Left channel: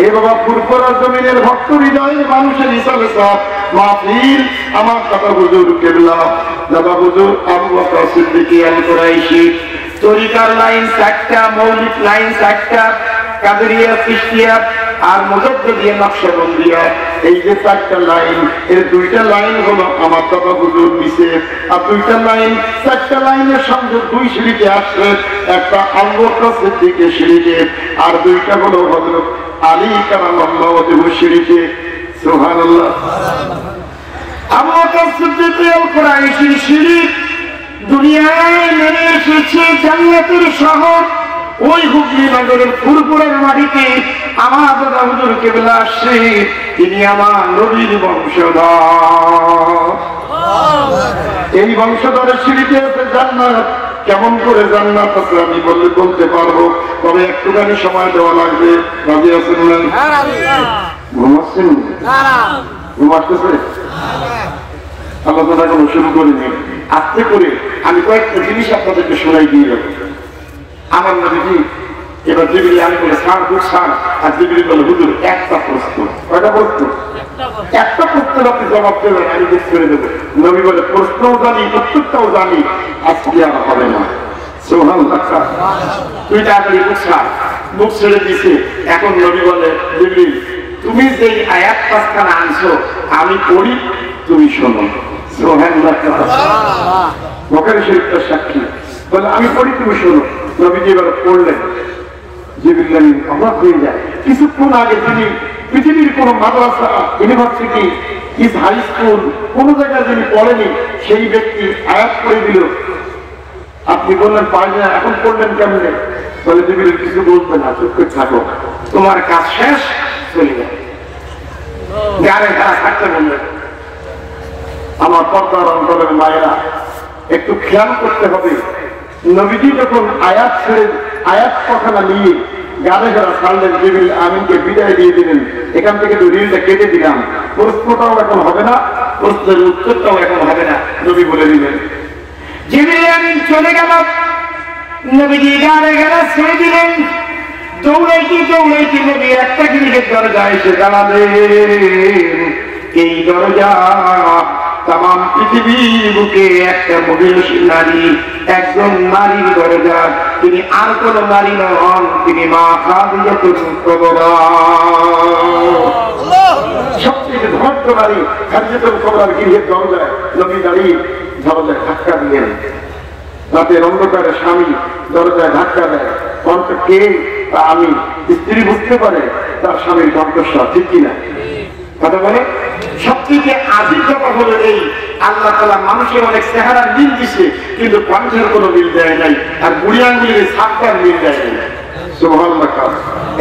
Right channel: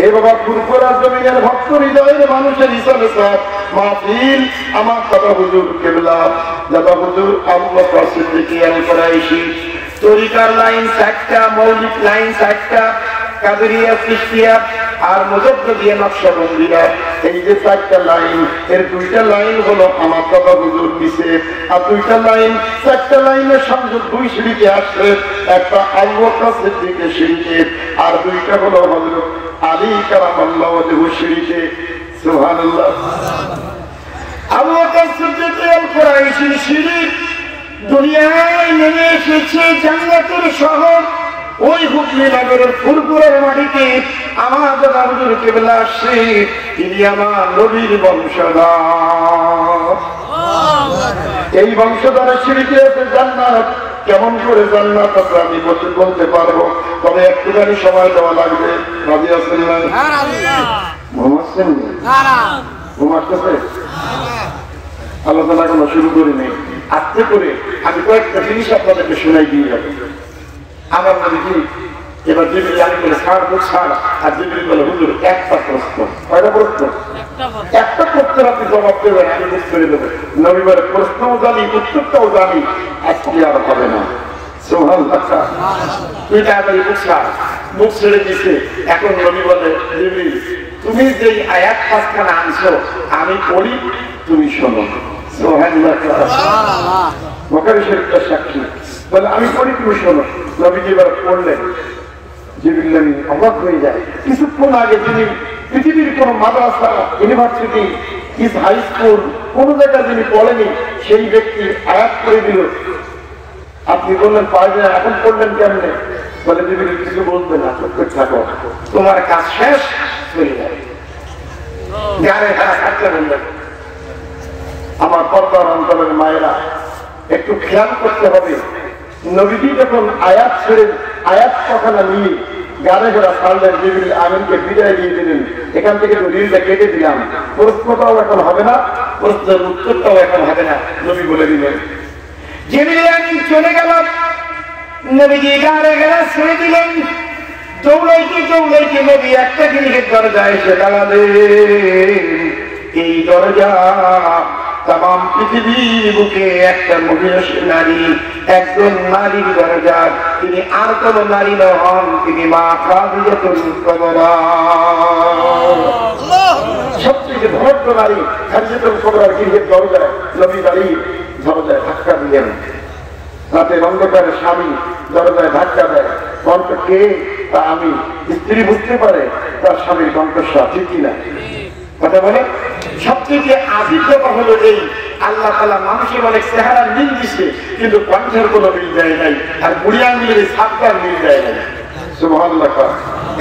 এ বাবা ফুরফুরা জমিনের ভক্ত হৃদয়ের মানুষের হিসাবে সব মাহফিল আমার কথা হুজুর কেবলা দাদা হুজুর আবু বকর সিদ্দিক আল-কুরাইশি তরিকার লাইন 4টা, মৌলিক লাইন 4টা, কাদেরিয়া, চিশতিয়া আর মুজাদ্দিদিয়া, নকশবন্দিয়া। এই যে 4টা লাইন, এর 2টা লাইন হলো আমার দাদা হুজুর নিচে, আর 2টা লাইন 4টা লাইনের সংযোগ 2 সিঁড়িতে আসছে, একটা আবু বকর সিদ্দিকের সিঁড়িতে আর 2টা হলো হযরত আলী কারামাল্লাহু ওয়াজহু সিঁড়িতে। সুবহানাল্লাহ। আবু বকর সিদ্দিক আল-কুরাইশির সিঁড়ি দুনিয়ায় নেমে এসেছে জান্নাতের শহর ওই হুগলি নগরের ফুরফুরার মাটিতে। আমার দাদা হুজুর কেবলা আসছে, তিনি আমার নবীর বংশধর। এই বংশধরের সিঁড়িতে আছে জান্নাত। কেমন করে জান্নাত আছে আমি বলতে পারবো, তবে একটুখানি সময় দেওয়া লাগবে। রাজি আছেন না? ঘুমাচ্ছেন? ঘুমাচ্ছে? আলোচনা কোনো শুরু করিনি। আস্তে করে আমি কয়েকটা জিনিস আপনাদেরকে শোনাই দিয়ে যাবো। আমার নবীজি এবার জিবরিল আমি বলে ছাড় তো ছাড়, আর জিবরিল বলে হুজুর একটা প্রশ্ন। কয়টা প্রশ্ন? একটা প্রশ্নের আপনি জবাব দেবেন, আমি বুঝ করে দেবো। নবী বলে প্রশ্নও জানি, উত্তরটাও জানি, আজকে আর হবে না। সুবহানাল্লাহ। তুই তাড়াতাড়ি বুঝ ছাড়। বুঝ ছেড়ে দিছে। এখন নবী বলে জিবরিল তুমি যেই আয়াত 5খানা আনছো আমি পড়ি, তুমি শোনো। সুবহানাল্লাহ। বুখারী শরীফের সাক্ষী বলে আমি পড়ি, তুমি শোনো। নবীজি এবার পড়লেন। জিবরিল আমিন অবাক হয়ে যায়। কিছুক্ষণ আগে তিনি পৃথিবীর কোন মাদ্রাসা, ইউনিভার্সিটি, হাই স্কুল কোন জায়গায় যিনি পড়েনি সেই ব্যক্তি আয়াত করে দিল। আপনি বললেন পারবে না, এখন পড়লেন কেমনে? বলে জিবরিল কিছু বলবে না, চুপ করে থাকো, তোমার কাজ শেষ, চলে যাবে। গাড়ে তারা থাকতে বললেন। আমার পর্দার অন্তরের মায়েরা একটু খেয়াল করতে হবে, নবীজি যখন আয়াত ছেড়ে আয়াত কথাটা নিয়ে গাড়ে যারা ছাড়লেন, জিবরিল আমিনকে বিদায় দিয়ে দিলেন। এখান থেকে তো রিলটা কেটে দিলাম, প্রশ্নটাও এখন হবে না, প্রশ্নের উত্তরটাও এখন হবে না, নবী বলে দিলেন। জিবরিল আমিন চলে গেল, নবীজি গাড়ে গেলা ছেড়ে দিলেন। দৌড়াইতে নবী একটা গৃহের দরজায় এসে দাঁড়ালেন। এই দরজা তাম পৃথিবী বুকে একটা মহিলা নারী, একজন নারীর দরজা। তিনি আর কোন নারী নন, তিনি মা খাদিজাতুল কুবরা। সবচেয়ে ধর্ম নারী খাদিজাতুল কুবরার গৃহের দরজায় নবী দাঁড়িয়ে দরজায় ধাক্কা দিলেন। রাতের অন্ধকারে স্বামী দরজায় ধাক্কা দেয়, কণ্ঠ কে? তা আমি। স্ত্রী বুঝতে পারে তার স্বামীর কণ্ঠস্বর, ঠিক কিনা? কথা বলে। সবচেয়ে আজীব কথা হলো এই, আল্লাহ তাআলা মানুষের অনেক চেহারা মিল দিছে, কিন্তু কণ্ঠের কোনো মিল দেয় নাই, আর বুড়ি আঙ্গুলের ছাপটার মিল দেয় নাই। সুবহানাল্লাহ।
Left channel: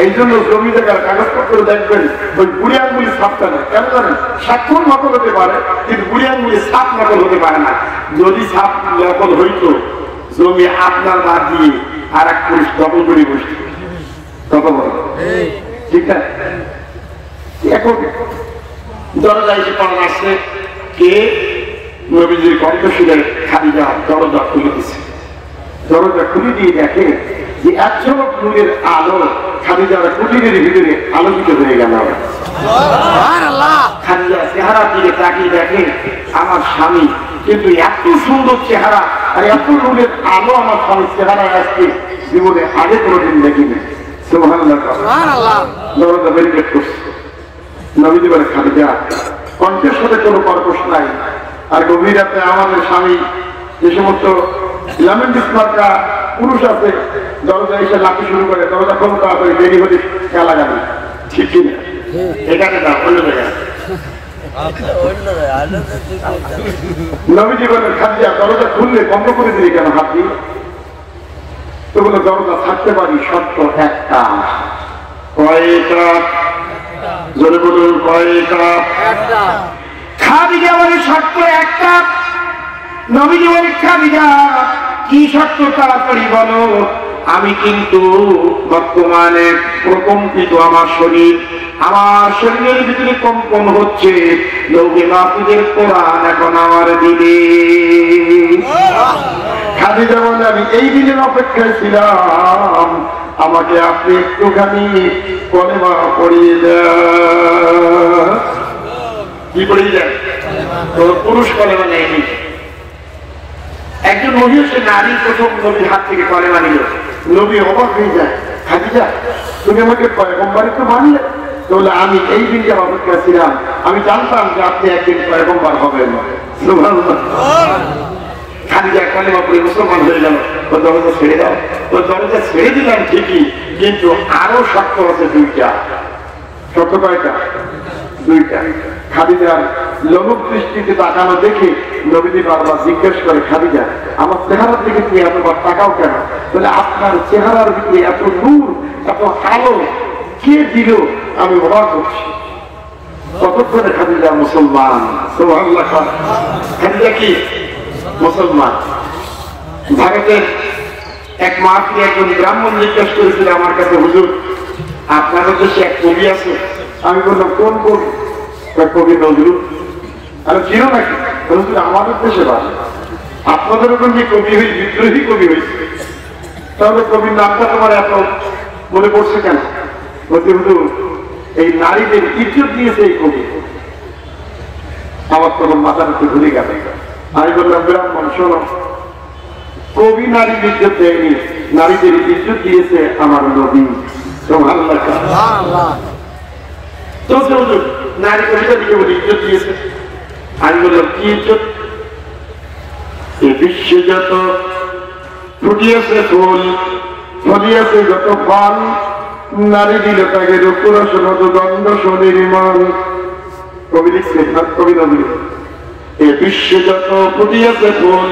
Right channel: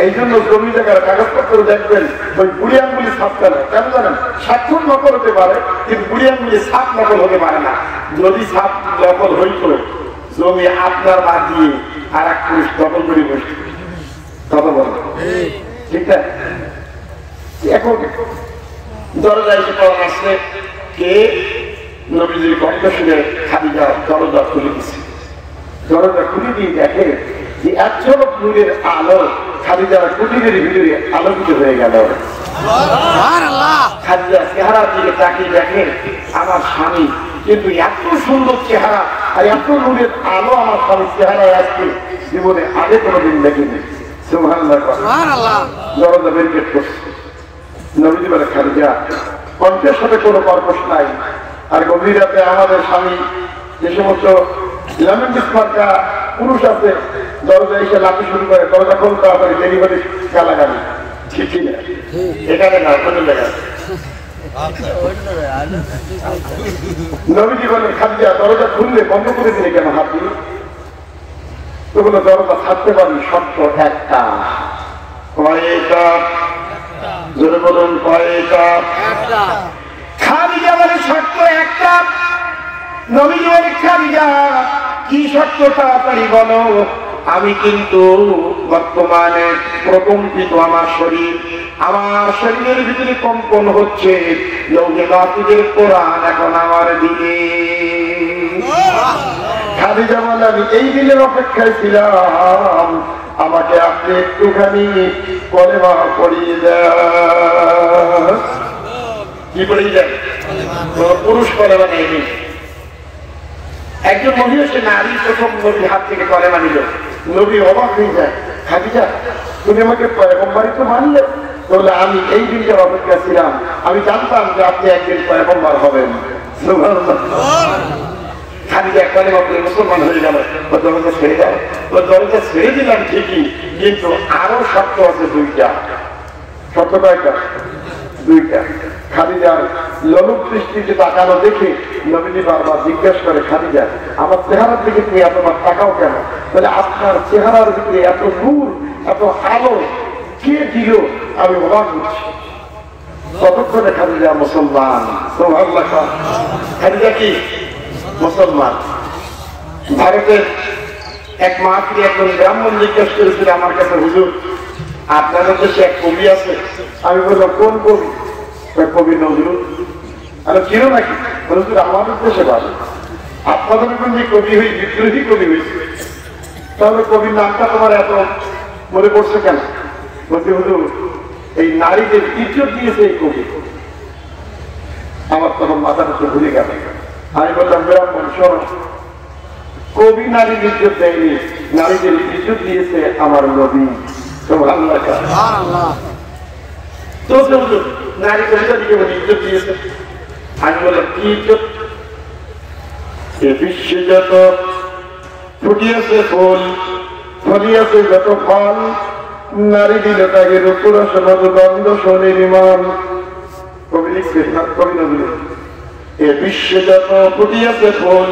এই জন্য জমি জায়গার কাগজপত্র দেখবেন ওই বুড়ি আঙ্গুলের ছাপটা না, কেন জানেন? স্বাক্ষর নকল হতে পারে, কিন্তু বুড়ি আঙ্গুলের ছাপ নকল হতে পারে না। যদি ছাপ নকল হইতো, জমি আপনার বাদ দিয়ে আর এক পুরুষ দখল করে বসত। কথা বলো ঠিক না? এখন দরজা এসে পড়া আসছে, কে? নবীজির কণ্ঠ শুনে খাদিজা দরজা খুলে দিচ্ছে। দরজা খুলে দিয়ে দেখে যে এক ঝলক নূরের আলো খাদিজার কুটিরের ভিতরে আলোকিত হয়ে গেল। খাদিজা চেহারা দিকে তাকিয়ে দেখে আমার স্বামী, কিন্তু এত সুন্দর চেহারা আর এত নূরের আলো আমার স্বামীর চেহারায় আসছে জীবনে আগে কোনোদিন দেখিনি। সুবহানাল্লাহ। দরজা ব্যারিকেড করছে। নবীজি বলে খাদিজা কণ্ঠের সাথে কোনো কর্কশ নাই, আর গভীর রাতে আমাদের স্বামী যে সমস্ত মার্কা পুরুষ আছে দরজা এসে লাঠি শুরু করে, দরজা খুব তাড়াতাড়ি দেরি হলে গালাগালি, ঠিক না? এখানে না, অন্য জায়গায়। নবীজি বলেন খাদিজা দরজা খুললে বন্ধ করে দিলে কেন হাত দিয়ে? তো বলে দরজা থাকতে পারি শর্ত একটা। কয়টা? জোরে বলুন, কয়টা? খাদিজা বলে শর্ত একটা। নবীজি বলে খাদিজা কি শর্ত? তাড়াতাড়ি বলো। আমি কিন্তু বর্তমানে প্রকম্পিত আমার শরীর, আমার শরীরের ভিতরে কম্পন হচ্ছে। লৌহে মাহফুজের কোরআন এখন আমার দিলে। খাদিজা বলে আমি এই দিনের অপেক্ষায় ছিলাম, আমাকে আপনি একটুখানি কলেমা পড়িয়ে দেন। কি পড়িয়ে দেন? পুরুষ কলেমা নেয়নি। একজন নবী সে নারী প্রথম নবীর হাত থেকে কলেমা নিল। নবী অবাক হয়ে যায়, খাদিজা তুমি আমাকে পয়গম্বরই তো মানলে? তাহলে আমি এই দিনটার অপেক্ষা ছিলাম, আমি জানতাম যে আপনি একদিন পয়গম্বর হবেন। খাদিজা কলেমা পড়ে মুসলমান হয়ে গেল। ওর দরজা ছেড়ে দাও। ওর দরজা ছেড়ে দিলাম ঠিকই, কিন্তু আরো শর্ত আছে দুইটা। শর্ত কয়টা? দুইটা। খাদিজার লোলুপ দৃষ্টিতে তাকানো দেখে নবীজি বারবার জিজ্ঞেস করে, খাদিজা আমার চেহারার দিকে তুমি এতবার তাকাও কেন? বলে আপনার চেহারার দিকে এত নূর, এত আলো কে দিল? আমি অবাক হচ্ছি। ততক্ষণে খাদিজা মুসলমান। সুবহানাল্লাহ। খাদিজা কি মুসলমান? ভারতের এক মাকে একজন ব্রাহ্মণ জিজ্ঞেস করেছিল আমার কাছে, হুজুর আপনার দেশে এক কবি আছে। আমি বললাম কোন কবি? কবি নজরুল। আরে চিনো নাকি? হুজুর আমাদের দেশে বাস, আপনাদের ওখানে কবি হই, বিদ্রোহী কবি হয়েছে, তাহলে কবির নামটা তোমার এত মনে পড়ছে কেন? বলতে হুজুর এই নারীদের ইজ্জত দিয়েছে এই কবি। আমার তখন মাথার একটু ভুলে গেল। আমি বললাম ব্রাহ্মণ শোনো, কবি নারী ইজ্জত দেয়নি, নারীদের ইজ্জত দিয়েছে আমার নবী। নারী কবিতা দিকে ইজ্জত দিয়েছে। আমি বললাম কি ইজ্জত? এ বিশ্বে যত ফুটিয়েছে ফুল, ফলিয়েছে যত ফল, নারী দিলে তাকে রূপরস মধুগন্ধ সুনির্মল। কবি লিখছে, কবি নজরুল। এ বিশ্বে যত ফুটিয়েছে ফুল,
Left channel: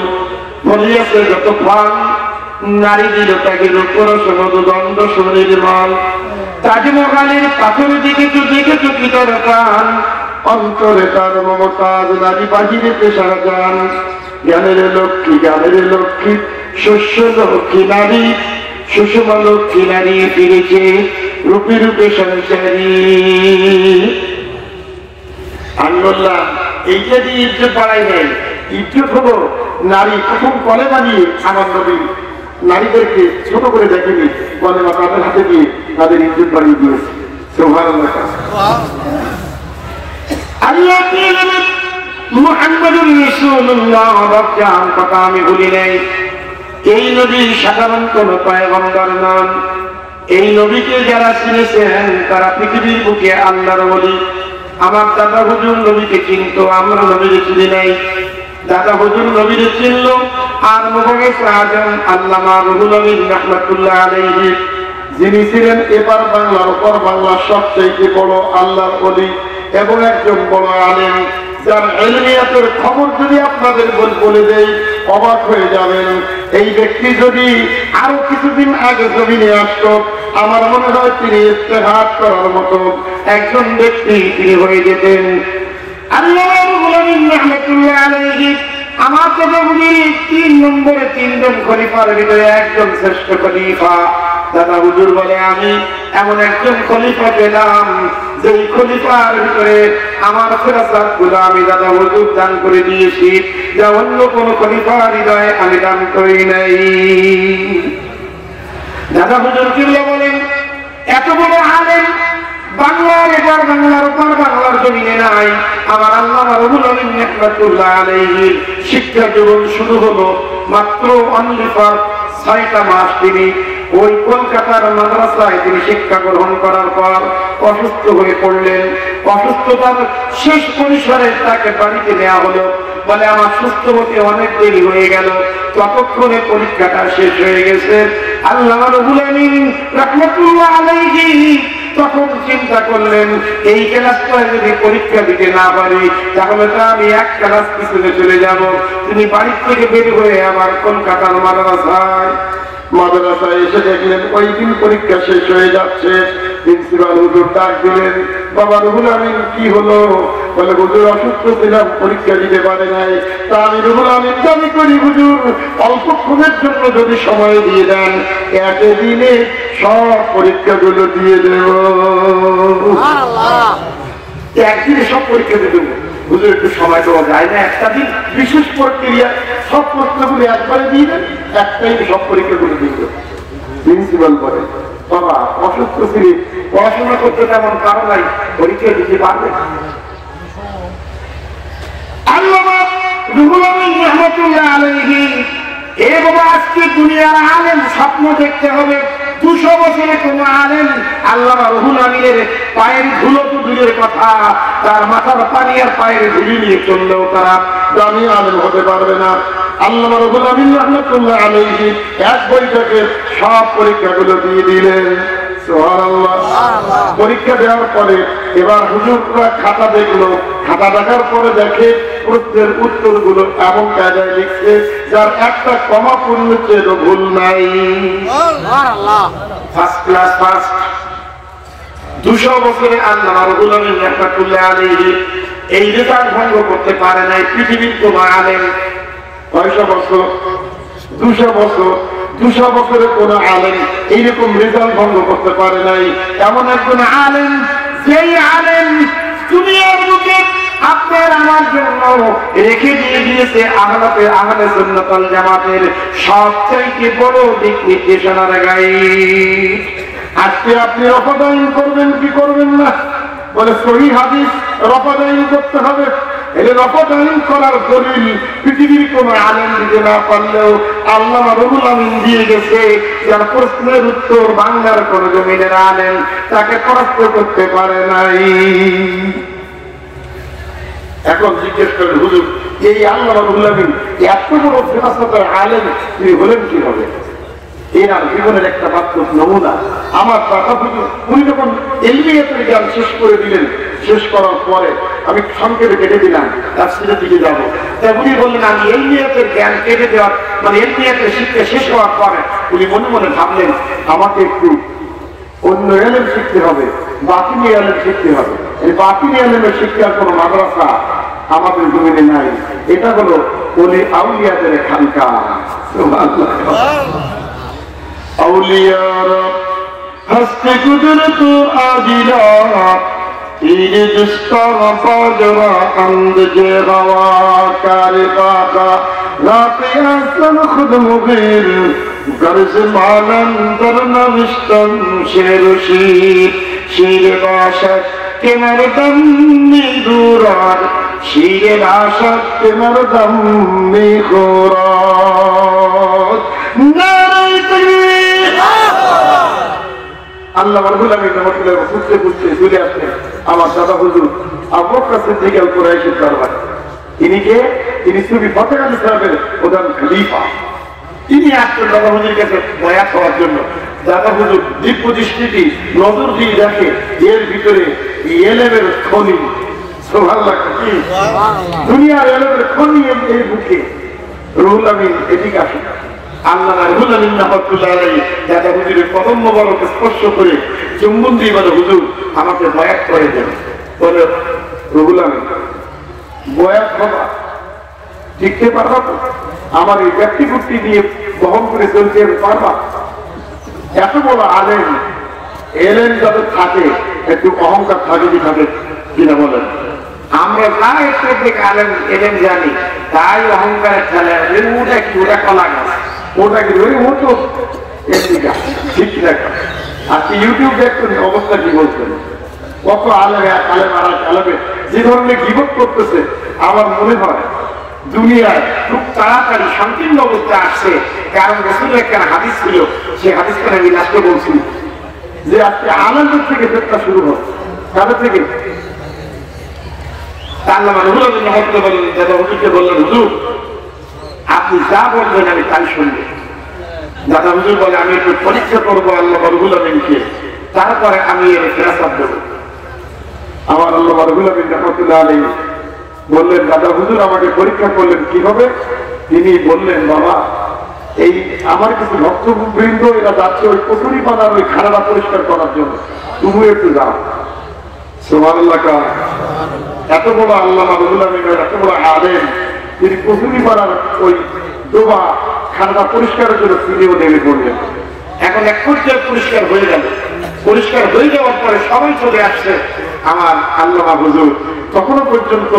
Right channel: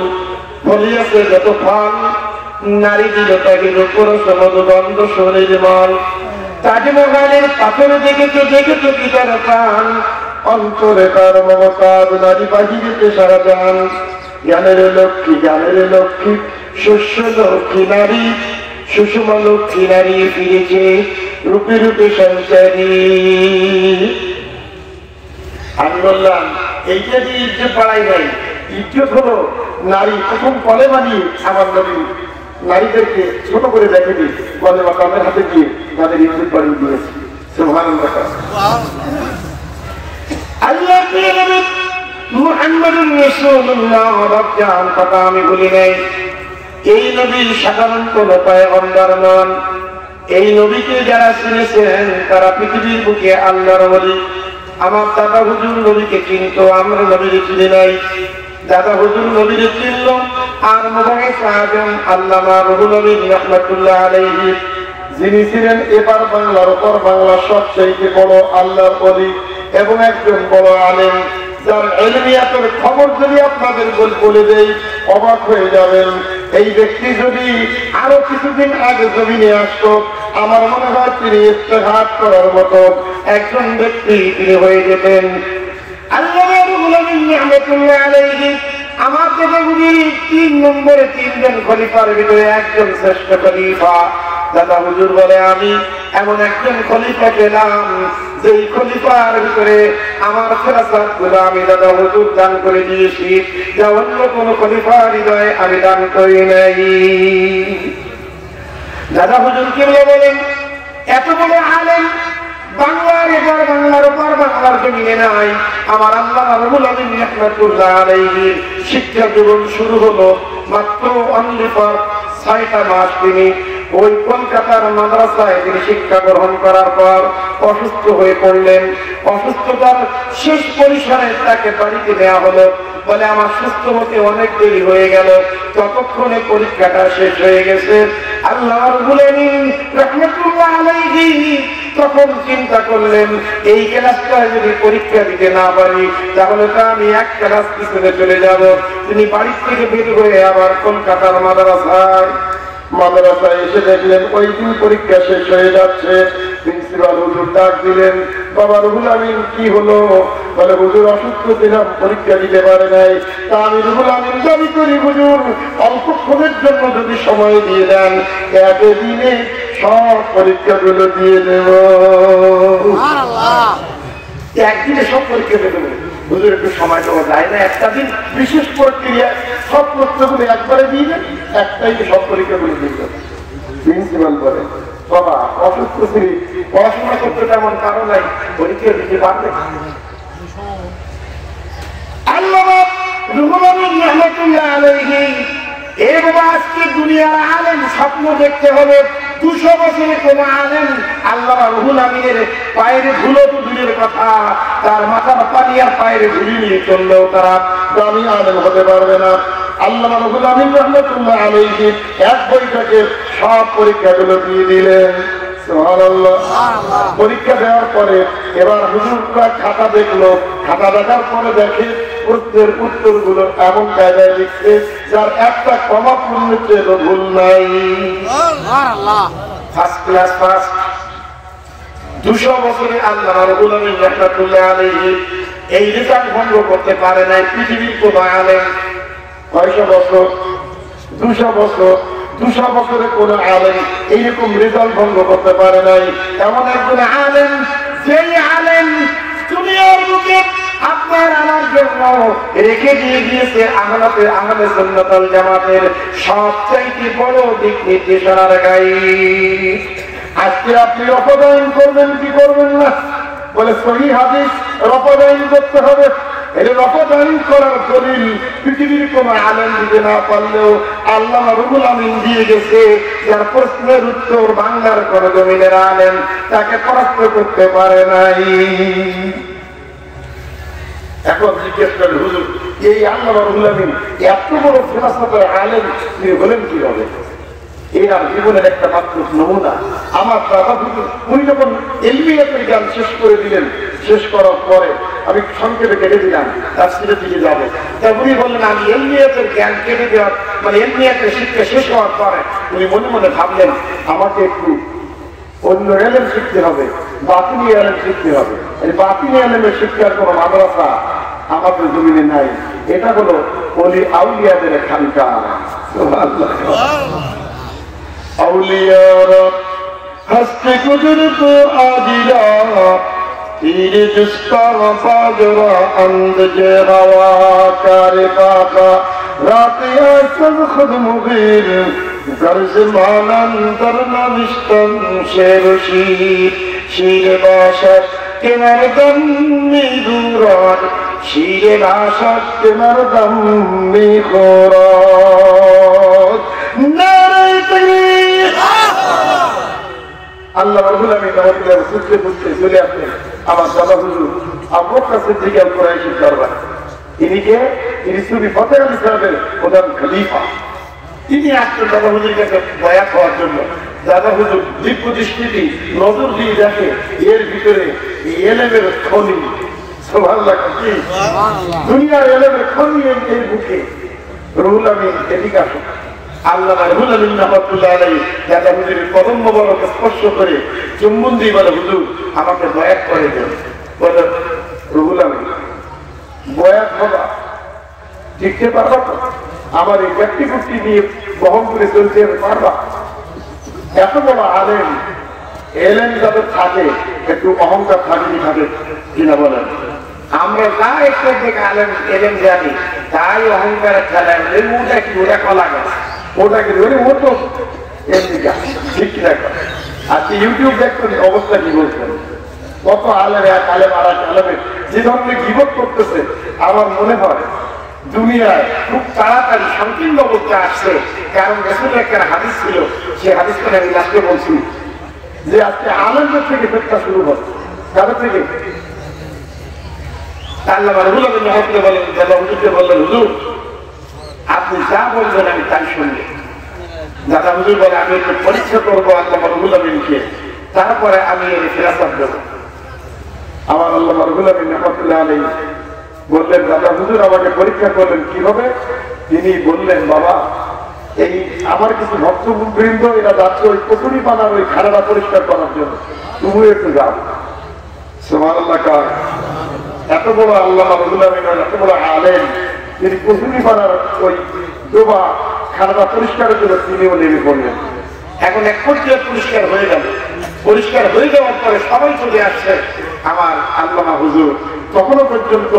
ফলিয়েছে যত ফল, নারী দিলে তাকে রূপরস মধুগন্ধ সুনির্মল। তাজমহলের পাথর দেখেছো দেখেছো কি তার প্রাণ, অন্তরে তার মমতাজ নারী বাহিরে পেশারা যান। জ্ঞানের লক্ষ্মী জ্ঞানের লক্ষ্মী শস্য লক্ষ্মী নারী, সুষমা লক্ষ্মী নারী ফিরেছে রূপে রূপে সঞ্চারী। আমি বললাম এইটা দিয়ে ইজ্জত বাড়াই নাই, ইজ্জত হলো নারী প্রথম কলেমা নিয়ে আমার নবী নারীদেরকে ছোট করে দেখেনি, কলেমা তাদের হাতে দিয়ে তাদের ইজ্জত বাড়িয়ে দিয়েছে। সুবহানাল্লাহ। আল্লাহ মুহাম্মদুর রাসূলুল্লাহ রব্বান কথা আমি ভুলি নাই। এই নবী সাধারণ কোন পয়গম্বর নন। এই নবীকে যারা চিনেছেন তারা পৃথিবীর বুকে আল্লাহর ওলি। আমার দাদা হুজুর নবীকে চিনত, আমরা নবীকে চিনি নাই। দাদা হুজুর নবীকে চিনল, আর মুবারক আজম আল্লামা রুহুল আমিন রাহমাতুল্লাহ আলাইহি, যিনি ছিলেন এবার বাংলার উপর বাংলার সবচেয়ে বড় আল্লাহর ওলি এবং একজন বড় আলেম, যার ইলমিয়াতের খবর যদি আপনাদের বলে দেই অবাক হয়ে যাবেন। এই ব্যক্তি যদি আরো কিছুদিন আগে জমিনে আসতো, আমার মনে হয় তিনি ইস্তেহাদ করার মতো একজন ব্যক্তি তিনি হয়ে যেতেন। আল্লামা রুহুল আমিন রাহমাতুল্লাহ আলাইহি আমার দাদা হুজুর 3 নম্বরে 3 জন খলিফার ভিতরে একজন শ্রেষ্ঠ খলিফা। দাদা হুজুর বলে আমি এমন একজন খলিফা পেলাম যেই খলিফার ভিতরে আমার ফেরাসাত গুলো আমি দাদা হুজুর দান করে দিয়েছি, যা অন্য কোন খলিফার হৃদয়ে আমি দান করি নাই। দাদা হুজুর কেবল বলেন এত বড় আলেম বাংলার এবার বাংলার উপর বাংলার জমিনে নাই। আমার আল্লামা রুহুল আমিন রাহমাতুল্লাহ আলাইহির শিক্ষা জীবন শুরু হলো মাত্র অনলি ফর 6টা মাস। তিনি ওই কলকাতার মাদ্রাসায় তিনি শিক্ষা গ্রহণ করার পর অসুস্থ হয়ে পড়লেন। অসুস্থতার শেষ পরিসরে তাকে বাড়িতে নেওয়া হলো। বলে আমার সুস্থ হতে অনেক দেরি হয়ে গেল, ততক্ষণে পরীক্ষাটা শেষ হয়ে গেছে। আল্লামা রুহুল আমিন রাহমাতুল্লাহ আলাইহি তখন চিন্তা করলেন এই ক্লাসটা যদি পরীক্ষা দিতে না পারি তাহলে তো আমি এক ক্লাস পিছনে চলে যাব। তিনি বাড়ি থেকে বের হয়ে আবার কলকাতার মাদ্রাসায় এসে দেখলেন ওই দিন পরীক্ষা শেষ হয়ে যাচ্ছে। প্রিন্সিপাল হুজুর ডাক দিলেন, বাবা রুহুল আমিন কি হলো? বলে হুজুর অসুস্থ ছিলাম, পরীক্ষা দিতে পারে নাই। তা আমি রুহুল আমিন দাবি করি হুজুর অল্পক্ষণের জন্য যদি সময় দিয়ে দেন একদিনে সব পরীক্ষাগুলো দিয়ে দেব। একদিনে সব পরীক্ষা দিয়ে দেবো। হুজুর একটু সময় দেওয়া যায় না? একটা দিন বিশেষ প্রক্রিয়া সব প্রশ্নগুলো একবারে দিয়ে দেন, একটাই সব পরীক্ষাগুলো দিয়ে দেবেন। প্রিন্সিপাল বলে বাবা অসুস্থ ছিলি, পড়াশোনা করতে তেমন কারো নাই, পরীক্ষা দিতে পারবে? আল্লামা রুহুল আমিন রাহমাতুল্লাহ আলাইহি এই বাবা আজকে দুনিয়ার আলেম স্বপ্ন দেখতে হবে 200 বছরে কোন আলেম আল্লামা রুহুল আমিনের পায়ের ধুলো তো দূরের কথা, তার মাথার পানি আর পায়ের ধুলি নিয়ে চললেও তারা দামি আলেম হতে পারবে না। আল্লামা রুহুল আমিন রাহমাতুল্লাহ আলাইহি এক বৈঠকে সব পরীক্ষাগুলো দিয়ে দিলেন। সুবহানাল্লাহ। পরীক্ষা দেওয়ার পরে এবার হুজুররা খাতা দেখলো, খাতা দেখার পরে দেখে প্রশ্নের উত্তরগুলো এমন কায়দায় লিখছে যার একটা কমা পূর্ণচ্ছেদ ভুল নাই। First class first. 200 বছরে আল্লামা রুহুল আমিন রাহমাতুল্লাহ আলাইহি এই রেজাল্ট ভঙ্গ করতে পারে নাই পৃথিবীর কোন আলেম। 900 বছর, 200 বছর, 200 বছরে কোন আলেম এইরকম রেজাল্ট ভঙ্গ করতে পারে নাই। এমন একজন আলেম, যেই আলেম দুনিয়ার বুকে আপনার আমার জন্য রেখে দিয়ে দিয়েছে আহলে সুন্নাত ওয়াল জামাতের সবচাইতে বড় দিক নির্দেশনার গাইড। আজকে আপনি রফাদাইন করবেন কি করবেন না? বলে সহিহ হাদিস রফাদাইন করতে হবে। এই রফাদাইন করার দলিল পৃথিবীর কোন আলেম দিতে না পারলেও আল্লামা রুহুল আমিন দিয়ে গেছে, যার প্রশ্নের উত্তর বাংলার কোন জমিনের আলেম তাকে পরাস্ত করতে পারে নাই। এখন জিজ্ঞেস করেন হুজুর এই আল্লামা রুহুল আমিন এত বড় ফিলসফার আলেম তিনি হলেন কিভাবে? এনার জীবনের একটা মাত্র নমুনা আমার দাদা হুজুর, উনি যখন ইলমিয়াতের জ্ঞান শেষ করে দিলেন, শেষ করার পরে আমি সংক্ষেপে কেটে দিলাম, তাফসীরের দিকে যাবো। তাই উনি বললেন আমি ইলমিয়াতের জ্ঞান কেটে দেওয়ার মানে ইলমিয়াতের শিক্ষা শেষ হওয়ার পরে উনি মনে মনে ভাবলেন আমাকে একটু অন্য এলেম শিখতে হবে, বাতিনি এলেম শিখতে হবে। এই বাতিনি এলেমের শিক্ষার কোনো মাদ্রাসা আমাদের জমিনে নাই। এটা হলো ওলি আউলিয়াদের খানকা। আউলিয়ারা হস্তে কুদরত আজিরা तीर जिसका बाजरा अंदजे हवा कारी पाका रातिया सन खुद मुगीर गर्ज मानम दर नविष्टम शेरुशी शीर बाशक के मरदम में दूरार शीर बाशक के मरदम में खोरात नारे तकबीर। আল্লাহ রুহুল আমিন রাহমাতুল্লাহ খুঁজতে খুঁজতে চলে আসলেন আমার দাদা হুজুর আবু বকর সিদ্দিক আল কুরাইশির দরবারে। তিনি সুফি ফতেহ আলী সাহেবের প্রধান খলিফা। তিনি আসছেন দাদা হুজুরের কাছে বায়াত হওয়ার জন্য। দাদা হুজুর দিব্য দৃষ্টিটি নজর দিয়ে দেখে এর ভিতরে এলেমের খনি। সুবহানাল্লাহ। কি দুনিয়ার এলেমের খনি এই বুকে। রুহুল আমিন এদিকে আসেন। আল্লামা রুহুল আমিন রাহমাতুল্লাহ আলাইহি দাদা হুজুরের কদম মোবারক স্পর্শ করে চুম্বন দিয়ে বলে হুজুর আমাকে বয়াত করে দেন। বলে রুহুল আমিন বয়াত বাবা শিখতে পারবা তো? আমার এই ব্যক্তিগতি নিয়ে বহন করে চলতে পারবা? এত বড় আলেম এলেন যাদের থাকে একটু অহংকার থাকে কি থাকে কিনা বলেন? আমরা যা একটু থেকে আলেম এলেন জানি তাই অহংকারের খেলা ওটা কি ওটা কলা গাছ ওটাকে ধরে ও তো এমনি গাছ ঠিক না। আজকে ইউটিউব দেখছেন অবস্থা কি বলছেন? কত আলেম এক আলেম আর এক আলেমে যে ধরনের গীবত করতেছে আমার মনে হয় দুনিয়ায় খুব তাড়াতাড়ি সংকীর্ণ অবস্থা আসছে। কারণ রাসূলের একটা হাদিস ছিল, সেই হাদিসটা আমি লাস্টে বলছি যে আজকে আলেমদের থেকে ফেতনা শুরু হবে। তাদের থেকে আল্লামা রুহুল আমিন রাহমাতুল্লাহ বলেন দাদা হুজুরকে বললেন হুজুর আপনি যা বলবেন আমি তাই শুনবো। দাদা হুজুর বলে আমি একটু পরীক্ষা করবো আল্লামা রুহুল আমিনকে, তারপরে আমি এর ফেরাসাত দেবো। আমার আল্লামা রুহুল আমিন রাহমাতুল্লাহ আলাইহি বললেন দাদা হুজুর আমাকে পরীক্ষা করলেন কিভাবে? তিনি বললেন বাবা এই আমার কিছু ভক্তবৃন্দ এরা যাচ্ছে ওই কচুরি পানার ওই খাড়াটা পরিষ্কার করার জন্য, তুমি একটু যাও। সুবহানাল্লাহ। এত বড় আল্লামা রুহুল আমিনের এত বড় আলেম তিনি কচুরি পানার ওই ডোবা খাড়াটা পরিষ্কারের জন্য তিনিও নেমে পড়লেন। এখন এক পর্যায়ে পরিষ্কার হয়ে গেল। পরিষ্কার হয়ে যাওয়ার পরে সবাই চলে আসছে আমার আল্লামা হুজুর তখনও পর্যন্ত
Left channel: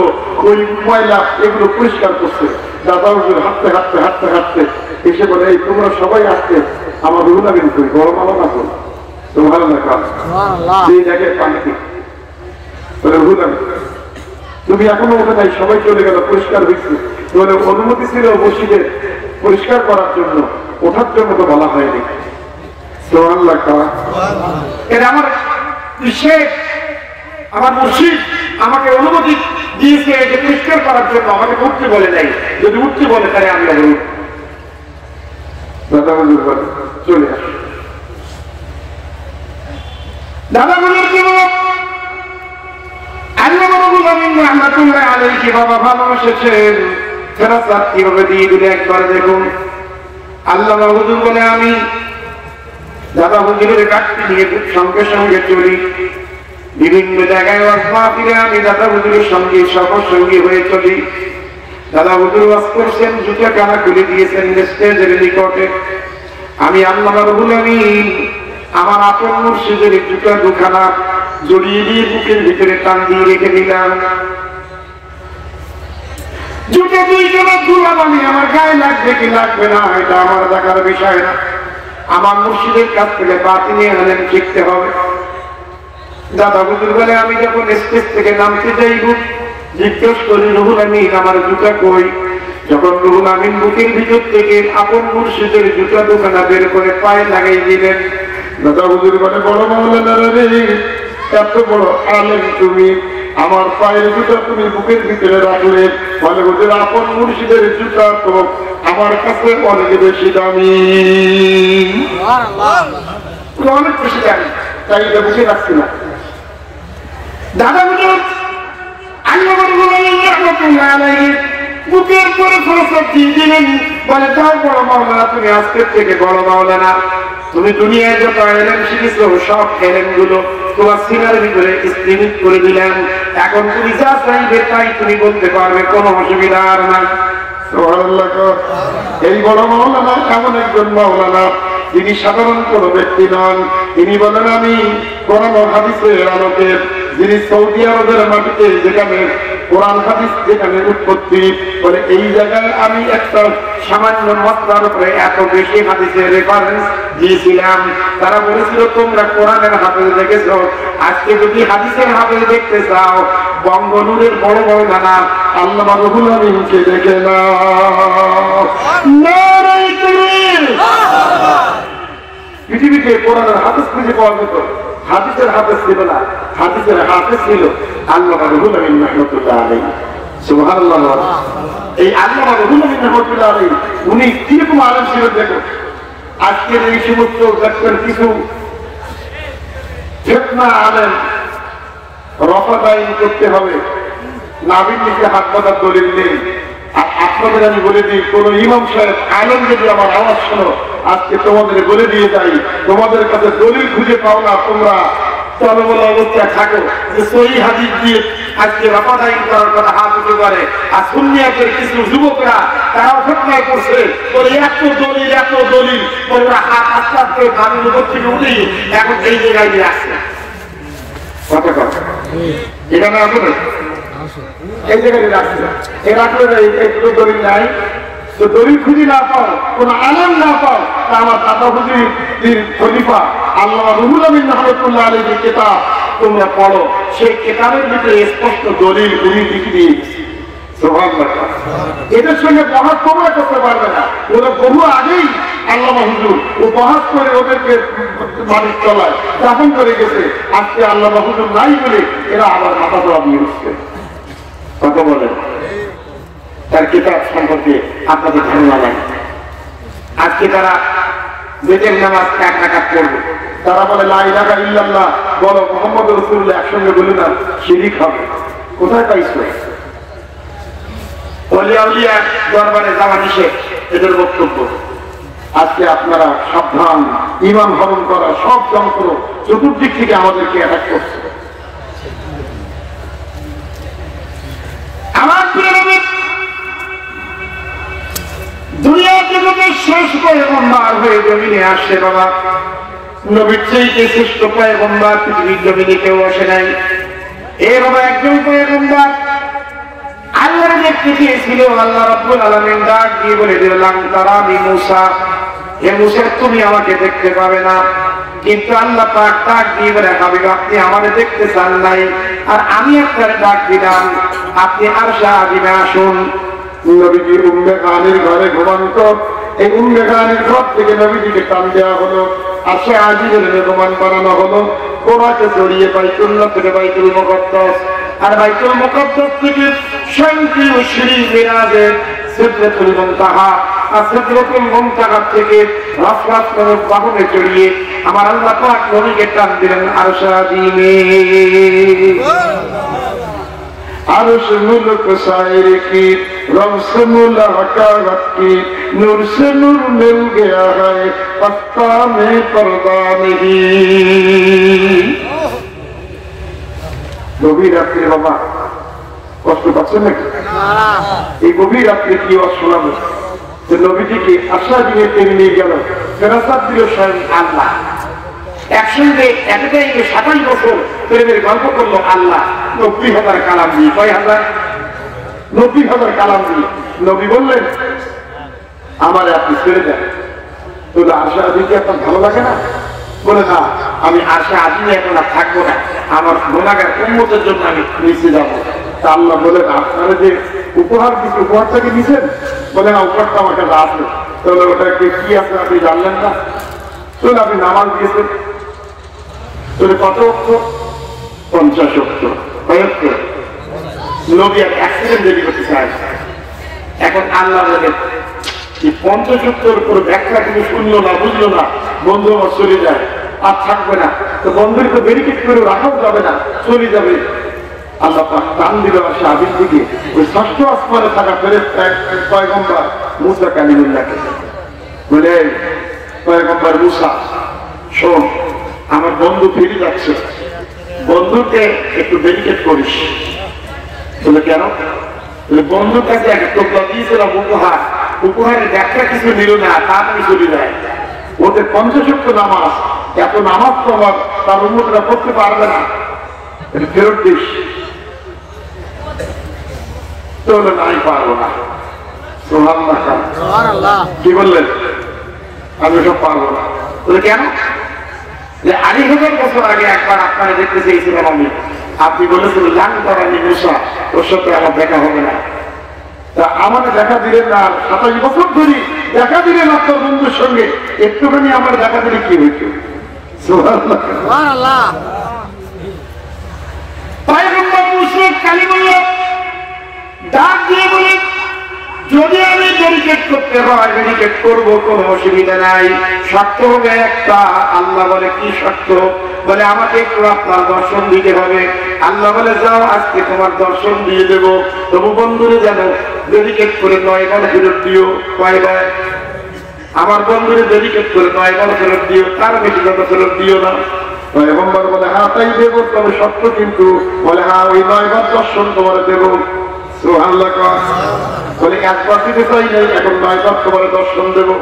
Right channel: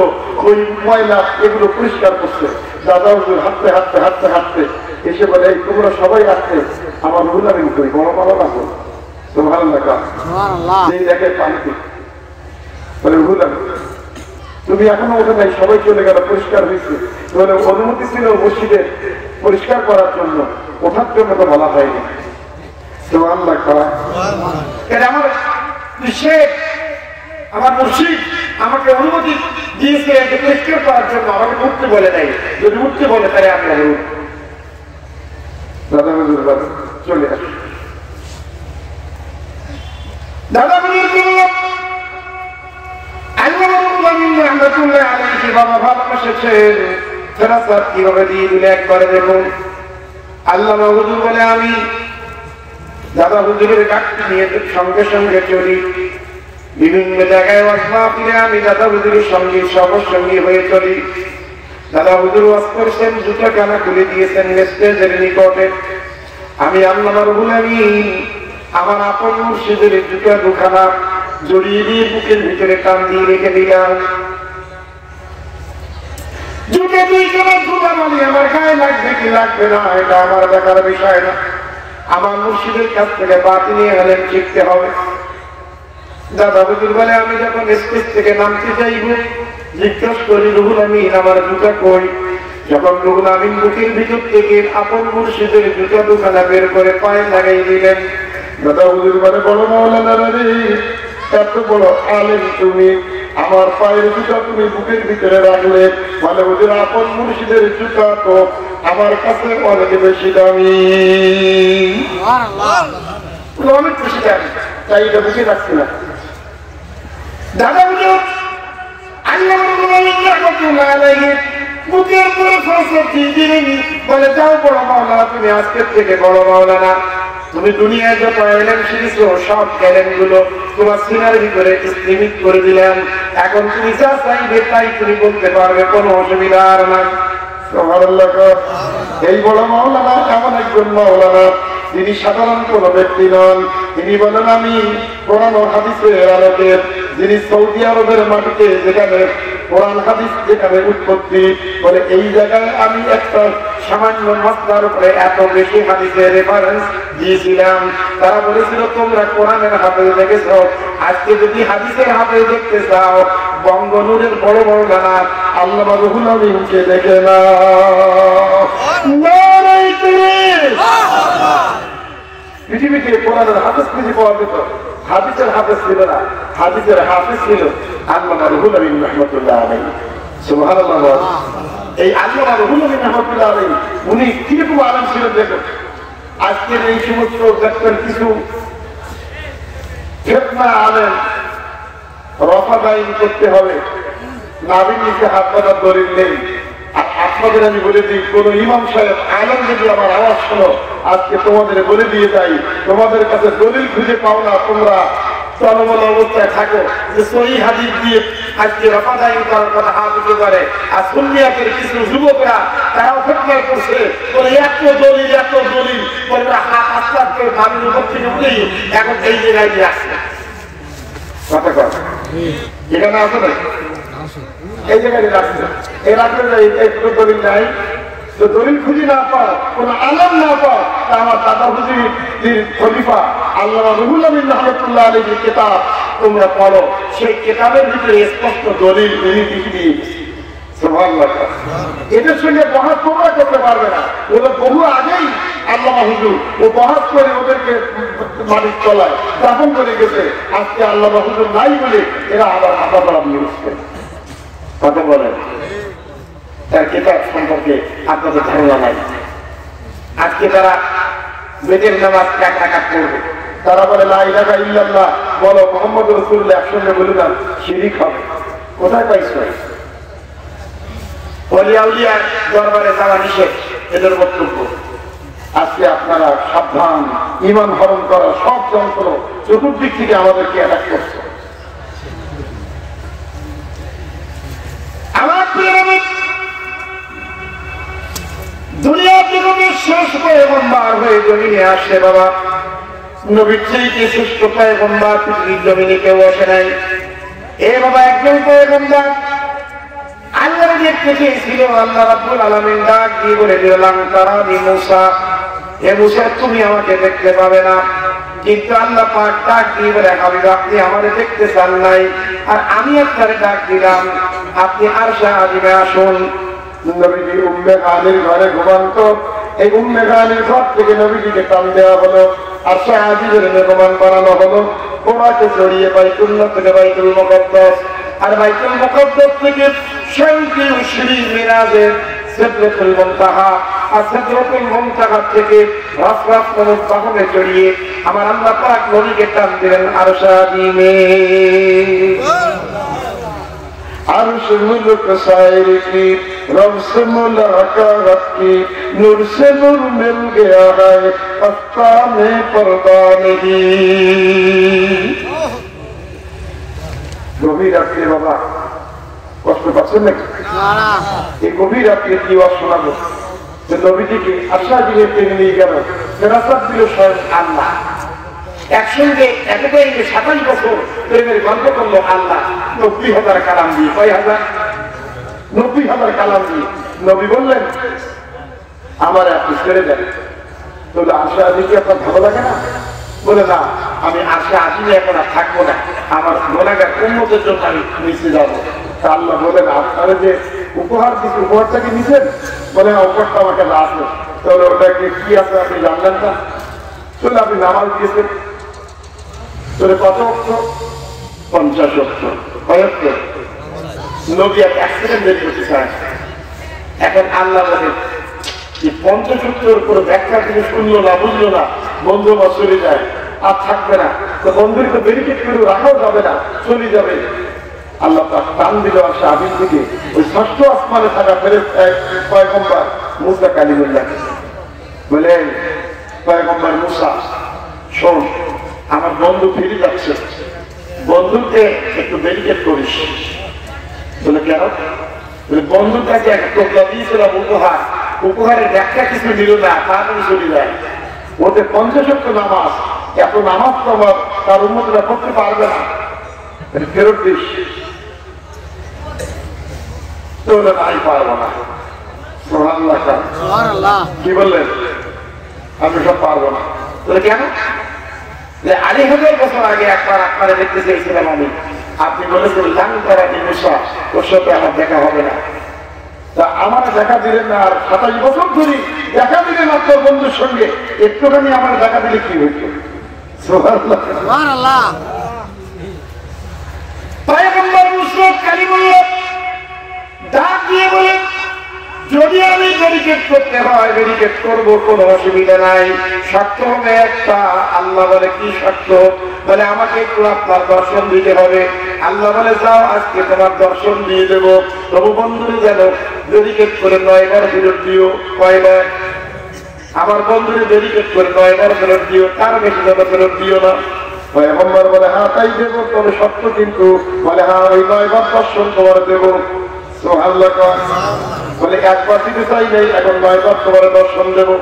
ওই ময়লা এগুলো পরিষ্কার করছে। দাদা হুজুর হাঁটতে হাঁটতে হাঁটতে হাঁটতে এসে বলে এই তোমরা সবাই আসতে আমার রুহুল আমিন করি বড় মালা না করি। দেখে পানিতে তুমি এখনো ওঠে নাই, সবাই চলে গেল, পরিষ্কার হয়েছে, তোমাদের অনুমতি ছিল মসজিদের পরিষ্কার করার জন্য, ওঠার জন্য তো বলা হয়নি। আমার মুর্শিদ আমাকে অনুমতি দিয়েছে যে পরিষ্কার করার জন্য, আমাকে উঠতে বলে নাই। যদি উঠতে বলে তাহলে আমি আবার দাদা হুজুর চলে আসি। দাদা বাবা ভালোবাসেছেন, কিভাবে দিয়ে দিলে একবার দেখুন। আল্লাহ হুজুর বলে আমি দাদা হুজুরের গাছটি নিয়ে সঙ্গে সঙ্গে চলি, বিভিন্ন জায়গায় ফিরে আমি দাদা হুজুরের সঙ্গে সফর সঙ্গী হয়ে চলি। দাদা হুজুর ওয়াজ করছেন, জুতা কানা খুলে দিয়েছেন স্টেজের নিকটে। আমি আল্লাহ রব্বুল আমিন আমার আপন মুর্শিদের জুতা দুখানা জড়িয়ে দিয়ে বুকের ভিতরে টান দিয়ে রেখে দিলাম। জুতা দুইখানা ধুলাম আমি, আমার গায়ে লাগবে কি লাগবে না এটা আমার দেখার বিষয় না। আমার মুর্শিদের কাছ থেকে বাতিনি আলেম শিখতে হবে। দাদা হুজুর বলে আমি যখন স্টেজ থেকে নামতে যাইব, জিজ্ঞেস করি রুহুল আমিন আমার জুতা কই? যখন রুহুল আমিন বুকের ভিতর থেকে আপন মুর্শিদের জুতা দুখানা বের করে পায়ে লাগাই দিলেন, দাদা হুজুর বলে বড় মাওলানা রে, এত বড় আলেম তুমি, আমার পায়ের জুতা তুমি বুকের ভিতরে রাখলে, মানে হুজুর আপন মুর্শিদের জুতা তো আমার কাছে অনেক বেশি দামি, অনেক বেশি দামি, তাই এটা বুঝে রাখছি না। দাদা হুজুর বুকের করে ফসল দিয়ে দিলেন, বলে যাও বড় মাওলানা, তুমি আজকের থেকে বড় মাওলানা, তুমি দুনিয়ায় যত এলেম শিখেছো সব এলেম গুলো তোমার সিনার ভিতরে স্থিমিত করে দিলেন। এখন তুমি যা চাইবে তাই তুমি বলতে পারবে, কোনো অসুবিধা আর নাই। এই বড় মাওলানা এমন একজন মাওলানা, তিনি সাধারণ কোন ব্যক্তি নন। তিনি বলেন আমি কোরআন ও হাদিসের আলোকে, যিনি সৌদি আরবের মাটিতে যেখানে কোরআন হাদিস যেখানে উৎপত্তি, বলে এই জায়গায় আমি একটা সামান্য মাসলার উপরে এত বেশি হাদিসের রেফারেন্স দিয়েছিলাম। তারা বলেছিল তোমরা কোরআনের হাতে দেখেছো, আজকে যদি হাদিসের হাতে দেখতে চাও, বঙ্গনুরের বড় বড় গানা আল্লামা রুহুল আমিনকে দেখে নাও। পৃথিবীতে কোরআনের হাদিস খুঁজে পাওয়া যেত, হাদিসের হাদিস ছিল না, হাদিসের হাদিস ছিল আল্লামা রুহুল আমিন রাহমাতুল্লাহ আলাইহি। সুবহানাল্লাহ। এই আল্লামা রুহুল আমিন রাহমাতুল্লাহ আলাইহি উনি কিরকম আলেম ছিলেন দেখো। আজকের এই সমস্ত দেখবেন কিছু ফিতনা আলেম রফাদাইন করতে হবে, নাবির নিচে হাত পাতার দলিল নেই। আর আপনাদের আমি বলে দিই, কোন ইমাম সাহেব আলেম যদি আমার আওয়াজ শোনো, আজকে তোমাদের বলে দিয়ে যাই, তোমাদের কাছে দলিল খুঁজে পাও না, তোমরা চলবল অবস্থায় থাকো যে সহি হাদিস দিয়ে আজকে রফাদাইন করার কথা হাত উঠে করে। আর সুন্নিয়াতের কিছু যুবকরা তারাও ফতোয়া করছে, বলে এত দলিল বলে ওরা হাত আস্তে আস্তে বাড়ির উপর থেকে উঠেই এখন এই জায়গায় নিয়ে আসছে। কথা কথা এখানে আসলে এই জায়গায় রাখছে, এই রাখলে একটু দলিল নাই, তো দলিল খুঁজে না পাও, কোন আলেম না পাও, তা আমার দাদা হুজুর খলিফা আল্লামা রুহুল আমিন রাহমাতুল্লাহ আলাইহির কিতাব তোমরা পড়ো, সেই কিতাবের ভিতরে স্পষ্ট দলিল উনি লিখে দিয়ে গেছে। সুবহানাল্লাহ। এদের সঙ্গে বহাস তোমরা করতে পারবে না, ওরা বহু আগেই আল্লামা হুজুর ও বহাস করে ওদেরকে মানুষ চলায় দাফন করে গেছে। আজকে আল্লামা হুজুর নাই বলে এরা আবার মাথা পড়া দিয়ে উঠছে। কথা বলেন, তার কিতাব সম্পর্কে আপনাদের ধারণা নাই। আজকে তারা বেতের নামাজ এক রাকাত করবে, তারা বলে লা ইলাহা ইল্লাল্লাহ বলো, মুহাম্মদ রাসূলুল্লাহ একসঙ্গে বলে না, শিরক হবে। কোথায় পাইছো? ওলিয়া উলিয়া দরবারে যাওয়া নিষেধ, এদের বক্তব্য। আজকে আপনারা সাবধান, ঈমান হরণ করা সব যন্ত্র চতুর্দিক থেকে আমাদেরকে অ্যাটাক করছে। আমার দুনিয়া জগতের শেষ পয়গম্বর হয়ে জমিনে আসে বাবা, নবীর চাইতে শ্রেষ্ঠ পয়গম্বর পৃথিবীর জমিনে কেউ আসে নাই। এ বাবা একজন পয়গম্বর আল্লাহর দেখতে চেয়েছিল, আল্লাহ রাব্বুল আলামিন ডাক দিয়ে বলে দিলেন তারানি মুসা, হে মুসা তুমি আমাকে দেখতে পাবে না, কিন্তু আল্লাহ পাক ডাক দিয়ে বলে হাবিব আপনি আমারে দেখতে চান নাই, আর আমি আপনারে ডাক দিলাম আপনি আরশে আজিমে আসুন। নবীজি উম্মে হানির ঘরে ঘুমন্ত, এই উম্মে হানির ঘর থেকে নবীজিকে টান দেওয়া হলো, আরশে আজিমের মেহমান বানানো হলো, ওনাকে জড়িয়ে বাইতুল্লাহ থেকে বাইতুল মুকদ্দাস, আর বাইতুল মুকদ্দাস থেকে শান্তির সিঁড়ি মিরাজে সিদরাতুল মুনতাহা, আর সিদরাতুল মুনতাহা থেকে রাফাত নামক বাহনে চড়িয়ে আমার আল্লাহ পাক নবীকে টান দিলেন আরশে আজিমে। अर्श मुल्क सायर की रब से मुलाकात की नूर से नूर मिल गया है पक्का में पर्दा नहीं। गभीर रात्रि बाबा কষ্ট পাচ্ছেন নাকি? এই গভীর রাত্রে কি ওয়াজ শোনাবো? নবীজিকে আশা দিয়ে টেনে নিয়ে গেল ফেরাসাত দিল স্বয়ং আল্লাহ। একসঙ্গে এতটাই 27 বছর প্রেমের গল্প করলো আল্লাহ 90,000 কালাম দিয়ে। 6,000 90,000 কালাম দিয়ে নবী বললেন আমার আপনি ছেড়ে দেন। তো আশা আদিকে আপনার ভালো লাগে না? বলে না, আমি আশা আদিনে এখন আর থাকবো না, আমার গুনাহগার উম্মতের জন্য আমি নিচে যাবো। তা আল্লাহ বলেন আপনারা যে উপহার দিচ্ছে উপহারটা কি নিছেন? বলে না, উপহারটা আমাকে আসলো। তাহলে ওটাকে কি আছে আপনি জানলেন না? চলে আপনি নামাজ দিয়েছেন, চলে কত অক্ষর? 50 অক্ষর। নবী এক সেকেন্ড দেরি করতে চায়। এখন আল্লাহ বলে 50 অক্ষর করে ব্যাখ্যা তুমি শুনলো না, বুঝলো না, বন্ধু আমার চলে যায়, আর থাকবে না। তো বন্ধুকে ব্যারিকেড করে রাখাও যাবে না, চলে যাবে। আল্লাহ পাক টান দিল আসে আদিন থেকে ওই ষষ্ঠ আসমানে থাকা ফেরেশতা পয়গম্বর মুসা কালিমুল্লাহকে। বলে পয়গম্বর মুসা, শোন আমার বন্ধু ফিরে যাচ্ছে, বন্ধুকে একটু ব্যারিকেড করিস। বলে কেন? বন্ধুর কাছে একটা টোপলা দিয়েছিলাম উপহার, উপহারের ব্যাখ্যা কিছু নিল না, তাড়াতাড়ি চলে যায়। ওদের 50 অক্ষর নামাজ, এত নামাজ তো আমার তার উন্মতরা করতে পারবে না, ফেরত দিস। তো নাই পারবো না। কি বললেন? আমি সব পারবো না। বলে কেন? 2,000 বছর আগে একবার আপনারা দেখতে চেয়েছিলাম আমি, আপনি বলেছিলেন জান করানি মুসা, তোর সাথে আমার দেখা হবে না। তা আমার দেখা দিলেন না, আর 27 বছর ধরে দেখা দিলেন আপনার বন্ধুর সঙ্গে, একটুখানি আমার দেখা দিলে কি হইত? সুবহানাল্লাহ। পয়গম্বর মুসা কালিমুল্লাহ ডাক দিয়ে বলে যদি আমি ব্যারিকেড করতে হয় ব্যারিকেড করবো, কোনো অসুবিধা নাই, শর্ত হবে একটা। আল্লাহ বলে কি শর্ত? বলে আমাকে একটু আপনার দর্শন দিতে হবে। আল্লাহ বলে যাও আজকে তোমার দর্শন দিয়ে দেবো, তবু বন্ধুরে যেন ব্যারিকেড করে 9 বার ফেরত দিও। কয়বার? আমার বন্ধুরে ব্যারিকেড করে 9 বার ফেরত দিও, তার বেশি যত ফেরত দিও না। পয়গম্বর বলে হ্যাঁ তাই দেবো, তবে শর্ত কিন্তু। বলে হ্যাঁ ওই 9 বার দর্শন তোমার দেবো। সুবহানাল্লাহ। বলে একবার দিতে চাই নাই, এখন 9 বার তোমার দর্শন দেবো।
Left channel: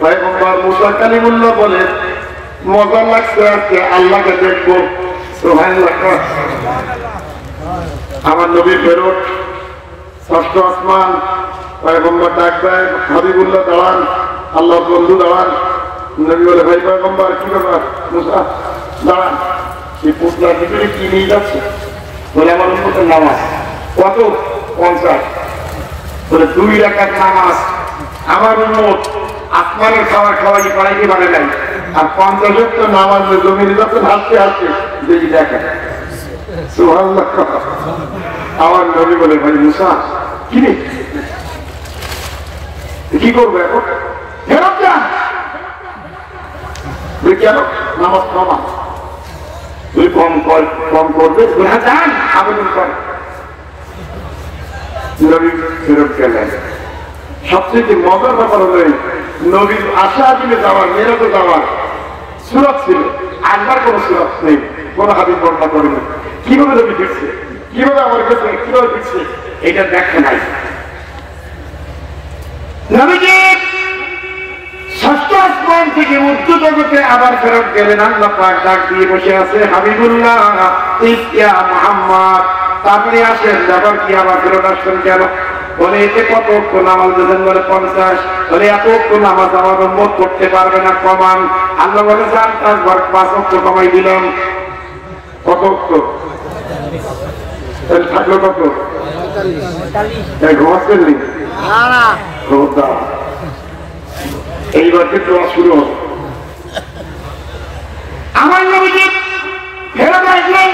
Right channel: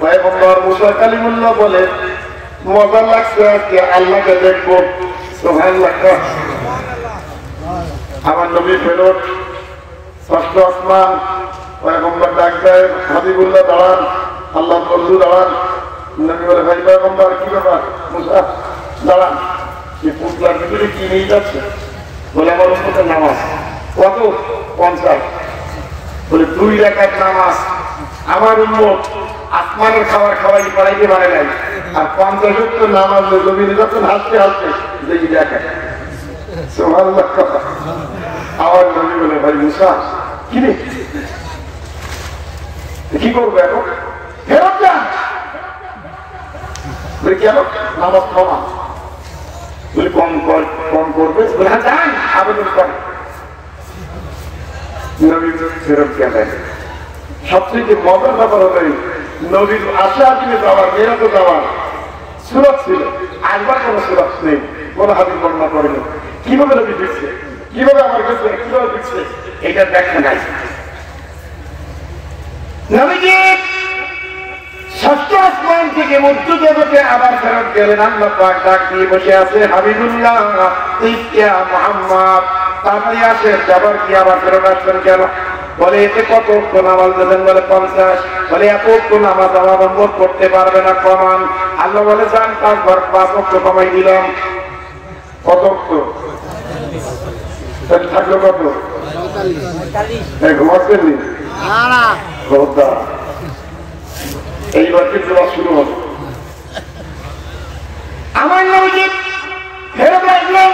পয়গম্বর মুসা কালিমুল্লাহ বলে মজা লাগছে আজকে আল্লাহকে দেখবো। সুবহানাল্লাহ। আমার নবী ফেরত ষষ্ঠ আসমান, পয়গম্বর ডাক দেয় হাবিবুল্লাহ দাঁড়ান, আল্লাহর বন্ধু দাঁড়ান। নবী বলে ভাই পয়গম্বর কি ব্যাপার? মুসা দাঁড়ান, এই পুতলার ভিতরে কি নিয়ে যাচ্ছে? বলে আমার উম্মতের নামাজ। কত? 50। বলে 2 রাকাত নামাজ আমার উম্মত আসমানের খাবার খাওয়াই পাড়াইতে পারে নাই, আর 50 ওয়াক্ত নামাজ জমিনে যখন হাসতে হাসতে যদি দেখে। সুবহানাল্লাহ। আমার নবী বলে ভাই মুসা কি রে, কি করবো এখন? ফেরত যা। বলে কেন? নামাজ কমা। তুই কম করবে? যান আবেদন কর। নবী ফেরত গেলেন। সবচেয়ে মজার ব্যাপার হলো নবীর আশা দিলে যাওয়ার, মেরাতে যাওয়ার সুরত ছিল, একবার কোন সুরত নেই, কোন হাদিস বর্ণনা করেনি। কিভাবে নবী ফিরছে, কিভাবে আমার কাছে কিভাবে ফিরছে, এটা দেখা নাই। নবীজি ষষ্ঠ আসমান থেকে মধ্য জগতে আবার ফেরত গেলেন। আল্লাহ পাক ডাক দিয়ে বসে আছে হাবিবুল্লাহ ইয়া মুহাম্মদ, তাড়াতাড়ি আসেন। আবার কি আবার ফেরত আসছেন কেন? বলে এতে কত অক্ষ নামাজ দেবেন? বলে 50। বলে এত অক্ষ নামাজ আমার উম্মত করতে পারবে না, কমান। আল্লাহ বলে যান, তার ঘর 5 অক্ষ কমাই দিলাম। কত অক্ষ? থাকলো কত? ঘুমাচ্ছেন নি? এইবার কি তোমার শুরু হবে? আমার নবীজি ফেরত আসলেন।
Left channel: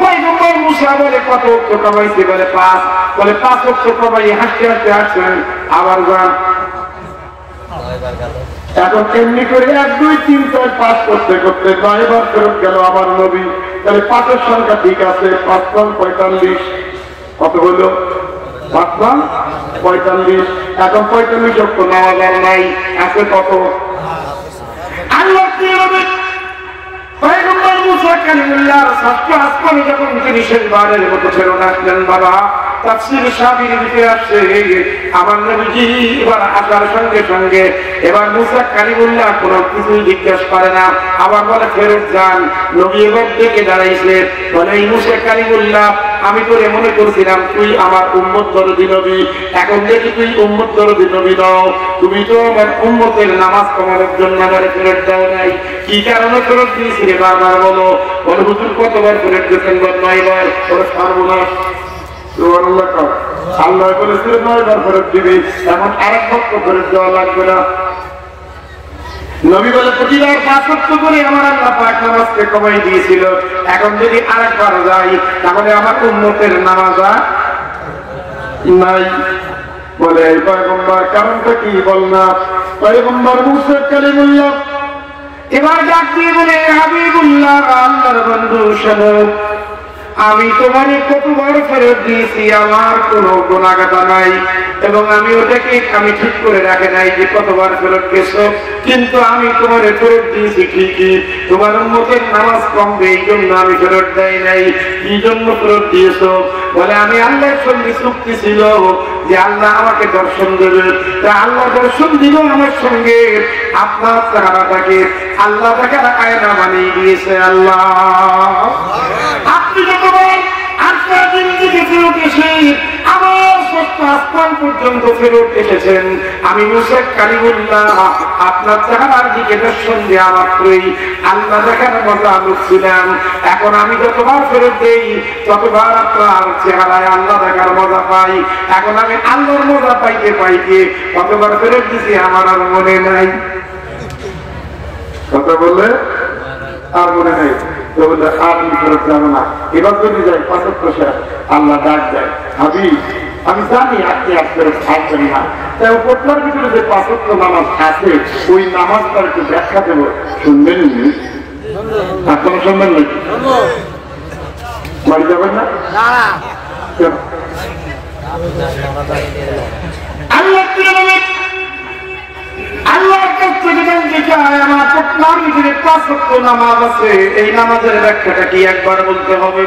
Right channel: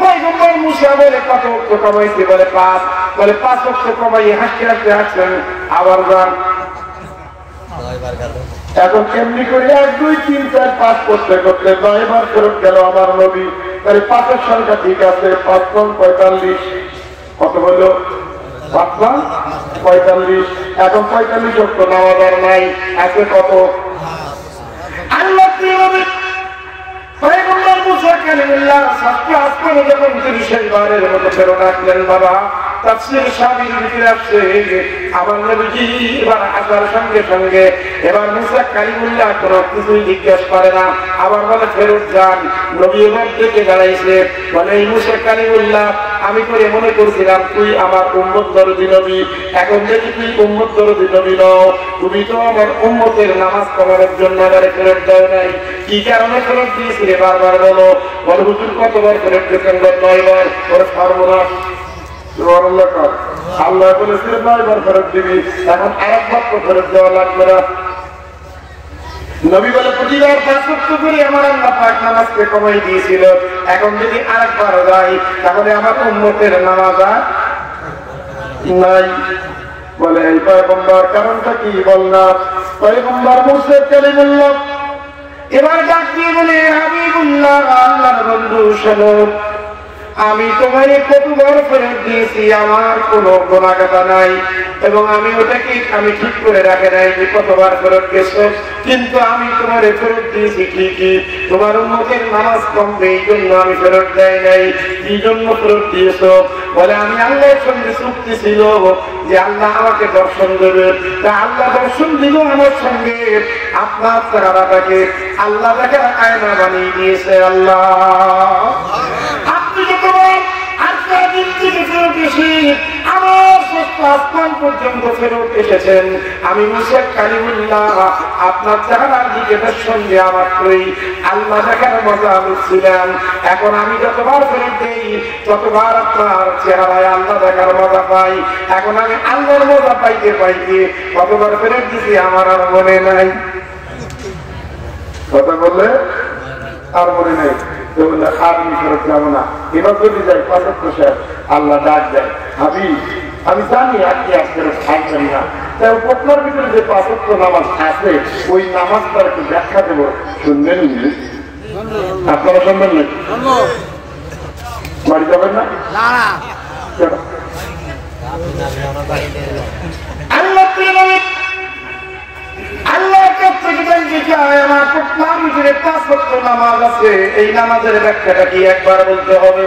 পয়গম্বর মুসা বলে কত অক্ষ কমাইছে? বলে 5। বলে 5 অক্ষ কমাই হাসতে হাসতে আসছেন, আবার যান। এখন এমনি করে 1 2 3 4 5 করতে করতে 9 বার ফেরত গেল আমার নবী। তাহলে 5-এর সংখ্যা ঠিক আছে, 5 × 45। কত হলো? 5 × 45। এখন 45 অক্ষ নামাজ আর নাই, আছে কত? আল্লাহ পয়গম্বর মুসা কালিমুল্লাহর ষষ্ঠ আসমানে যখন তিনি শেষবারের মতো ফেরত আসলেন, বাবা তাফসীর সাবির ভিতরে আসছে আমার নবীজি এবার আসার সঙ্গে সঙ্গে এবার মুসা কালিমুল্লাহ কোনো কিছুই জিজ্ঞেস করে না, আবার বলে ফেরত যান। নবী এবার ডেকে দাঁড়াইছে, বলে এই মুসা কালিমুল্লাহ, আমি তোরে মনে করছিলাম তুই আমার উম্মত দরদি নবী, এখন দেখি তুই উম্মত দরদি নবী নও। তুমি তো আমার উম্মতের নামাজ কমানোর জন্য আমারে ফেরত দাও নাই, কি কারণে ফেরত দিয়েছিলে বারবার বলো। বলে হুজুর কতবার ফেরত দিয়েছেন? 9 বার। ওরে পারবো না। আল্লাহ বলেছিলেন 9 বার ফেরত দিবি, এখন আরেক বক্ত ফেরত দেওয়া লাগবে না। নবী বলে প্রতিবার 5 ওয়াক্ত করে আমার আল্লাহ পাক নামাজকে কমাই দিয়েছিল, এখন যদি আরেকবার যাই তাহলে আমার উম্মতের নামাজ নাই। বলে এই পয়গম্বর কারণটা কি বল না? পয়গম্বর মুসা কালিমুল্লাহ এবার ডাক দিয়ে বলে, হাবিবুল্লাহ, আল্লাহর বন্ধু, শোনো, আমি তোমার কতবার ফেরত দিয়েছি, আমার কোনো গোনাগাতা নাই, এবং আমি ওটাকে আমি ঠিক করে রাখে নাই যে কতবার ফেরত গেছো, কিন্তু আমি তোমার ফেরত দিয়েছি ঠিকই। তোমার উম্মতের নামাজ কমবে এই জন্য আমি ফেরত দেয় নাই। কি জন্য ফেরত দিয়েছো? বলে আমি আল্লাহর সঙ্গে চুক্তি ছিল যে আল্লাহ আমাকে দর্শন দেবে, তা আল্লাহ দর্শন দিল আমার সঙ্গে। আপনার চেহারাটাকে আল্লাহ তাকে আয়না বানিয়ে দিয়েছে। আল্লাহ আপনি যতবার দিন থেকে ফেরত এসে আমার ষষ্ঠ আসমান পর্যন্ত ফেরত এসেছেন, আমি মুসা কালিমুল্লাহ আপনার চেহারার দিকে দর্শন দেওয়া মাত্রই আল্লাহ দেখার মজা লুটছিলাম। এখন আমি যতবার ফেরত দেই ততবার আপনার চেহারায় আল্লাহ দেখার মজা পাই। এখন আমি আল্লাহর মজা পাইতে পাইতে কতবার ফেরত দিছি আমার আর মনে নাই। কথা বললে আর মনে নেই। আমি ফেরত যাবো না। এবার যদি যাই 5 ওয়াক্ত শেষ, আল্লাহ ডাক দেয়, হাবিব আমি জানি আপনি আর ফেরত থাকবেন না, তাই পটলার ভিতরে যে 5 ওয়াক্ত নামাজ আছে ওই নামাজটার একটু ব্যাখ্যা দেবো, শুনবেন নি? আপনারা শুনবেন নাকি? বাড়ি যাবেন না? আল্লাহ আল্লাহর কাছ থেকে জানতে চাই আমার পটলার ভিতরে 5 ওয়াক্ত নামাজ আছে, এই নামাজের ব্যাখ্যাটা কি একবার বলতে হবে।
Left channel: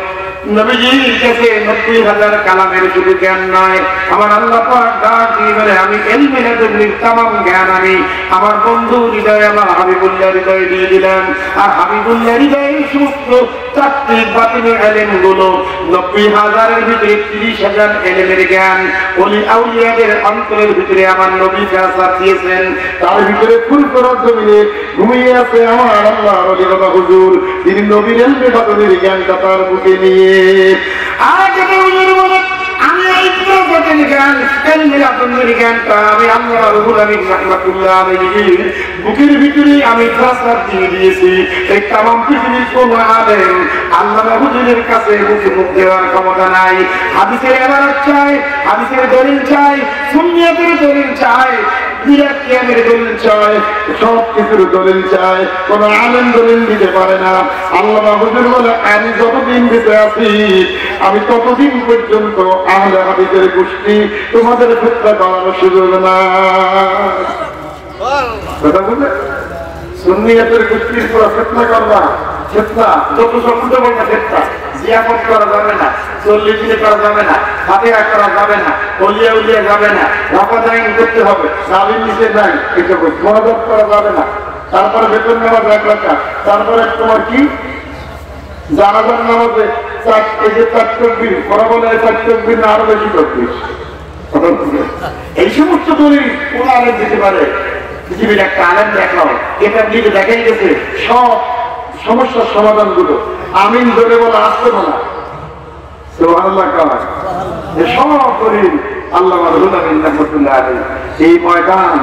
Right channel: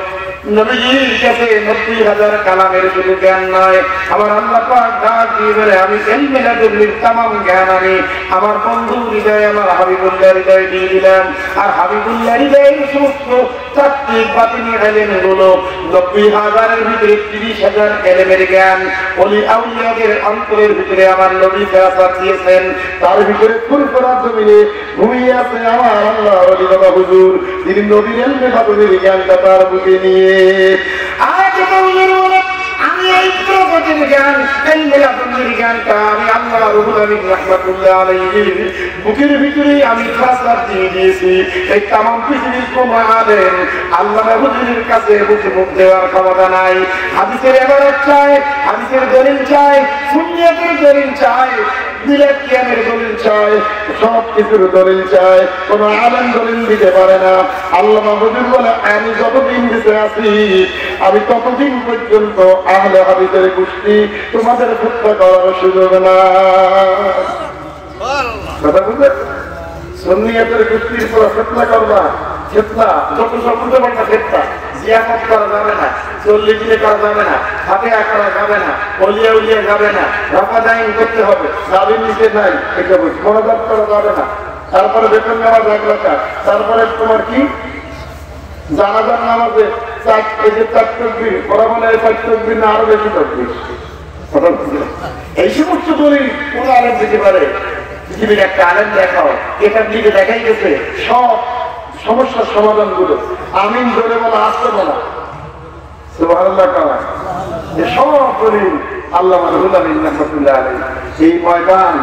নবীজির কাছে 90,000 কালামের শুধু জ্ঞান নয়, আমার আল্লাহ পাক ডাক দিয়ে বলে আমি ইলমে লাদুনির তামাম জ্ঞান আমি আমার বন্ধু হৃদয়ে আমার হাবিবুল্লাহ হৃদয়ে দিয়ে দিলাম। আর হাবিবুল্লাহ হৃদয়ে সমস্ত তাত্ত্বিক বাতিনি ইলমগুলো 90,000-এর ভিতরে 30,000 ইলমের জ্ঞান ওলি আউলিয়াদের অন্তরের ভিতরে আমার নবী ফেরাসাত দিয়েছেন। তার ভিতরে ফুরফুরা জমিনে ঘুমিয়ে আছে আমার আল্লাহর অলিবাবা হুজুর, যিনি নবীর ইলমে বাতিনির জ্ঞানটা তার বুকে নিয়ে আমি এই জ্ঞান জ্ঞানটা আমি আল্লাহ রব্বুল আলামিন রাহমাতুল্লাহ আলাইহি বুকের ভিতরে আমি ফেরাসাত দিয়ে দিয়েছি। এই তামাম পৃথিবীর কোন আলেম আল্লাহ হুজুরের কাছে মুখ দেওয়ার ক্ষমতা নাই। হাদিসের ইবারত চাই, হাদিসের দলিল চাই, সুন্নিয়তের দলিল চাই, বিরাট কিয়ামের দলিল চাই, সব কিছুর দলিল চাই, কোন আলেম দলিল দিতে পারে না। আল্লাহ হুজুর বলে আমি যতদিন বেঁচে আছি আমি ততদিন পর্যন্ত আহলে হাদিসের গোষ্ঠী তোমাদের ফিতনা করার সুযোগ না। কথা বুঝলে? সুন্নিয়তের গোষ্ঠীর পুরো ফিতনা করবা, ফিতনা যত সব উঠে বলতে ফিতনা, জিয়াফত করা যাবে না, চল্লিশ দিনে করা যাবে না, ফাতিহা করা যাবে না, ওলিয়া উলিয়া যাবে না, রাফাদাইন করতে হবে, সাবির নিচে নাই, এসব মহাজাত করা যাবে না। তারপরে বেতন নামাজ 1 রাকাত, তারপরে তোমার কি জানাজার নামাজে 4 তাকবীর, বড় বলে 4 তাকবীর না আরো বেশি তাকবীর, এই সমস্ত দলিল কোন আলেম দিতে পারে? পৃথিবীর একটা আলেম দেখাও, এটার দিকে দেখাই গেছে সব সমস্যার সমাধান গুলো। আমিন ধরে বলা আসতে বলা সুবহানাল্লাহ কয় সব দলিল আল্লামা রুহুল আমিন রাহমাতুল্লাহ আলাইহি এই ময়দান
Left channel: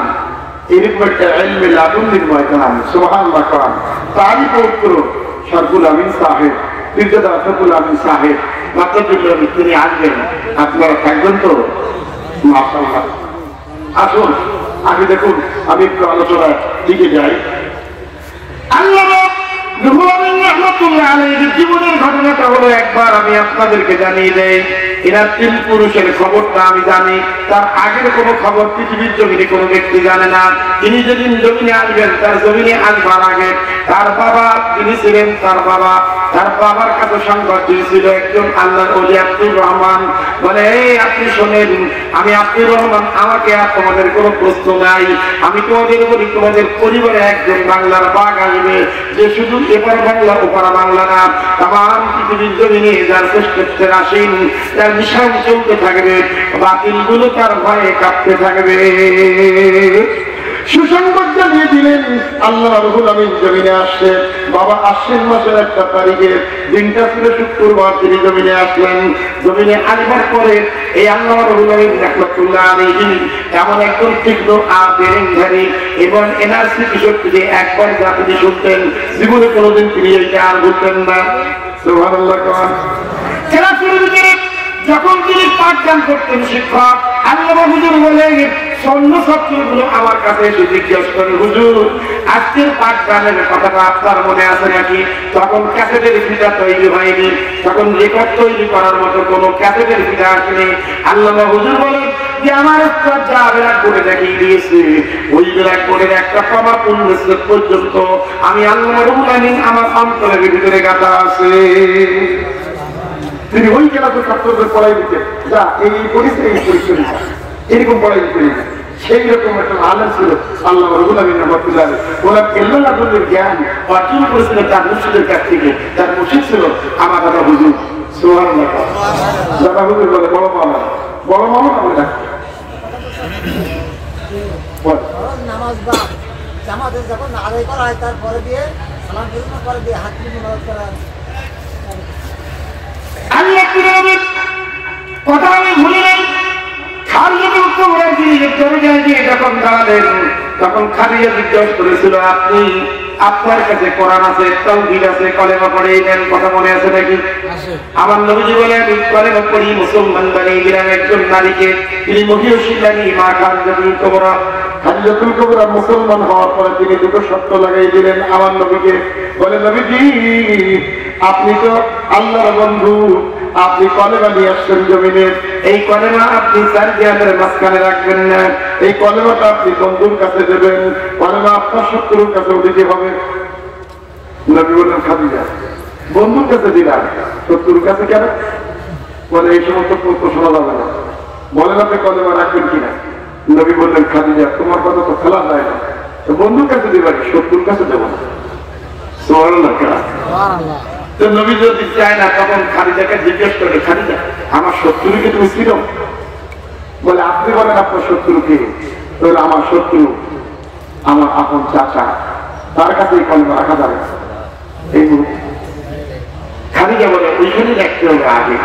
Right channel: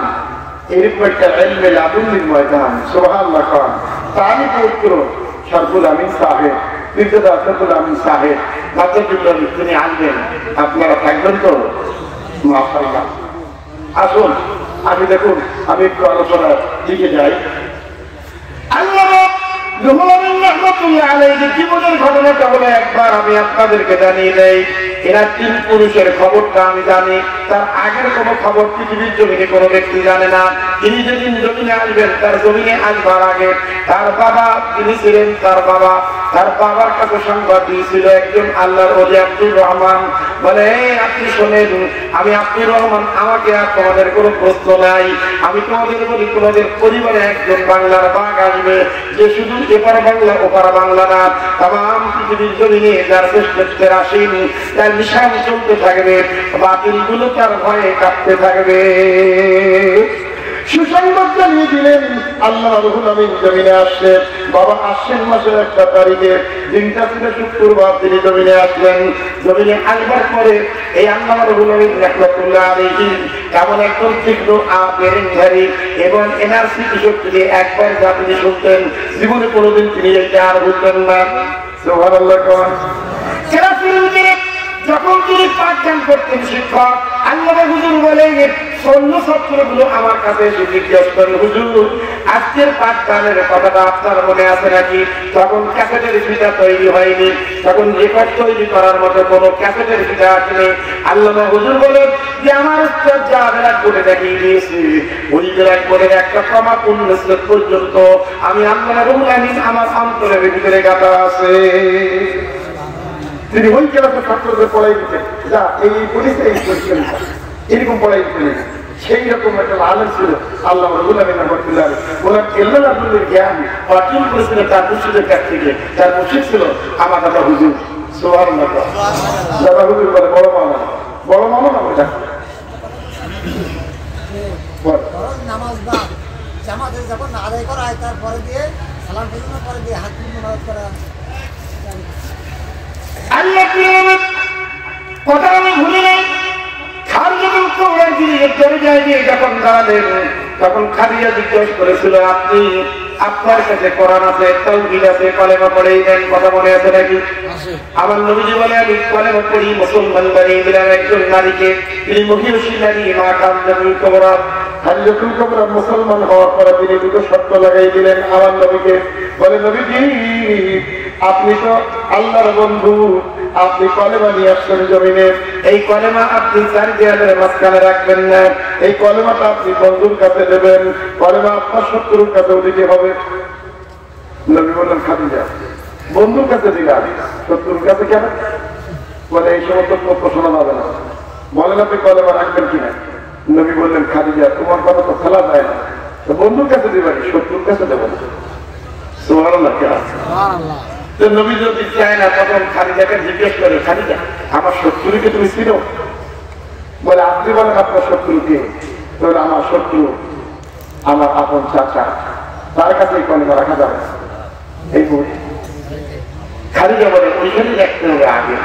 এরকম একটা ইলমে লাদুন্নির ময়দান সুবহানাল্লাহ কয়। তারই পবিত্র শরফুল আমিন সাহেব, পীরজাদা শরফুল আমিন সাহেব রাহমাতুল্লাহ তিনি আসবেন, আপনারা থাকবেন তো? মাশাআল্লাহ। আসুন আগে দেখুন, আমি একটু আলোচনার দিকে যাই। আল্লামা রুহুল আমিন রাহমাতুল্লাহ আলাইহির জীবনের ঘটনাটা হলো, একবার আমি আপনাদেরকে জানিয়ে দেই, এনার 3 পুরুষের খবরটা আমি জানি, তার আগের কোনো খবর পৃথিবীর জমিনে কোনো ব্যক্তি জানে না। তিনি যেদিন জমিনে আসবেন, তার জমিনে আসবার আগে তার বাবা যিনি ছিলেন, তার বাবার কাছে সংবাদ দিয়েছিল একজন আল্লাহর ওলি আব্দুর রহমান, বলে এই আপনি শোনেন, আমি আব্দুর রহমান, আমাকে আর তোমাদের কোনো প্রশ্ন নাই, আমি তোমাদের বলি তোমাদের পরিবারে একজন বাংলার বাঘ আসবে, যে শুধু এপার বাংলা ওপার বাংলা না, তাম পৃথিবীর জমিনে যার শ্রেষ্ঠত্বের আসীন, তার নিশান চলতে থাকবে, বাতিলগুলো তার ভয়ে কাঁপতে থাকবে। সুসংবাদ জানিয়ে দিলেন আল্লামা রুহুল আমিন জমিনে আসছে। বাবা আশ্বিন মাসের 1 তারিখে, দিনটা ছিল শুক্রবার, তিনি জমিনে আসলেন। জমিনে আসবার পরে এই আল্লামা রুহুল আমিন রাহমাতুল্লাহ আলাইহি এমন একজন তীক্ষ্ণ বেরেংধারী এবং এনার স্মৃতিশক্তি একবার যা তিনি শুনতেন, জীবনে কোনোদিন তিনি এইটা আর ভুলতেন না। সুবহানাল্লাহ। যখন তিনি পাঠদান করতেন শিক্ষক, আল্লামা হুজুর বলে সৈন্য ছাত্রগুলো আমার কাছে এসে জিজ্ঞাসা করে, হুজুর আজকের পাঠদানের কথাটা আপনার মনে আছে নাকি? তখন ক্যাসেটের ফিতা তৈরি হয়নি, তখন রেকর্ড তৈরি করার মতো কোনো ক্যাসেটের ফিতা আসেনি। আল্লামা হুজুর বলে যে আমার একটা যা ব্ল্যাক বোর্ডে দেখিয়ে দিয়েছি, ওই ব্ল্যাক বোর্ডের একটা কমা পূর্ণশ্লোক পর্যন্ত আমি আল্লামা রুহুল আমিন আমার অন্তরের ভিতরে গাঁথা আছে। তিনি ওই জেলাতে ছাত্রদের পড়াই দিতেন, যা এই পরীক্ষা এই পরীক্ষা এরকম পড়াই দিতেন। সেই রকম একটা আলেম ছিল আল্লামা রুহুল আমিন রাহমাতুল্লাহ আলাইহি। ওনার ইলমে লাদুন্নির জ্ঞান অর্জন করেছিলেন তার মুর্শিদের কাছ থেকে। তার মুর্শিদ ছিল আমার দাদা হুজুর। সুবহানাল্লাহ। দাদা হুজুর বলে বড় মামা, বড় মামা না বলে ডাকতো। নামাজ বা জামাতে যখন আদায় করা হয়, তারপরে দিয়ে সালাম ফিরানোর পরে দিয়ে হাত তুলে নামাজ করা হয়। আল্লাহ কথা আমি ভুলে নাই। যখন দাঁড়ালেন তখন খাদিজা জিজ্ঞাসা করেছিল, আপনি আপনার কাছে কোরআন আছে, তাওহীদ আছে, কলেমা পড়েই দেন, কথা মনে আছে নাকি? আমার নবীজি বলে আমি কলেমা পড়ি, মুসলমান বানিয়ে দিলাম একজন নারীকে। তিনি মহিষী নারী মা খাদিজাতুল কুবরা। খাদিজাতুল কুবরা মুসলমান হওয়ার পরে তিনি 2টো শর্ত লাগাই দিলেন আমার নবীকে। বলে নবীজি আপনি তো আল্লাহর বন্ধু, আপনি কলেমা নিয়ে আসছেন জমিনে, এই কলেমা আপনি 4 দেয়ালের মাঝখানে রাখবেন না, এই কলেমাটা আপনি বন্ধুর কাছে দেবেন, কলেমা আপনার শত্রুর কাছেও দিতে হবে। নবী বললেন খাদিজা বন্ধুর কাছে দিলাম, শত্রুর কাছে কেন? বলে এই সমস্ত প্রশ্ন শোনা যাবে না, বলেন আপনি কলেমা রাখবেন কিনা? নবী বললেন খাদিজা তোমার কথা তো ফেলা যায় না, তো বন্ধুর কাছে দিবেন, শত্রুর কাছে দেব না। সুবহানাল্লাহ। তো নবী যদি চায় না, তখন খাদিজাকে জিজ্ঞেস করে, খাদিজা আমার শত্রুকে তুমি ছিল? বলে আপনি বলেন আপনার শত্রুকে? বলে আমার শত্রু আমার আপন চাচা, তার কাছে এই কলেমা রাখা যাবে না। এই খাদিজা বলে ওইখানে রাখতে হবে আগে।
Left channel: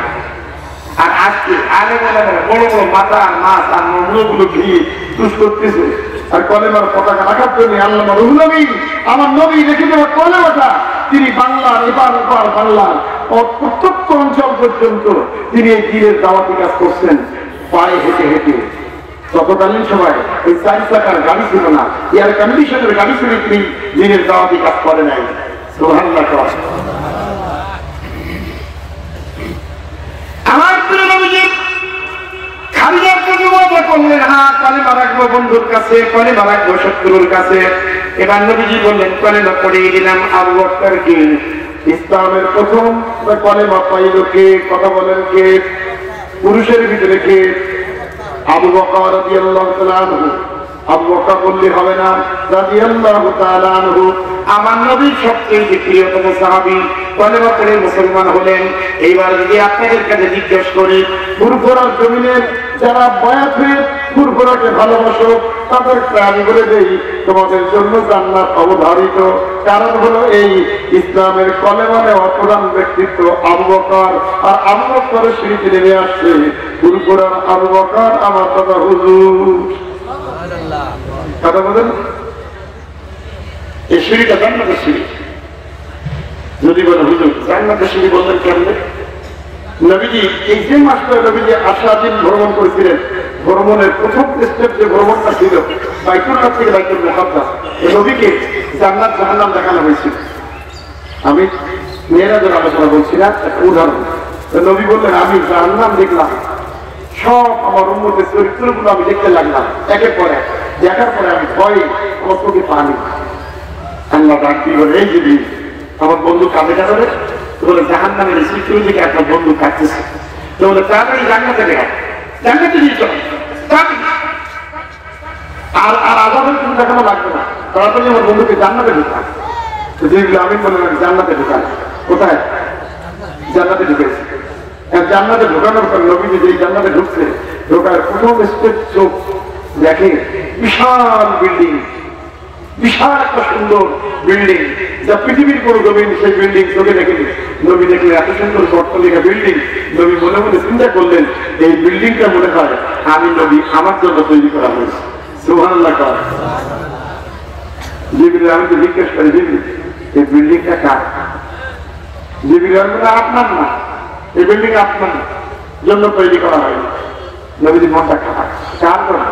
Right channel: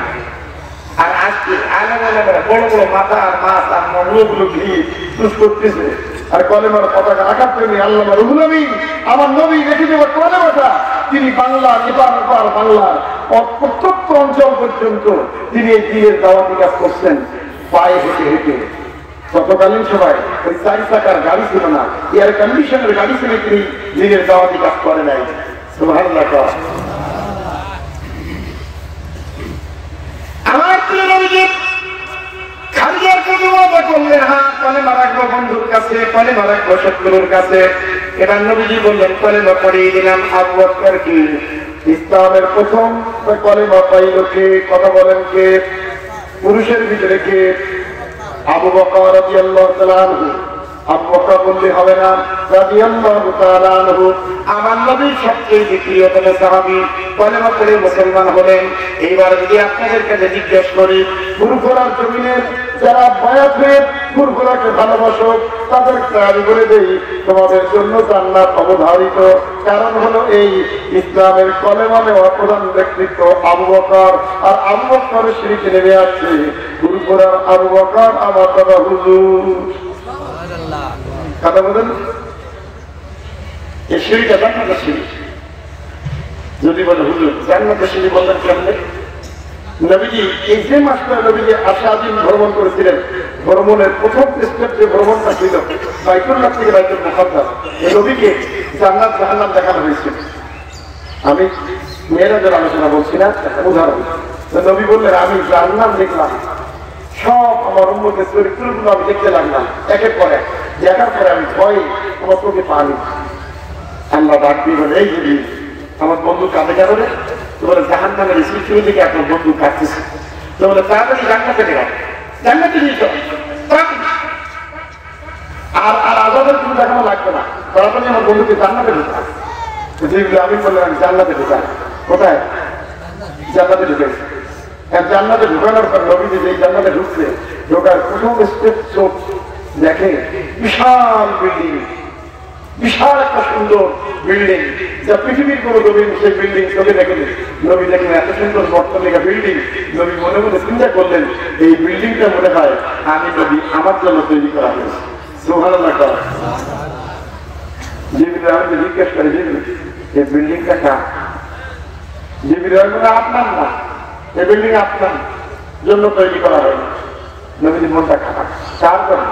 আর আজকে আগে বলে বড় বড় মাথা আর মাছ আর মগুলো ঘিরে তুষ করতেছে, আর কলেমার পতাকা রাখার জন্য আল্লামা রুহুল আমিন আমার নবী রেখে দেওয়া কলেমাটা তিনি বাংলার এপার ওপার বাংলার প্রত্যন্ত অঞ্চল পর্যন্ত তিনি এই দিনের দাওয়াতি কাজ করছেন পায়ে হেঁটে হেঁটে। ততকালীন সময় ওই 4 চাকার গাড়ি ছিল না, এয়ার কন্ডিশনের গাড়ি ছিল, তিনি দিনের দাওয়াতি কাজ করে নাই। সুবহানাল্লাহ। আমার প্রিয় নবীজি খাদিজার কাছে ওয়াদা করলেন, হ্যাঁ কলেমা রাখবো বন্ধুর কাছে, কলেমা রাখবো শত্রুর কাছে। এবার নবীজি বললেন কলেমা পড়িয়ে দিলাম আবু বকরকে। ইসলামের প্রথম কলেমা পাইল কে? কথা বলেন কে? পুরুষের ভিতরে কে? আবু বকর রাদিয়াল্লাহু তাআলা আনহু। আবু বকর বললে হবে না, রাদিয়াল্লাহু তাআলা আনহু। আমার নবীর সবচেয়ে প্রিয়তম সাহাবী, কলেমা পড়ে মুসলমান হলেন। এইবার যদি আপনাদের কাছে জিজ্ঞেস করি, ফুরফুরার জমিনের যারা বয়াত হয়ে ফুরফুরাকে ভালোবাসো তাদেরকে আমি বলে দেই, তোমাদের জন্য জান্নাত অবধারিত। কারণ হলো এই ইসলামের কলেমা নেওয়া প্রধান ব্যক্তিত্ব আবু বকর, আর আবু বকরের স্মৃতি নেমে আসছে ফুরফুরার আবু বকর আমার দাদা হুজুর। কথা বলেন, এই সিঁড়িটা জান্নাতের সিঁড়ি। যদি বলে হুজুর জান্নাতের সিঁড়ি বললেন কেমনে? নবীজি এই যে মাসটা নবীজি আশাদিন ভ্রমণ করেছিলেন, ভ্রমণের প্রথম স্টেপ যে ভ্রমণটা ছিল বাইতুল্লাহ থেকে বাইতুল মুকাদ্দাস, এই নবীকে জান্নাত জাহান্নাম দেখানো হয়েছিল। আমি মেয়েরাদের আলোচনা বলছি না, একটা উদাহরণ। নবী বললেন আমি জান্নাত দেখলাম, সব আমার উম্মতের চরিত্রগুলো আমি দেখতে লাগলাম একের পর এক। দেখার পরে আমি ভয় আমার চোখে পানি। আল্লাহ ডাক দিয়ে বলে, এই যে আমার বন্ধু কাঁদে কাঁদে, তো বলে জাহান্নামের স্মৃতির দিকে একটা বন্ধু কাটতেছে, তো বলে তাড়াতাড়ি জান্নাতে দেখা, জান্নাতে নিয়ে চল আর আর আজাদের কিছু দেখানো লাগবে না, তাড়াতাড়ি আমার বন্ধুকে জান্নাতে ঢুকান। যেগুলো আমি বললাম আমি জান্নাতে ঢুকান। কোথায়? জান্নাতে ঢুকেছি। জান্নাতে ঢুকানোর পর নবীজি যে জান্নাতে ঢুকছে, ঢোকার প্রথম স্টেপ চোখ দেখে বিশাল বিল্ডিং, বিশাল একটা সুন্দর বিল্ডিং, যা পৃথিবীর কোনো নবীন সেই বিল্ডিং চোখে দেখেনি। নবী দেখলেন এত সুন্দর বর্তমানে বিল্ডিং, নবী মনে মনে চিন্তা করলেন এই বিল্ডিংটা মনে হয় আমি নবী আমার জন্য তৈরি করা হয়েছে। সুবহানাল্লাহ। জিবরিল আমাকে জিজ্ঞেস করে, এই বিল্ডিংটা কার? জিবরিল বলে আপনার না, এই বিল্ডিং আপনার জন্য তৈরি করা হয়নি। নবীর মনটা খারাপ, কার জন্য?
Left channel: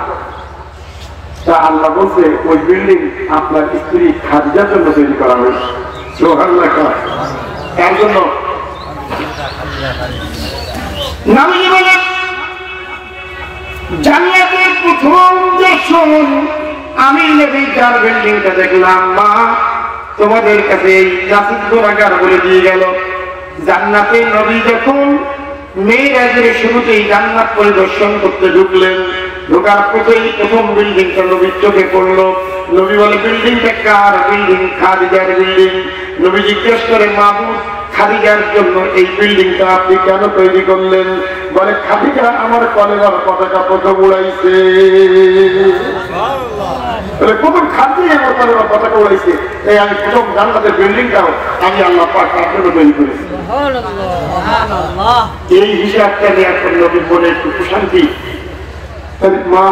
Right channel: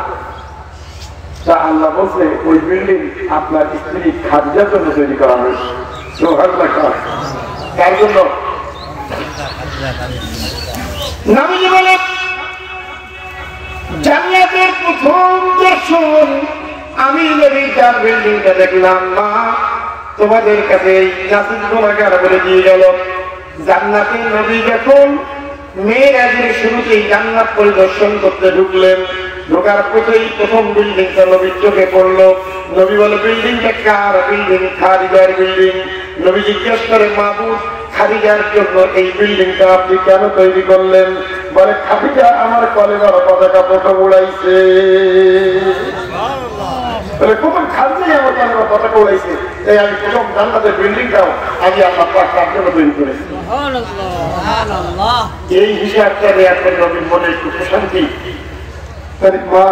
তা আল্লাহ বলছে ওই বিল্ডিং আপনার স্ত্রী খাদিজার জন্য তৈরি করা হয়েছে। সুবহানাল্লাহ। কার জন্য? নবী বলে জান্নাতের প্রথম দর্শন আমি নবী যার বিল্ডিংটা দেখলাম, মা তোমাদের কাছে নাসিব গোলাকার বলে দিয়ে গেল। জান্নাতে নবী যখন মেয়েরাজের শুরুতেই জান্নাত পরিদর্শন করতে ঢুকলেন, ঢোকার প্রথম বিল্ডিংটা নবীর চোখে পড়লো। নবী বলে বিল্ডিংটা কার? বিল্ডিং খাদিজার বিল্ডিং। নবী জিজ্ঞেস করে, মাবুদ খাদিজার জন্য এই বিল্ডিংটা আপনি কেন তৈরি করলেন? বলে খাদিজা আমার কলেমার পতাকা প্রথম উড়াইছে। প্রথম খাদিজাই আমার কলেমার পতাকা উড়াইছে, এই আমি প্রথম জান্নাতের বিল্ডিংটাও আমি আল্লাহ পাক আপনাকে তৈরি করেছি। এই হিসাবটা এখন নবীর মনে একটু প্রশান্তি। মা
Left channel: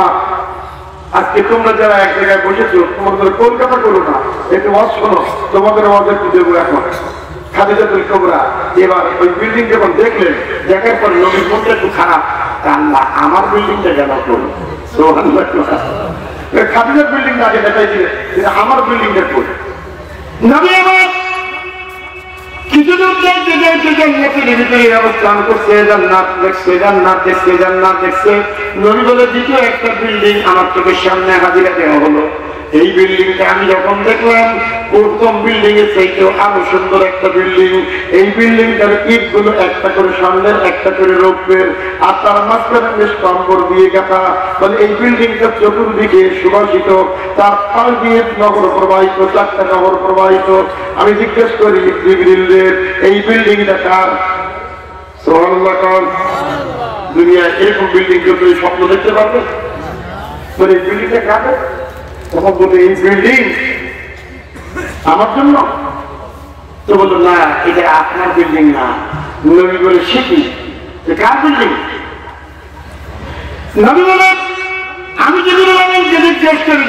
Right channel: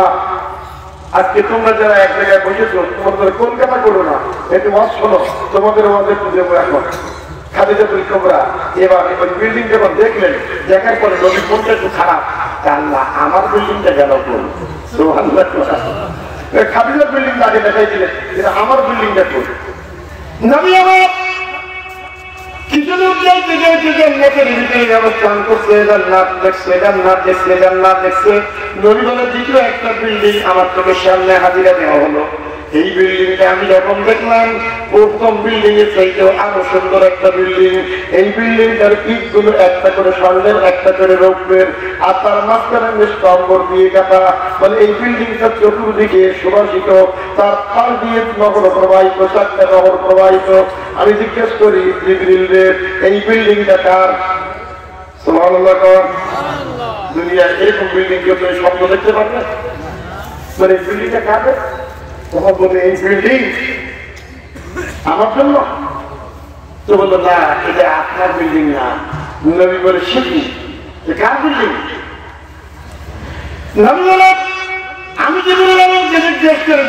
আজকে তোমরা যারা এক জায়গায় বসেছো, তোমাদের কলকাতা করো না, একটু ওয়াজ শোনো, তোমাদের ওয়াজ একটু দেবো এখন। খাদিজাতুল কুবরা এবার ওই বিল্ডিং যখন দেখলেন, দেখার পরে নবীর মনটা একটু খারাপ, তা আল্লাহ আমার বিল্ডিংটা গেল করুন। সুবহানাল্লাহ। খাদিজার বিল্ডিংটা আগে দেখাইছিলেন, যেটা আমার বিল্ডিংটা করুন। নবী আমার কিছু লোক জান্নাতের ভিতরে অবস্থান করছে, জান্নাত দেখছে, জান্নাত দেখছে, জান্নাত দেখছে। নবী বলে দ্বিতীয় একটা বিল্ডিং আমার চোখের সামনে হাজিরা দেওয়া হলো। এই বিল্ডিংটা আমি যখন দেখলাম প্রথম বিল্ডিং এর চাইতেও আরো সুন্দর একটা বিল্ডিং। এই বিল্ডিংটার ইট গুলো একটা করে সামনের, একটা করে রৌপ্যের, আর তার মাঝখানে বেশ কম্বর দিয়ে কাটা। মানে এই বিল্ডিংটা চতুর্দিকে সুবাসিত, তার পাশ দিয়ে নগর প্রবাহিত, চারটা নগর প্রবাহিত। আমি জিজ্ঞেস করি জিবরিলের, এই বিল্ডিংটা কার? সুবহানাল্লাহ। দুনিয়া এরকম বিল্ডিং কেউ স্বপ্ন দেখতে পারবে? মানে এই বিল্ডিংটা কার? তখন বলে এই বিল্ডিং আমার জন্য। তো বললো না, এটা আপনার বিল্ডিং না। নবী বলে শিখি কার বিল্ডিং? নবী বলে আমি জিবরিল আলাইহিস জিজ্ঞেস করে,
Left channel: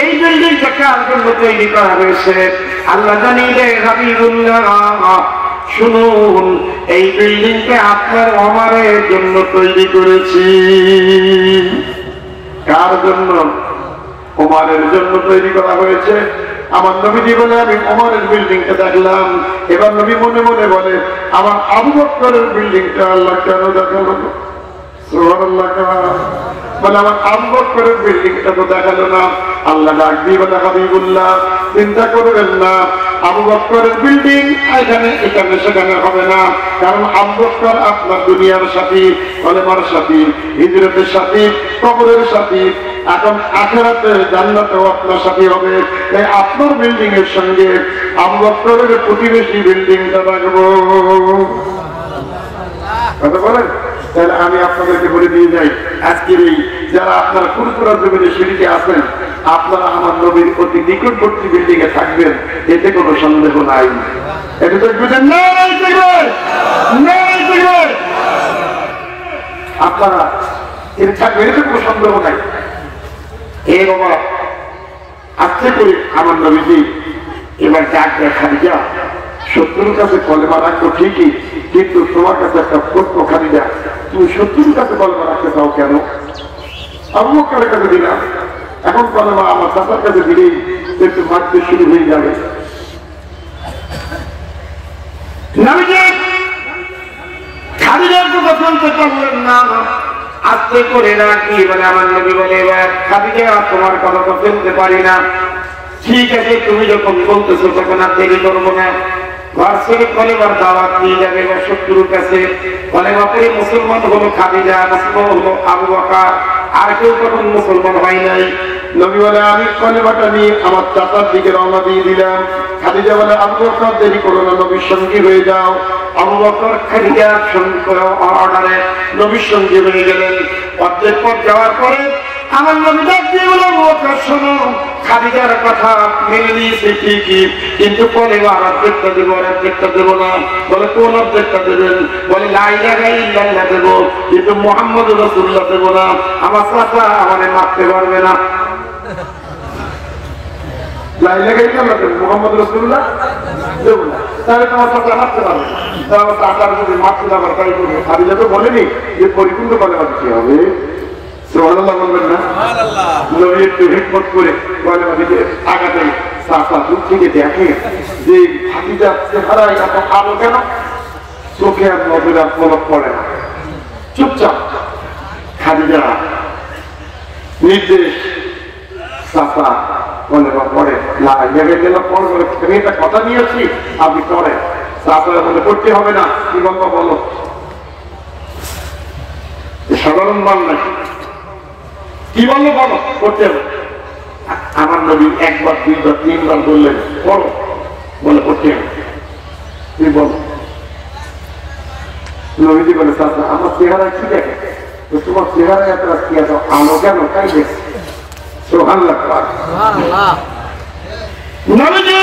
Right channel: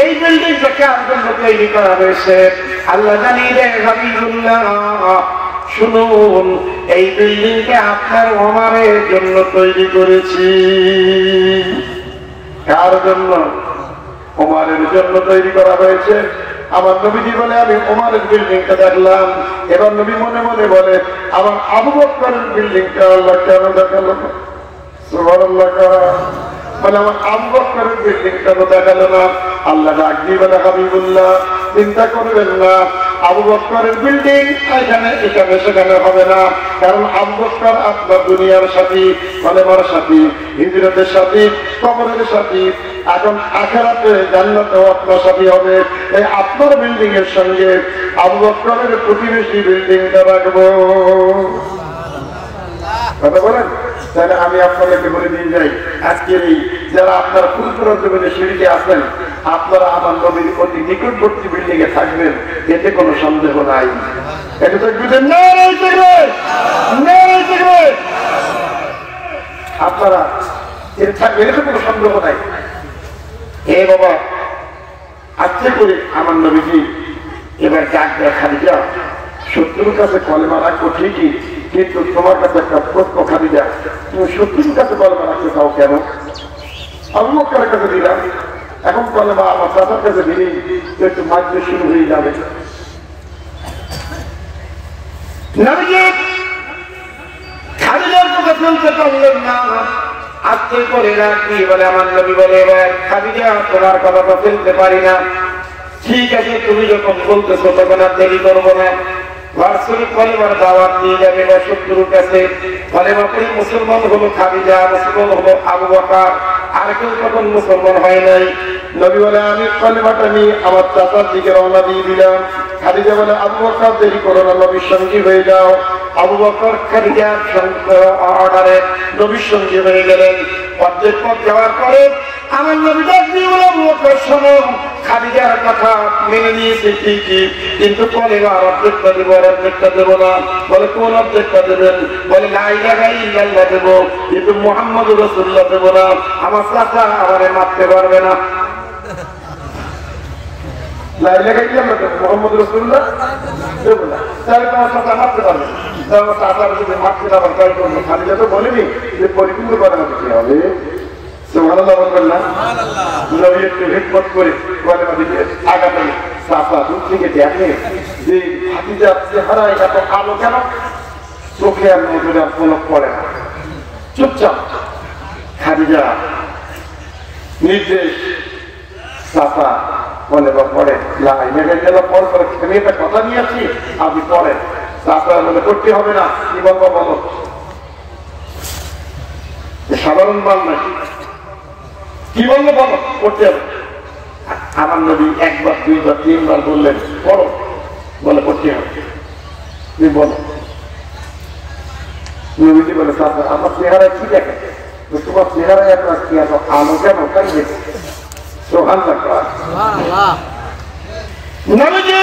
এই বিল্ডিংটা কার জন্য তৈরি করা হয়েছে? আল্লাহ জানিয়ে দেয়, হাবিবুল্লাহ শুনুন, এই বিল্ডিংটা আপনার ওমরের জন্য তৈরি করেছি। কার জন্য? ওমরের জন্য তৈরি করা হয়েছে। আমার নবীজি বলে আমি ওমরের বিল্ডিংটা দেখলাম। এবার নবী মনে মনে বলে আমার আবু বকরের বিল্ডিংটা আল্লাহ কেন দেখালো? সুবহানাল্লাহ। মানে আমার আবু বকরের বিল্ডিংটা তো দেখালো না। আল্লাহ ডাক দিয়ে বলে, হাবিবুল্লাহ চিন্তা করবেন না, আবু বকরের বিল্ডিং এখানে এখানে সেখানে হবে না, কারণ আবু বকর আপনার দুনিয়ার সাথী, কলেমার সাথী, হিজরতের সাথী, কবরের সাথী, এখন আখিরাতে জান্নাতেও আপনার সাথী হবে। তাই আপনার বিল্ডিং এর সঙ্গে আবু বকরের প্রতিবেশী বিল্ডিংটা রাখবো। কথা বলেন? তাহলে আমি আপনাদেরকে বলে দিয়ে যাই, আজকের এই যারা আপনার ফুলপুরা জমিতে সিঁড়িতে আছেন, আপনারা আমার নবীর অতি নিকটবর্তী বিল্ডিং এ থাকবেন, এতে কোনো সন্দেহ নাই। এটা তো আপনারা এর থাকবেন, এতে কোনো সন্দেহ নাই। এ বাবা, আজকে করে আমার নবীজি এবার ডাক দেখা দিয়া, শত্রুর কাছে কলেমা রাখবো ঠিকই, কিন্তু তোমার কাছে একটা প্রশ্ন খালি দেয়, তুমি শত্রুর কাছে কলেমা রাখতে চাও কেন? আবু বকরের কাছে দিলাম, এখন কলেমা আমার চাচার কাছে দিলেই একটু মারতে শুরু হয়ে যাবে। খাদিজার কথা শুনতে পারলেন না, আস্তে করে রাখবি বলে আমার নবী বলে, এবার খাদিজা তোমার কথা তো ফেলতে পারি না, ঠিক আছে তুমি যখন বলতেছো তখন আর দেরি করবো না। বার্ষিক কলেমার দাওয়াত নিয়ে যাবে বা শত্রুর কাছে, কলেমা পড়ে মুসলমান হলো খাদিজা, মুসলমান হলো আবু বকর, আর কেউ তখন মুসলমান হয় নাই। নবী বলে আমি কলেমাটা নিয়ে আমার চাচার দিকে রওনা দিয়ে দিলাম। খাদিজা বলে আবু বকর দেরি করো না, নবীর সঙ্গী হয়ে যাও। আবু বকর খাদিজার অর্ডারে নবীর সঙ্গী হয়ে গেলেন। অর্ধেক পথ যাওয়ার পরে আমার নবী ডাক দিয়ে বলে, আবু বকর শোনো, খাদিজার কথা মেনে নিয়েছে ঠিকই, কিন্তু কলেমা অর্ধেকটা দিব আর অর্ধেকটা দেবো না। বলে কোন অর্ধেকটা দেবেন? বলে লা ইলাহা ইল্লাল্লাহ দেবো, কিন্তু মুহাম্মদুর রাসূলুল্লাহ দেবো না, আমার চাচা আমারে মারতে পারবে না। লা ইলাহা ইল্লাল্লাহ দেবো, মুহাম্মদুর রাসূলুল্লাহ দেবো না, তাহলে তোমার চাচা মারতে পারবে না। আমার চাচার যদি মারতে যাবার তাই করবে। খাদিজা তো বলেনি যে পরিপূর্ণ কলেমা দিতে হবে। সুবহানাল্লাহ বলবেন না? নবী একটু হিকমত করে কলেমা দিতে আগাতে, চাচা দূর থেকে দেখে যে খাদিজার চেহারা এত কালো কেন, চোখে আর নজরে আর পলক পড়ে না, চুপচাপ। খাদিজা নির্দেশ, চাচা কলেমা পড়ে, লা ইলাহা ইল্লাল্লাহ পড় বলে, আমি একটা কথা নিয়েছি আপনি পড়ে। চাচা বলে করতে হবে না, কি বলবো বলো? সাধারণ মান নাকি, কি বলবো বলো, করতে হবে। আমার নবী একবার দুইবার তিনবার বললেন পড়ো, বলে করতে হবে, তুই বলো। নবীজি বলে চাচা আমার চেহারা কি দেখে, তোমার চেহারা একটা কি আছে আলো কেন, তাই দেখি। সুবহানাল্লাহ। নবীজি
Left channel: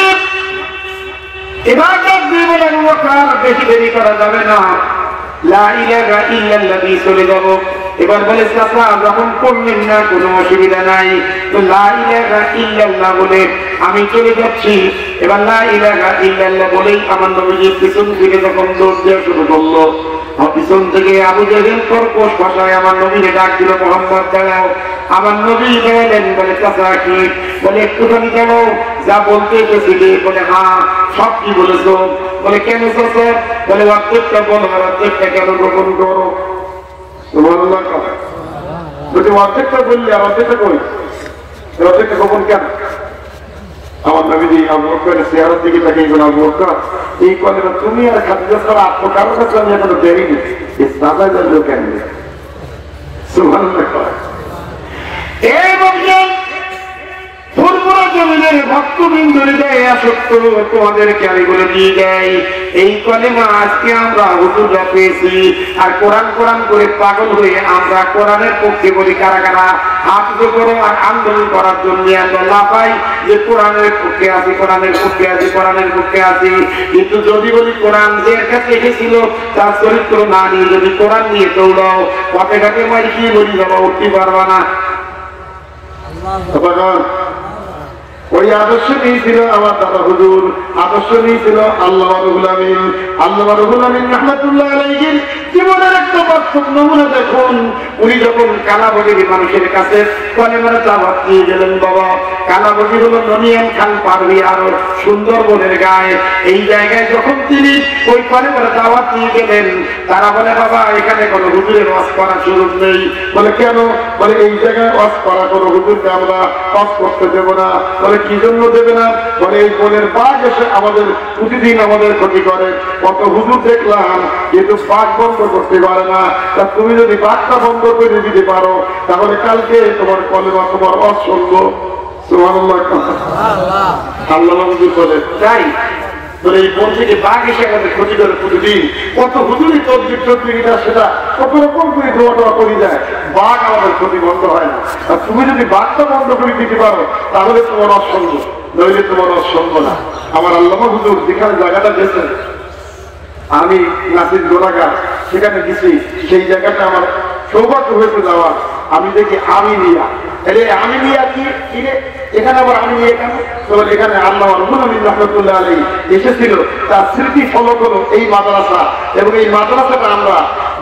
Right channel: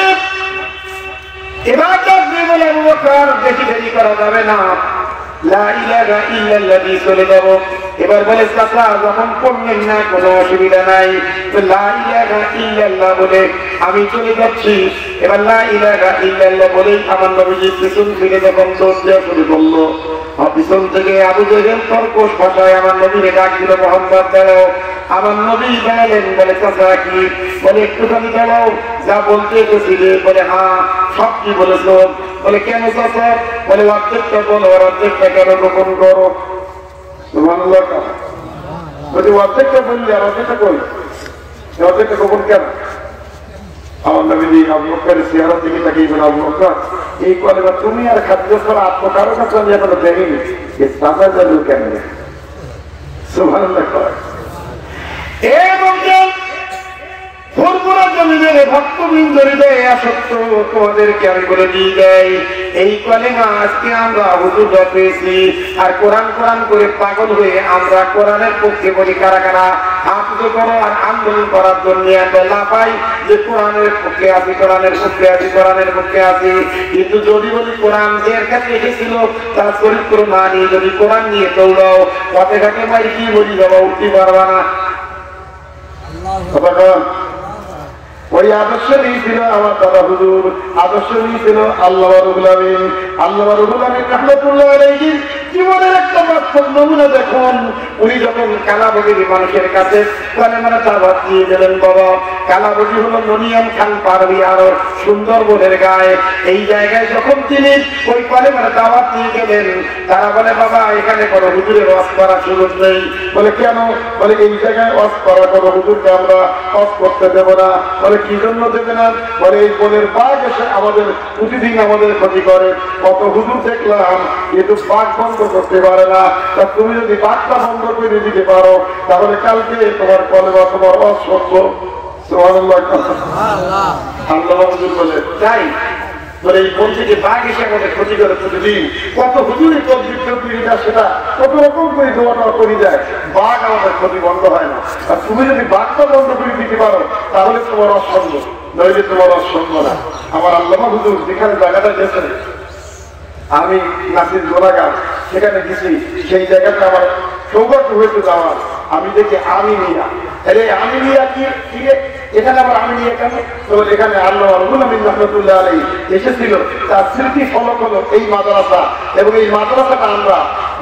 এবার ডাক দিয়ে বলে, আবু বকর বেশি দেরি করা যাবে না, লা ইলাহা ইল্লাল্লাহ দিয়ে চলে যাবো। এবার বলে চাচা যখন পড়লেন না কোনো অসুবিধা নাই, লা ইলাহা ইল্লাল্লাহ বলে আমি চলে যাচ্ছি। এবার লা ইলাহা ইল্লাল্লাহ বলেই আমার নবীজি পিছন থেকে যখন দৌড় দেওয়া শুরু করলো, পিছন থেকে আবু জেহেল কর্কশ ভাষায় আমার নবীকে ডাক দিল, মুহাম্মদ দাঁড়াও। আমার নবী দাঁড়ালেন, বলে চাচা কি? বলে একটুখানি দাঁড়াও, যা বলতে এসেছিলে। বলে হ্যাঁ, সব কি বলেছো? বলে কেন চাচা? বলে অর্ধেকটা বলো আর অর্ধেকটা কেন গোপন করো? অর্ধেকটা বললি আর অর্ধেকটা কই, অর্ধেকটা গোপন কেন? আমার নবীজি আবু বকরের চেহারার দিকে তাকিয়ে বলে, আবু বকর এই কলেমা তুমি আর খাদিজা ছাড়া আত্ম কারো কাছে আমি এখনো দেখিনি, সাজা জানলো কেন? সুবহানাল্লাহ। ভক্তবৃন্দ হৃদয়ে আসক্ত তোমাদেরকে আমি বলে দিয়ে যাই, এই কলেমা আজকে আমরা হুজুররা পেয়েছি, আর কোরআন কোরআন করে পাগল হয়ে আমরা কোরআনের পক্ষে বলি। কারা কারা হাত উঁচু করো আর আন্দোলন করার জন্য আমরা লাফাই যে কোরআনের পক্ষে আছি, কোরআনের পক্ষে আছি, কোরআনের পক্ষে আছি। কিন্তু যদি বলি কোরআন যে কাছে এসেছিল তার চরিত্র না নিয়ে যদি কোরআন নিয়ে দৌড়াও, পথে ঘাটে মাই কি বলি বাবা, উঠতে পারবা না। ওই আদর্শ নিয়েছিল আমার দাদা হুজুর, আদর্শ নিয়েছিল আল্লাহ রব্বুল আলামিন। আল্লাহ রব্বুল আলামিন রাহমাতুল্লাহ আলাইহি জীবনের একটা বাস্তব নমুনা দেখুন। উনি যখন কালাবগি মানুষের কাছে কলেমার দাওয়াত দিয়ে গেলেন, বাবা কালাবগি হলো ননিয়ান খান পারবি আরো সুন্দরবনের গায়ে, এই জায়গায় যখন তিনি ওই কলেমার দাওয়াত দিয়ে গেলেন, তারা বলে বাবা এখানে কোনো হুজুরের ওয়াজ করার সুযোগ নেই। বলে কেন? বলে এই জায়গায় ওয়াজ করা কোনো হুজুরকে আমরা ওয়াজ করতে দেব না। বলে কি জন্য দেবে না? বলে এই বনের বাঘ এসে আমাদের প্রতিদিন আমাদের ক্ষতি করে, কত হুজুর দেখলাম কিন্তু বাঘ বন্ধ করতে পারে না। তা তুমি যদি বাঘটা বন্ধ করে দিতে পারো তাহলে কালকে তোমার কলেমা তোমার অসংখ্য আল্লাহ হুজুর বলে তাই। এই বন থেকে বাঘ এসে আমাদের ক্ষতি করে প্রতিদিন, কত হুজুরি তদবিরটা সেটা কত রকম করে দোয়া করে দেয়, বাঘ আমাদের ক্ষতি বন্ধ হয় না। আর তুমি যদি বাঘটা বন্ধ করে দিতে পারো তাহলে তোমার অসংখ্য, নইলে তোমার অসংখ্য না। আমার আল্লাহ হুজুর যেখানে জায়গাটা দিয়েছেন, আমি নাসির গোলাঘাট সেখানে গেছি, সেই জায়গাটা আমার সৌভাগ্য হয়েছে যাওয়ার। আমি দেখি আমি নিয়া, আরে আমি নিয়া কি এখানে আবার আমি নিয়ে কেন? তো এখানে আল্লাহ রব্বুল আমিন রাহমাতুল্লাহ আলাইহি এসেছিল, তার স্মৃতি ফলক হলো এই মাদ্রাসা। এবং এই মাদ্রাসাটা আমরা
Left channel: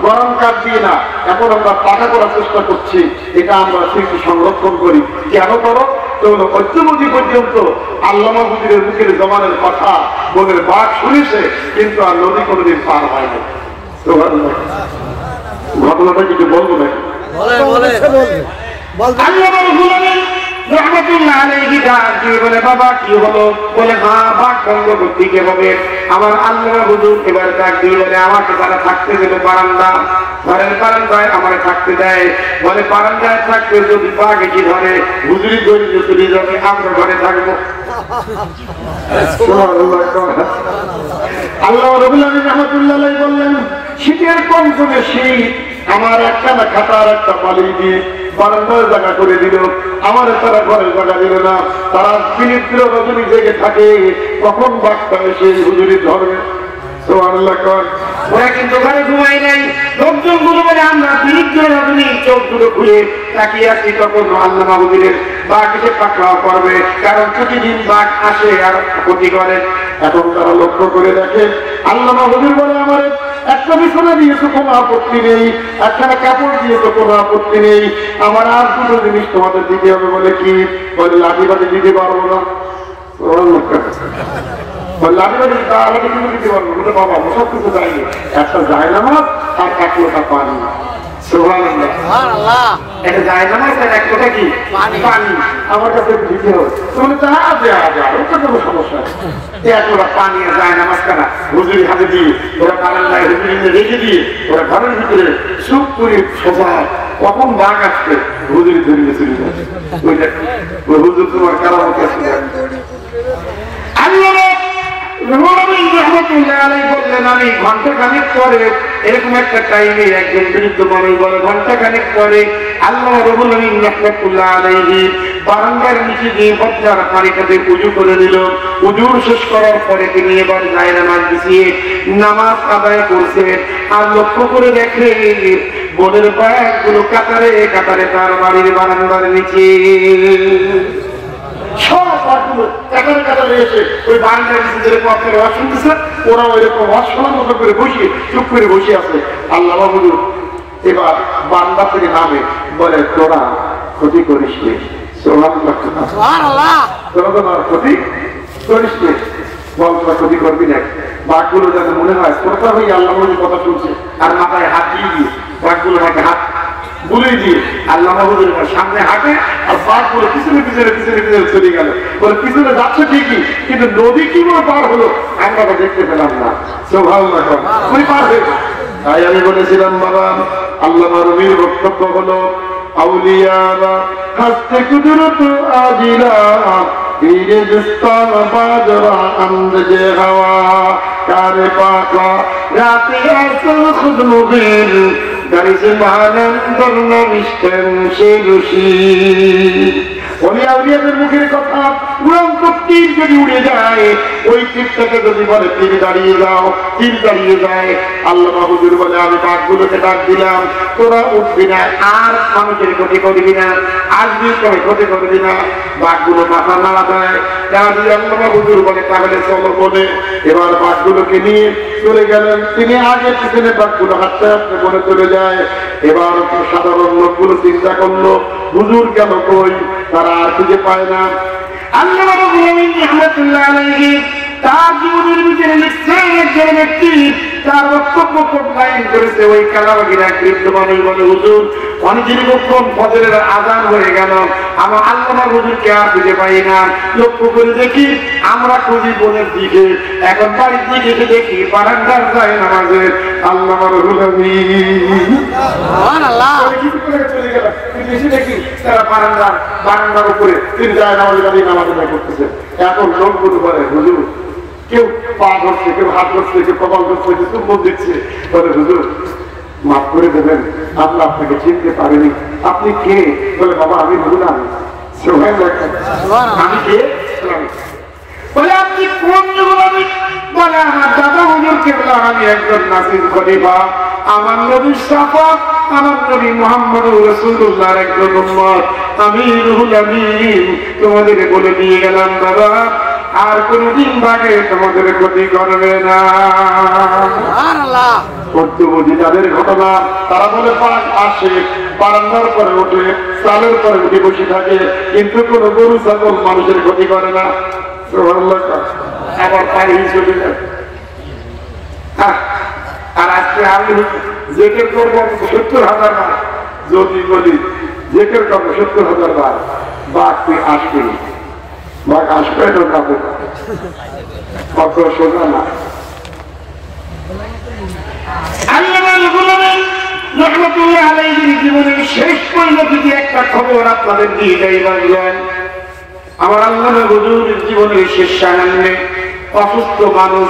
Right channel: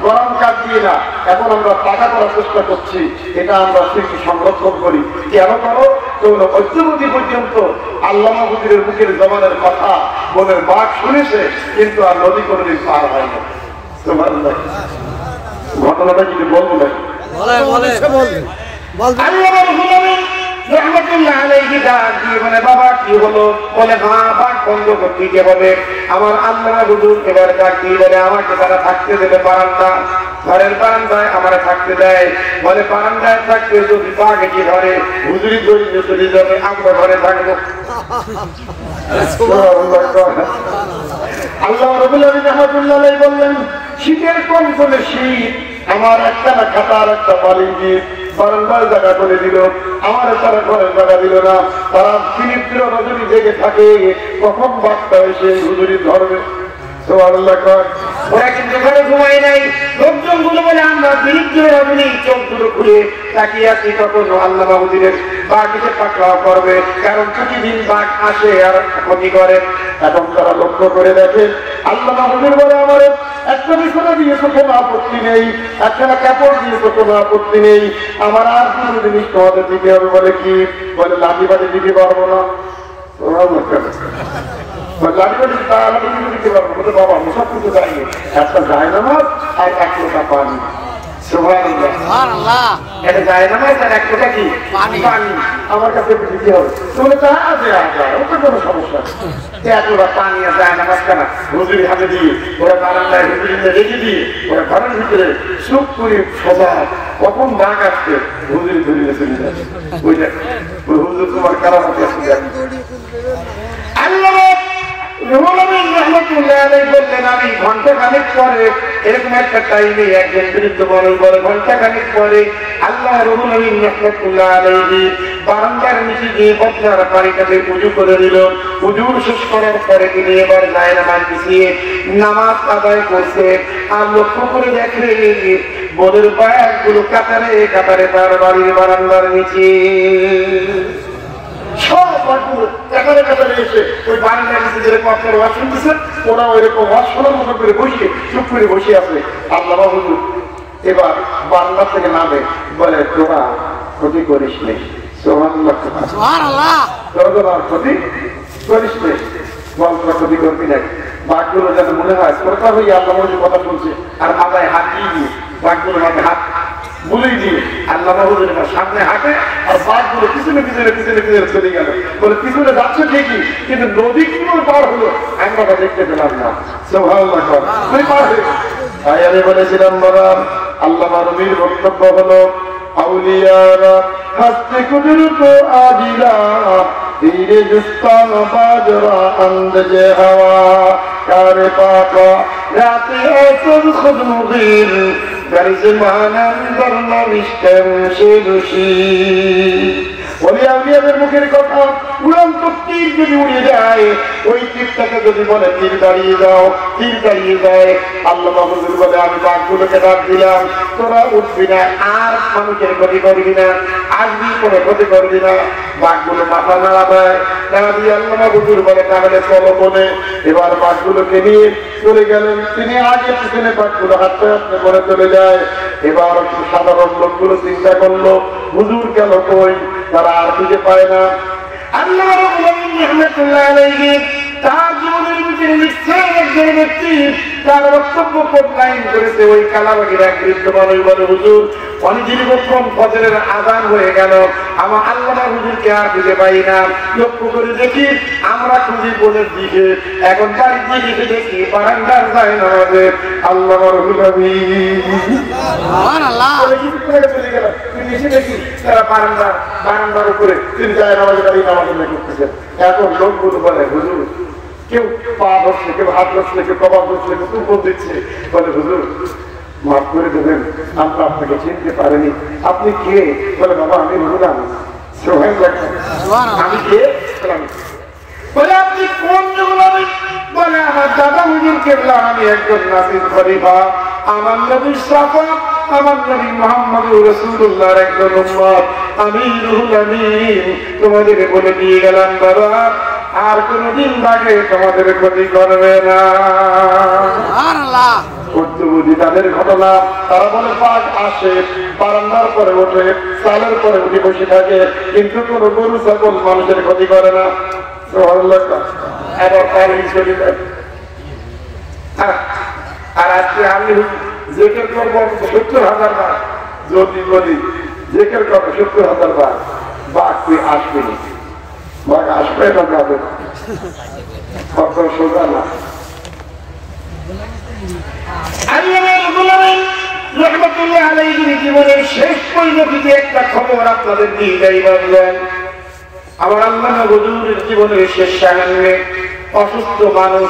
গরম কাঠ দিয়ে না, এখন আমরা পাকা করার চেষ্টা করছি। এটা আমরা স্মৃতি সংরক্ষণ করি। কেন করো? তো ঐক্যবদ্ধি পর্যন্ত আল্লামা হুজুরের মুখের জমানের কথা বনের বাঘ শুনেছে, কিন্তু আর নদী কোনোদিন পার হয় না। তো ঘটনাটা কিছু বলবো না। বাবা কি হলো? বলে হ্যাঁ বাঘ বন্ধ করতে কিভাবে? আমার আল্লামা হুজুর এবার ডাক দিয়ে বলে আমাকে তারা থাকতে দেবে বারান্দা, ঘরের বারান্দায় আমার থাকতে দেয়। বলে বারান্দায় থাকতে যদি বাঘ এসে ধরে হুজুরি গড়িয়ে চলে যাবে, আমরা ঘরে থাকবো। আল্লাহ রাব্বুল আমিন রাহমাতুল্লাহ আলাইহি বললেন শীতের কমকমে শীত, আমার একটা না খাতার একটা পালি দিয়ে বারান্দার জায়গা করে দিল, আমার তারা ঘরের জায়গা দিল না। তারা বিনিদ্র রজনী জেগে থাকে, কখন বাঘটা এসে হুজুরি ধরবে। ওরা কিন্তু ঘরে ঘুমাই নাই। লোকজন গুলো বলে আমরা বিনিদ্র রজনী চোখগুলো খুলে তাকিয়ে আছি, তখন আল্লামা হুজুরের বাঘ এসে পাকড়াও করবে, কারণ প্রতিদিন বাঘ আসে আর ক্ষতি করে। এখন তারা লক্ষ্য করে দেখে আল্লামা হুজুর বলে আমার একটা বিছানা দিয়েছে কোনো আপত্তি নেই, একখানা কাপড় দিয়েছে কোনো আপত্তি নেই, আমার আর দুটো জিনিস তোমাদের দিতে হবে। বলে কি? বলে লাঠি বাটি দিতে পারবো না। লাঠি বাটি দিতে পারবো বলে বাবা সব কিছু যায়নি, একটা জায়নামাজ আর এক লোটা পানি। এটা জায়নামাজ আর এক লোটা কি পানি আমার কাছে দিতে হবে। তাহলে তা ওটা কোনো সমস্যা নেই। এক লোটা পানি আর জায়নামাজ কেনা হুজুরি হাতে দিয়ে ওরা বারান্দায় হুজুরি রেখে দিয়ে ওরা ঘরের ভিতরে চুপ করে সোজা, কখন বাঘ আসছে হুজুরি ধরিয়ে চলে যাচ্ছে। ওইটা ওই হুজুর তোমার কারামতে আসছে। আল্লাহ বললেন আমি ঘন্টা খানিক পরে, এরকম একটা টাইমে একজন বিরুদ্ধ মানুষ বলে ঘন্টা খানিক পরে আল্লাহ রাব্বুল আমিন রাহমাতুল্লাহ আলাইহি বারান্দার নিচে গিয়ে বজ্জার পানিটাতে উযু করে দিল। উযুর শেষ করার পরে তিনি এবার জায়নামাজ বিছিয়ে নামাজ আদায় করছে। আর লক্ষ্য করে দেখে বনের বাঘগুলো কাতারে কাতারে তার বাড়ির বারান্দার নিচে সব বাঘগুলো কাতারে কাতারে এসে ওই বারান্দার নিচে যেরকম আপনার ওয়াজ শুনতেছে ওরা ওইরকম ওয়াজ শোনার মতো করে বসে চুপ করে বসে আছে। আল্লামা হুজুর এবার বারান্দা থেকে নামে বলে তোরা ক্ষতি করিস নি, ক্ষতি করিস নি, বল তোরা ক্ষতি করবি না। বাঘগুলো যেন মনে হয় শ্রোতা হয়ে আল্লাহ হুজুর কথা শুনছে আর মাথায় হাত দিয়ে দিয়ে বাঘগুলো আমাকে হাত বুলিয়ে দিয়ে আল্লামা হুজুর সামনে হাঁটে আর বাঘগুলো পিছনে পিছনে পিছনে পিছনে চলে গেল। বলে পিছনে যাচ্ছে ঠিকই, কিন্তু নদী কিভাবে পার হলো আমরা তো দেখতে পেলাম না। পার হয়ে তাই আমি বলেছিলাম বাবা আল্লামা রুমির বক্তব্য হলো আউলিয়ারা হাসতে কুদরত আজিলা ধীরে দুস্তান বাজরা আন্দজে হাওয়া কারে পাকা রাতে আসল খুদ মুগির গারিজ মানন্দর নমিষ্টেন শিরুষি ওলিয়াউলিয়াদের মুখের কথা উড়ন্ত তীর যদি উড়ে যায়, ওই তীরটাকে যদি বলে তীর দাঁড়িয়ে যাও, তীর দাঁড়িয়ে যায়। আল্লাহ মাহবুবুর বলে আমি বাঘগুলোকে ডাক দিলাম, তোরা উঠবি না, আর মানুষের ক্ষতি করবি না, আর করে ক্ষতি করবি না। বাঘগুলো মাথা নাড়া দেয়, তারা দিয়ে আল্লাহ মাহবুবুর বলে তাহলে চলো বলে এবার বাঘগুলোকে নিয়ে চলে গেলেন। তিনি আগে পিছনে বাঘগুলো হাঁটতে হাঁটতে বলে চলে যায়। এবার সাধারণ লোকগুলো চিন্তা করলো হুজুর গেল কই, তারা আর খুঁজে পায় না। আল্লাহ রাব্বুল আলামিন রাহমাতুল্লাহ আলাইহি তার জীবনের ভিতরে লিখছেন একজন ব্যক্তি তার বক্তব্য খুব লাইন করেছে। ওই কালাবাগির এক বৃদ্ধ মানুষ বলে হুজুর অনেকক্ষণ ফজরের আযান হয়ে গেল, আমার আল্লামা হুজুরকে আর খুঁজে পাই না। লক্ষ্য করে দেখি আমরা খুঁজি বোনের দিকে, এখন বাড়ির দিকে এসে দেখি বারান্দার যায় নামাজে আল্লামা রুহুল আমিন চলে গেল। এসে দেখি তারা বারান্দার উপরে তিনি যায় নামাজে বাড়ি নামাজ করতেছেন। এখন লোকগুলো বলে হুজুর কেউ পা ধরছে, কেউ হাত ধরছে, কেউ কপাল ধরছে, কেউ চুম্বন দিচ্ছে। বলে হুজুর মাফ করে দেবেন, আমরা আপনাকে চিনতে পারিনি, আপনি কে? বলে বাবা আমি হুজুর, আমি কে? বলে আপনি কোন যুগল? বলে আমার দাদা হুজুর কেবলা, আমি একজন নাসির খলিফা, আমার নবী শাফাত, আমার নবী মুহাম্মদুর রাসূলুল্লাহর একজন উম্মত, আমি রুহুল আমিন তোমাদেরকে বলে দিয়ে গেলাম বাবা আর কোনদিন বাঘে তোমাদের ক্ষতি করবে না। তাদের ঘটনা তারা বলে বাঘ আসে, বারান্দার পরে ওঠে, চালের পরে উঠে বসে থাকে, কিন্তু কোন গরু ছাগল মানুষের ক্ষতি করে না। আবার চলে যায়। আর আজকে আমি জেকের করবো ৭০,০০০ বার, যদি বলি জেকের করবো ৭০,০০০ বার, বাঘ তুই আসবি, বাঘ আসবে না যাবে কত সোজা না। রহমতুল্লাহ আলাইহির জীবনের শেষ পরিণতিতে একটা খবর আপনাদের দিয়ে যাই রাখলাম। আমার আল্লামা হুজুরের জীবনের শেষ সামান্যে অসুস্থ মানুষ,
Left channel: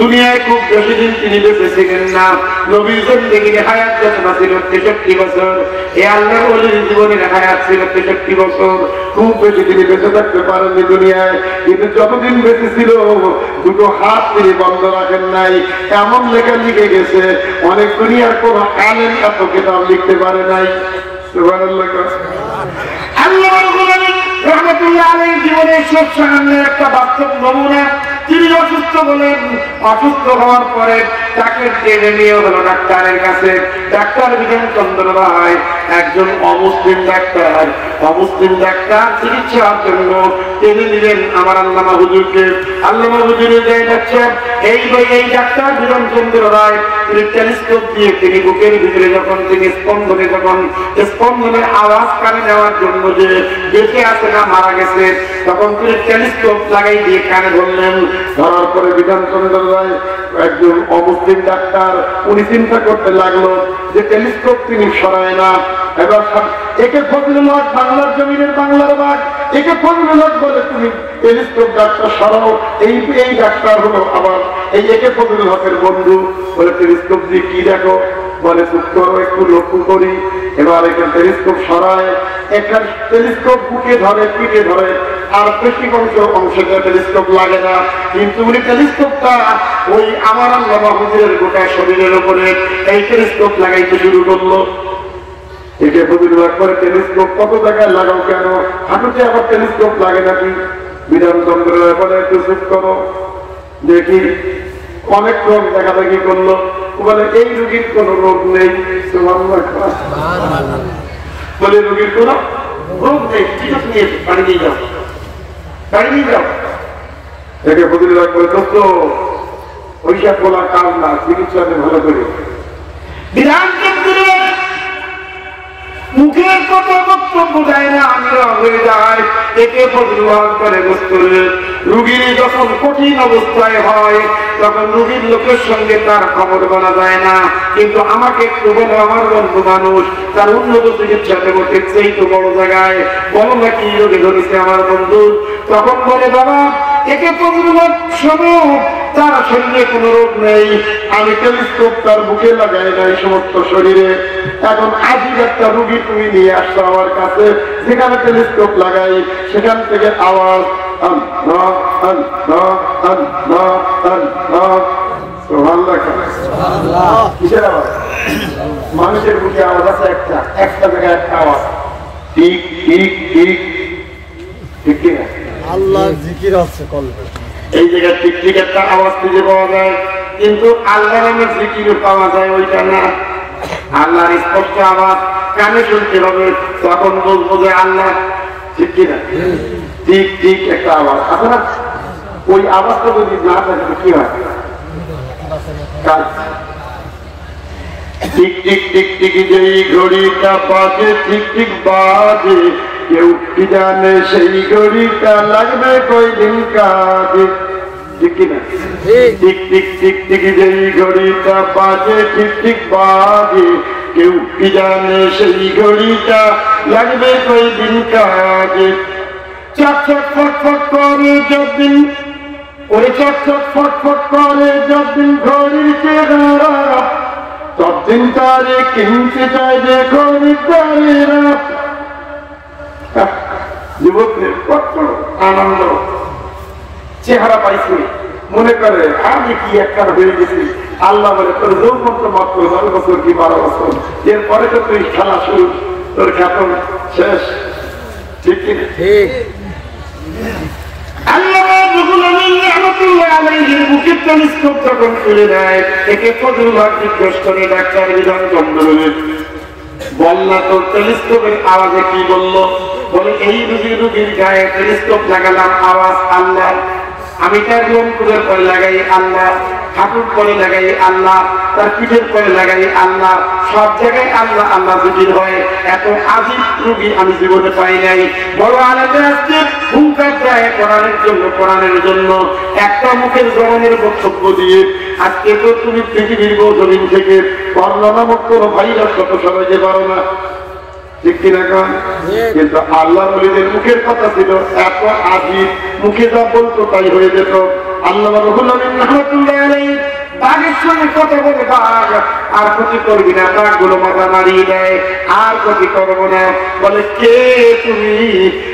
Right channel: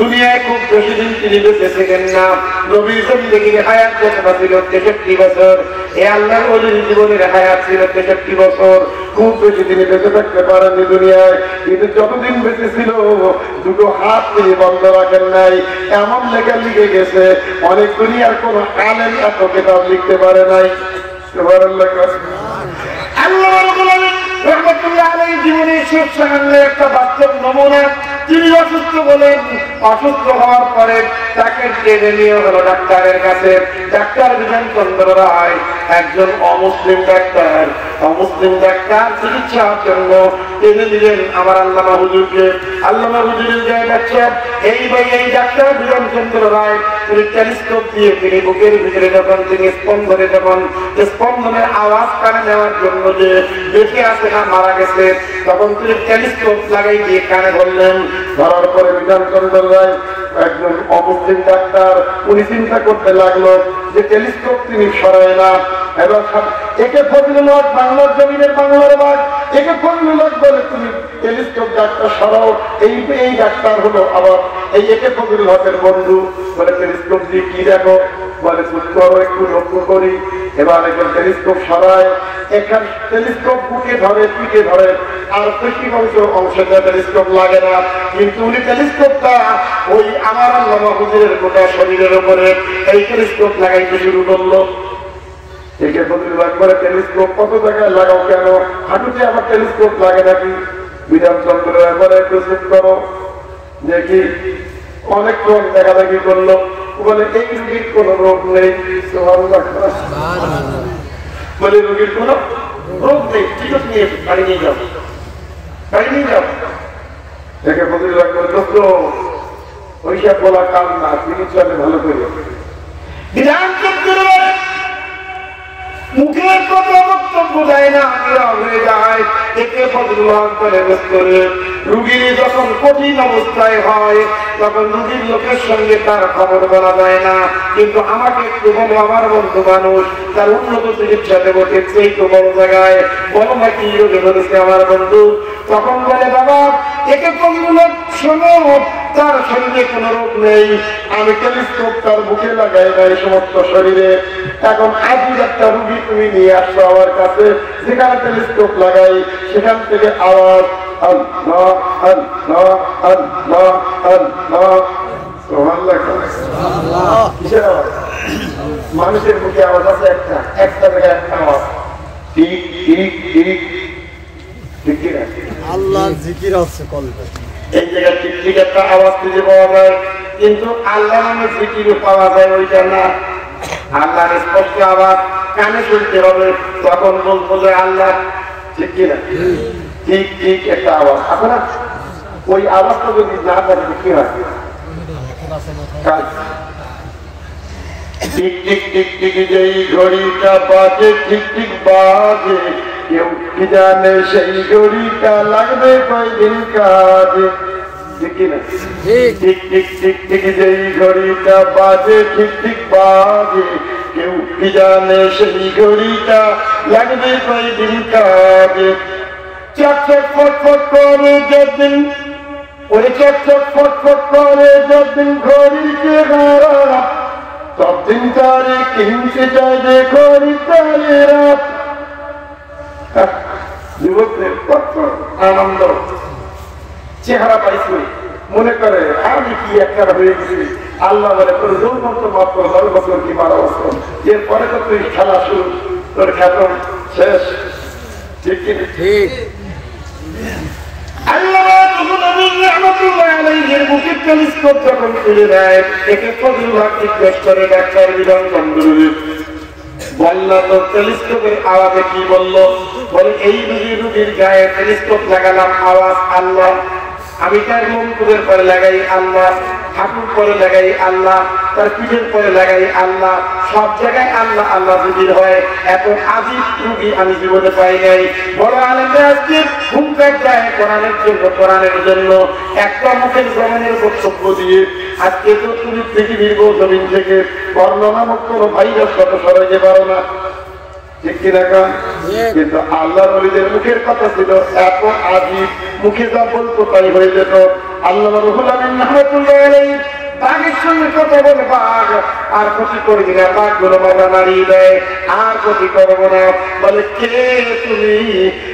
দুনিয়ায় খুব বেশি দিন তিনি বেঁচে ছিলেন না। নবীর জিন্দেগির হায়াত যতটা ছিল ৬৩ বছর, এ আল্লাহর ওলির জীবনের হায়াত ছিল ৬৩ বছর। খুব বেশি তিনি বেঁচে থাকতে পারেননি দুনিয়ায়, কিন্তু যতদিন বেঁচে ছিল দুটো হাত তিনি বন্ধ রাখেন নাই। এমন লেখা লিখে গেছে অনেক দুনিয়ার কোন আলেম এত কিতাব লিখতে পারে নাই। রহমতুল্লাহ আলাইহির জীবনের শেষ সামান্যের একটা বাস্তব নমুনা। তিনি অসুস্থ হলেন, অসুস্থ হওয়ার পরে তাকে টেনে নিয়ে হলো ডাক্তারের কাছে। ডাক্তার বিজন চন্দ্র রায় একজন অমুসলিম ডাক্তার, অমুসলিম ডাক্তার চিকিৎসার জন্য টেনে নিলেন আমার আল্লামা হুজুরকে। আল্লামা হুজুরের যে ডাক্তার এই ডাক্তার বিজন চন্দ্র রায় তিনি টেলিস্কোপ দিয়ে তিনি বুকের ভিতরে যখন তিনি স্পন্দনের আওয়াজ কানে নেওয়ার জন্য যে বেঁচে আছে না মারা গেছে, তখন তিনি টেলিস্কোপ লাগাই দিয়ে কানে ধরলেন। ধরার পরে বিধান চন্দ্র রায় একজন অমুসলিম ডাক্তার, উনি চিন্তা করতে লাগলো যে টেলিস্কোপ তিনি সরায় না। এবার একে ফজলুল হক বাংলার জমিনের বাংলার বাঘ, একে ফজলুল হক বলে তুমি টেলিস্কোপ ডাক্তার সরাও। এই ডাক্তার হলো আবার এই একে ফজলুল হকের বন্ধু। বলে টেলিস্কোপ দিয়ে কি দেখো? বলে চুপ করো, একটু লক্ষ্য করি। এবার এখানে টেলিস্কোপ সরায়, এখানে টেলিস্কোপ বুকে ধরে, পিঠে ধরে, আর পেশি অংশটা টেলিস্কোপ লাগে না। কিন্তু উনি টেলিস্কোপটা ওই আমার আল্লামা হুজুরের গোটা শরীরের উপরে এই টেলিস্কোপ লাগাইতে শুরু করলো। একে ফজলুল হক করে টেলিস্কোপ কত জায়গায় লাগাও কেন? হাঁটুতে আবার টেলিস্কোপ লাগে নাকি? বিধান চন্দ্র এবার একটু চুপ করো দেখি। অনেকক্ষণ দেখাদেখি করলো, বলে এই রোগীর কোন রোগ নেই। বলে রোগীর কোন রোগ নেই, ঠিক আছে নিয়ে বাড়ি নিয়ে যাও, বাড়ি নিয়ে যাও। একে ফজলুল হক বলে দোস্ত ওইসব বলা কাজ না, চিকিৎসা ভালো করে। বিধান চন্দ্র মুখের কত বক্তব্য দেয় না, আমরা হয়ে যায়। একে ফজলুল হক করে রুগী যখন কঠিন অবস্থায় হয় তখন রুগীর লোকের সঙ্গে তার খবর বলা যায় না, কিন্তু আমাকে একটু বলো, আমার বন্ধু মানুষ, তার উন্নত চিকিৎসা দেবো, সেই তো বড় জায়গায় বলো না কি রোগে ধরেছে আমার বন্ধু। তখন বলে বাবা একে 15 লক্ষ লোক, তার শরীরে কোনো রোগ নেই, আমি টেলিস্কোপ তার বুকে লাগাই নাই সমস্ত শরীরে। এখন আজীব একটা রুগী তুমি নিয়ে আসছো আমার কাছে, যেখানে টেলিস্কোপ লাগাই সেখান থেকে আওয়াজ আল্লাহ আল্লাহ আল্লাহ আল্লাহ। সুবহানাল্লাহ। কিসের আওয়াজ? মানুষের মুখে আওয়াজ আছে একটা জায়গায় একটা আওয়াজ, ঠিক ঠিক ঠিক ঠিক ঠিক আল্লাহ জিকির আছে কল্প, এই জায়গায় ঠিক ঠিক একটা আওয়াজ খুঁজে পাওয়া যায়, কিন্তু আল্লাহ নামের জিকির পাওয়া যায় ওইটা না। আল্লাহর স্পষ্ট আওয়াজ কানে শুনতে হবে, তখন বলবো যে আল্লাহ, ঠিক কিনা? ঠিক ঠিক একটা আওয়াজ আছে না? ওই আওয়াজটা যদি না থাকে কি হয়? টিক টিক টিক টিক যেই ঘড়িটা বাজে ঠিক ঠিক বাজে, কেউ কি জানে সেই ঘড়িটা লাগবে কয়দিন কাজে, ঠিক কিনা? টিক টিক টিক টিক যেই ঘড়িটা বাজে ঠিক ঠিক বাজে, কেউ কি জানে সেই ঘড়িটা লাগবে কয়দিন কাজে। চক চক ফট ফট করে যতদিন, ওই চক চক ফট ফট করে যতদিন ঘড়ির চেহারা, ততদিন তারে কিনতে চাই যে খরিদ্দারেরা। যুবকদের কত আনন্দ, চেহারা পাইছি, মনে করে আমি কি একটা হয়ে গেছি। আল্লাহ বলে তোর যৌবন্ত মাত্র 10 বছর কি 12 বছর, এরপরে তো তুই খেলা শুরু, তোর খ্যাতন শেষ, ঠিক কিনা? ঠিক। আল্লাহ রাব্বুল আলামিন রাহমাতুল্লাহ আলাইহির বুকে টেলিস্কোপ যখন খুলে দেয়, একে ফজলুল্লাহ জিজ্ঞেস করে ডাক্তার বিধান চন্দ্রবীর, বললা তোর টেলিস্কোপের আওয়াজে কি বললো? বলে এই রুগীর গায়ে টেলিস্কোপ লাগালাম, আওয়াজ আল্লাহ। আমি তার লোমকূপের পরে লাগাই আল্লাহ, হাঁটুর পরে লাগাই আল্লাহ, তার পিঠের পরে লাগাই আল্লাহ, সব জায়গায় আল্লাহ আল্লাহ জিকির হয়। এত আজীব রুগী আমি জীবনে পাই নাই। বড় আলেমরা আজকে হুঙ্কার দেয় কোরআনের জন্য, কোরআনের জন্য একটা মুখের জবানের বক্তব্য দিয়ে আজকে তো তুমি পৃথিবীর জমিন থেকে করোনা নামক কোনো ভাইরাস কত সরাইতে পারো না, ঠিক কিনা? কিন্তু আল্লাহ নবীদের মুখের কথা ছিল এত আজীব, মুখে যা বলতো তাই হয়ে যেত। আল্লাহ রাব্বুল আলামিন রাহমাতুল্লাহ আলাইহি বাঘের সঙ্গে কথা বলে, বাঘ আর ক্ষতি করবি না, বাঘগুলো মাথা নাড়িয়ে দেয়, আর ক্ষতি করবো না। বলে কে তুমি?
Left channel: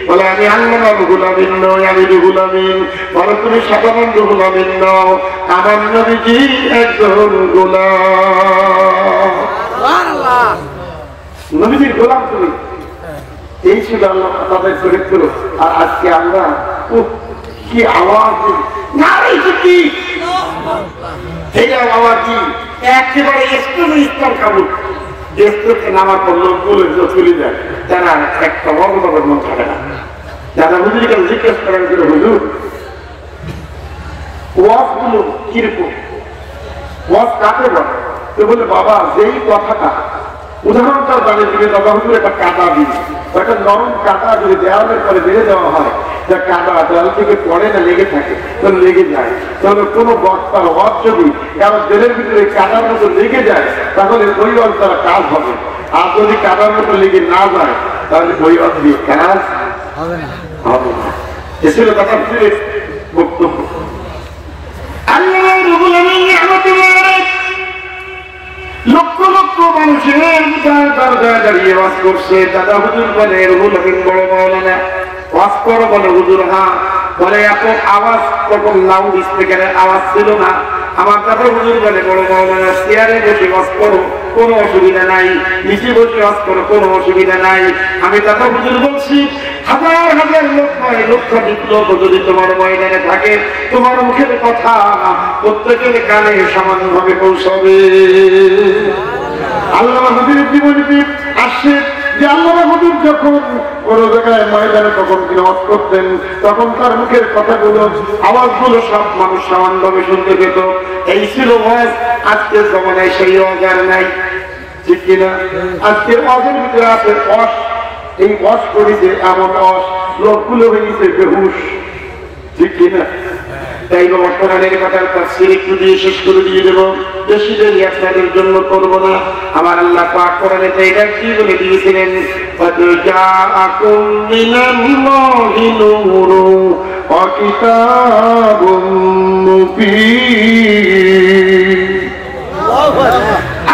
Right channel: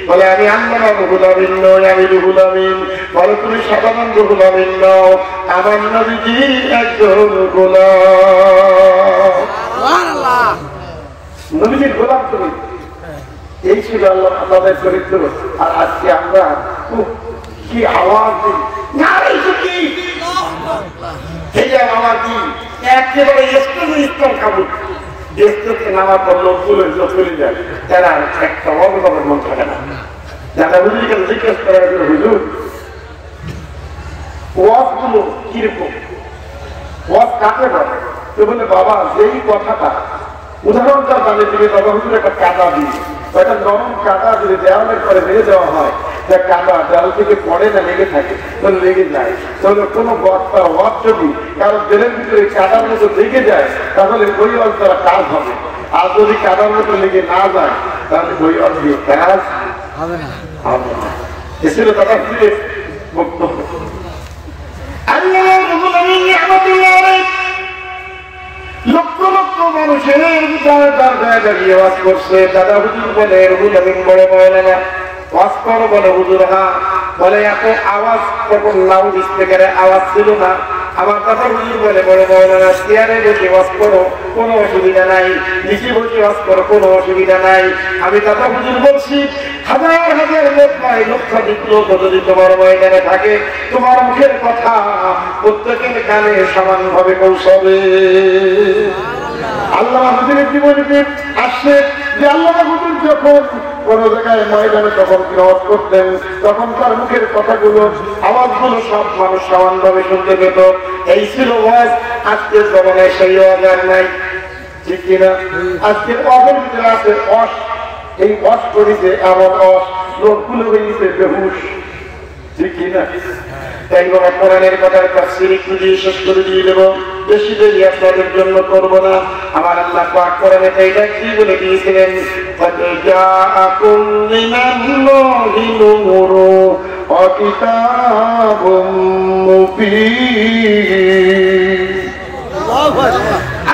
বলে আমি আল্লাহ রাব্বুল আলামিন নই, আমি রুহুল আমিন। বলে তুমি সাধারণ রুহুল আমিন নও, আমার নবীজি একজন গোলাম, নবীজির গোলাম তুমি। এই ছিল আল্লাহ তাদের চরিত্র। আর আজকে আমরা কি আওয়াজ দিই, নারী কি আওয়াজ দিই, একেবারে স্তর খাবো, দেশ থেকে নামা করলো চলে যায়, তারা একটা অবদানের মন থাকে না। দাদা হুজুর কাছে জিজ্ঞেস করা হয়েছিল, হুজুর ওয়াজ গুলো কিরকম, ওয়াজ কাকে বলে? তো বলে বাবা যেই কথাটা উদাহরণটা জানিয়ে দিবে, বাবা হুজুর একটা কাদা দিই, একটা নরম কাদা যদি দেওয়ালের করে মেরে দেওয়া হয়, যা কাদা দেওয়াল থেকে পড়ে না লেগে থাকে, তাহলে লেগে যায়। তাহলে কোনো বক্তার ওয়াজ যদি কারো দেহের ভিতরে কাদার মতো লেগে যায়, তাহলে ওই ওয়াজ তারা কাজ হবে। আর যদি কাদার মতো লেগে না যায়, তাহলে ওই ওয়াজ দিয়ে কাজ হবে না। এসেছিল দাদা হুজুরের বক্তব্য। আল্লাহ রাব্বুল আলামিন রাহমাতুল্লাহ আলাইহি লক্ষ লক্ষ মানুষের দরজায় দাঁড়িয়ে ওয়াজ করছে। দাদা হুজুর বলে রুহুল আমিন বড় মাওলানা, ওয়াজ করো? বলে হুজুর হ্যাঁ। বলে এত আওয়াজ, তখন লাউড স্পিকারে আওয়াজ ছিল না। আমার দাদা হুজুর বলে বড় মাওলানা চেয়ারে বসে ওয়াজ করো, কোনো অসুবিধা নাই, নিচে বসে ওয়াজ করো, কোনো অসুবিধা নাই। আমি দাদা হুজুর বলছি হাজার হাজার লোক নয়, লক্ষাধিক লোক যদি তোমার ময়দানে থাকে, তোমার মুখের কথা প্রত্যেকের কানে সমানভাবে পৌঁছাবে। আল্লাহ হুজুরের জীবনীতে আসছে যে আল্লাহ হুজুর যখন কোন জায়গায় ময়দানে তখন ওয়াজ করতেন, তখন তার মুখের কথাগুলো, আওয়াজগুলো সব মানুষ সমানভাবে শুনতে পেত। এই ছিল ওয়াজ। আজকের জমানায় সেই ওয়াজ আর নাই, ঠিক কিনা? আজকের ওয়াজের ভিতরে আছে অস, এই ওয়াজ করিতে এমন অস, লোকগুলো হয়ে গেছে বেহুশ, ঠিক কিনা? তাই বাবা কোরআনের কথার তাফসীর একটু দিয়ে শেষ করে দিয়ে দেব, বেশি দেরি আপনাদের জন্য করবো না। আমার আল্লাহ পাক কোরআনে এইটা কি বলে দিয়েছিলেন, قد جاءكم من الله نور ওয়া কিতাবুম মুবিন।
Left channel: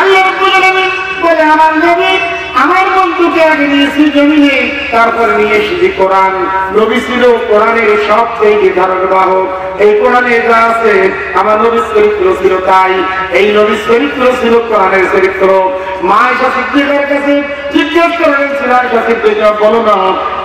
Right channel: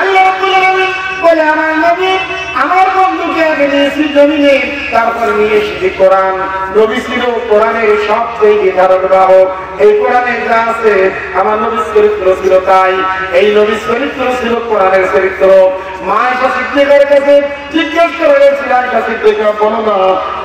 আল্লাহ রাব্বুল আলামিন বলে আমার নবী আমার বন্ধুকে আগে নিয়েছি জমিনে, তারপরে নিয়ে এসেছি কোরআন। নবী ছিল কোরআনের সবচেয়ে ধারক বাহক। এই কোরআনে যা আছে আমার নবীর চরিত্র ছিল তাই। এই নবীর চরিত্র ছিল কোরআনের চরিত্র। মা আয়েশা সিদ্দিকার কাছে জিজ্ঞেস করা হয়েছিল, আয়েশা সিদ্দিকা বলো না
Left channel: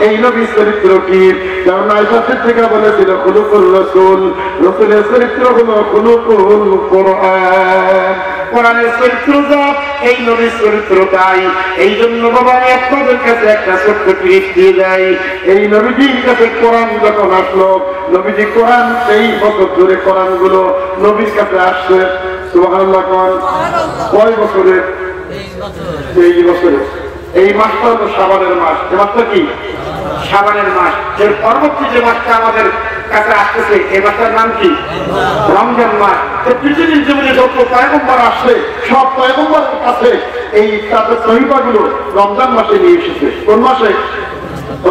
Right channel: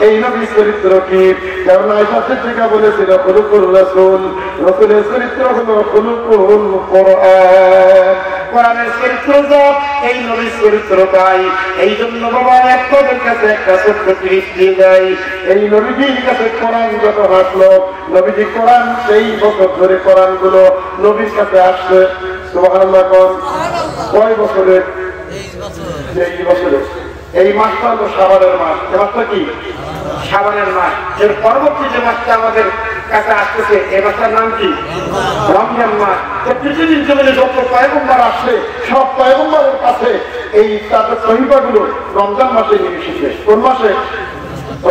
এই নবীর চরিত্র কি? কারণ আয়েশা সিদ্দিকা বলেছিল খুলুকুর রাসূল, রাসূলের চরিত্র হলো খুলুকুল কোরআন। কোরআনের চরিত্র যা এই নবীর চরিত্র তাই। এই জন্য বাবা আপনাদের কাছে একটা ছোট্ট টিপ দিয়ে দেয়। এই নবীজির কাছে কোরআন যখন আসলো, নবীজি কোরআন সেই বছর ধরে কোরআন গুলো নবীর কাছে আসছে। সুবহানাল্লাহ। কয় বছরে? 23 বছরে। এই মাসটা হলো শাবানের মাস। এই মাসটা কি? শাবানের মাস। এর পরবর্তী যে মাসটা আমাদের কাছে আসতেছে এই মাসটার নাম কি? রমজান মাস। পৃথিবীর জমিনে যত পয়গম্বর আসছে সব পয়গম্বরের কাছে এই তাদের সহিফাগুলো রমজান মাসে নিয়ে এসেছে। কোন মাসে?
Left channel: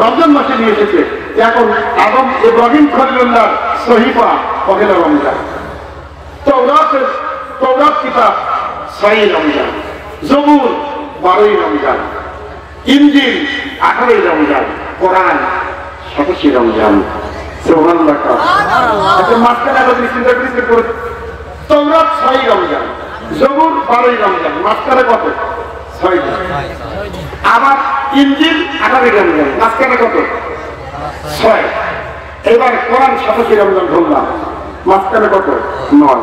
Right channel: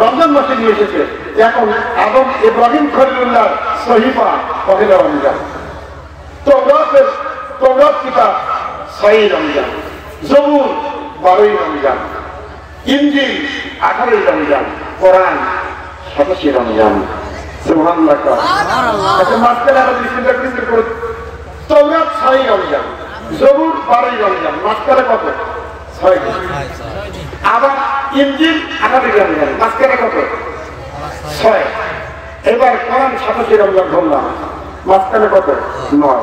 রমজান মাসে নিয়ে এসেছে। এখন আদম ইব্রাহিম খলিলুল্লাহ সহিফা পহেলা রমজান, তওরাত কিতাব 6 রমজান, জবুর 12 রমজান, ইনজিল 18 রমজান, কোরআন 27 রমজান। সুবহানাল্লাহ। আচ্ছা মাঝখানে আরো চিন্তা করে তওরাত 6 রমজান, জবুর 12 রমজান, মাঝখানে কত? 6 দিন। আবার ইনজিল 18 রমজান, মাঝখানে কত? 6। এবার কোরআন 27 রমজান ধরলাম, মাঝখানে কত? 9।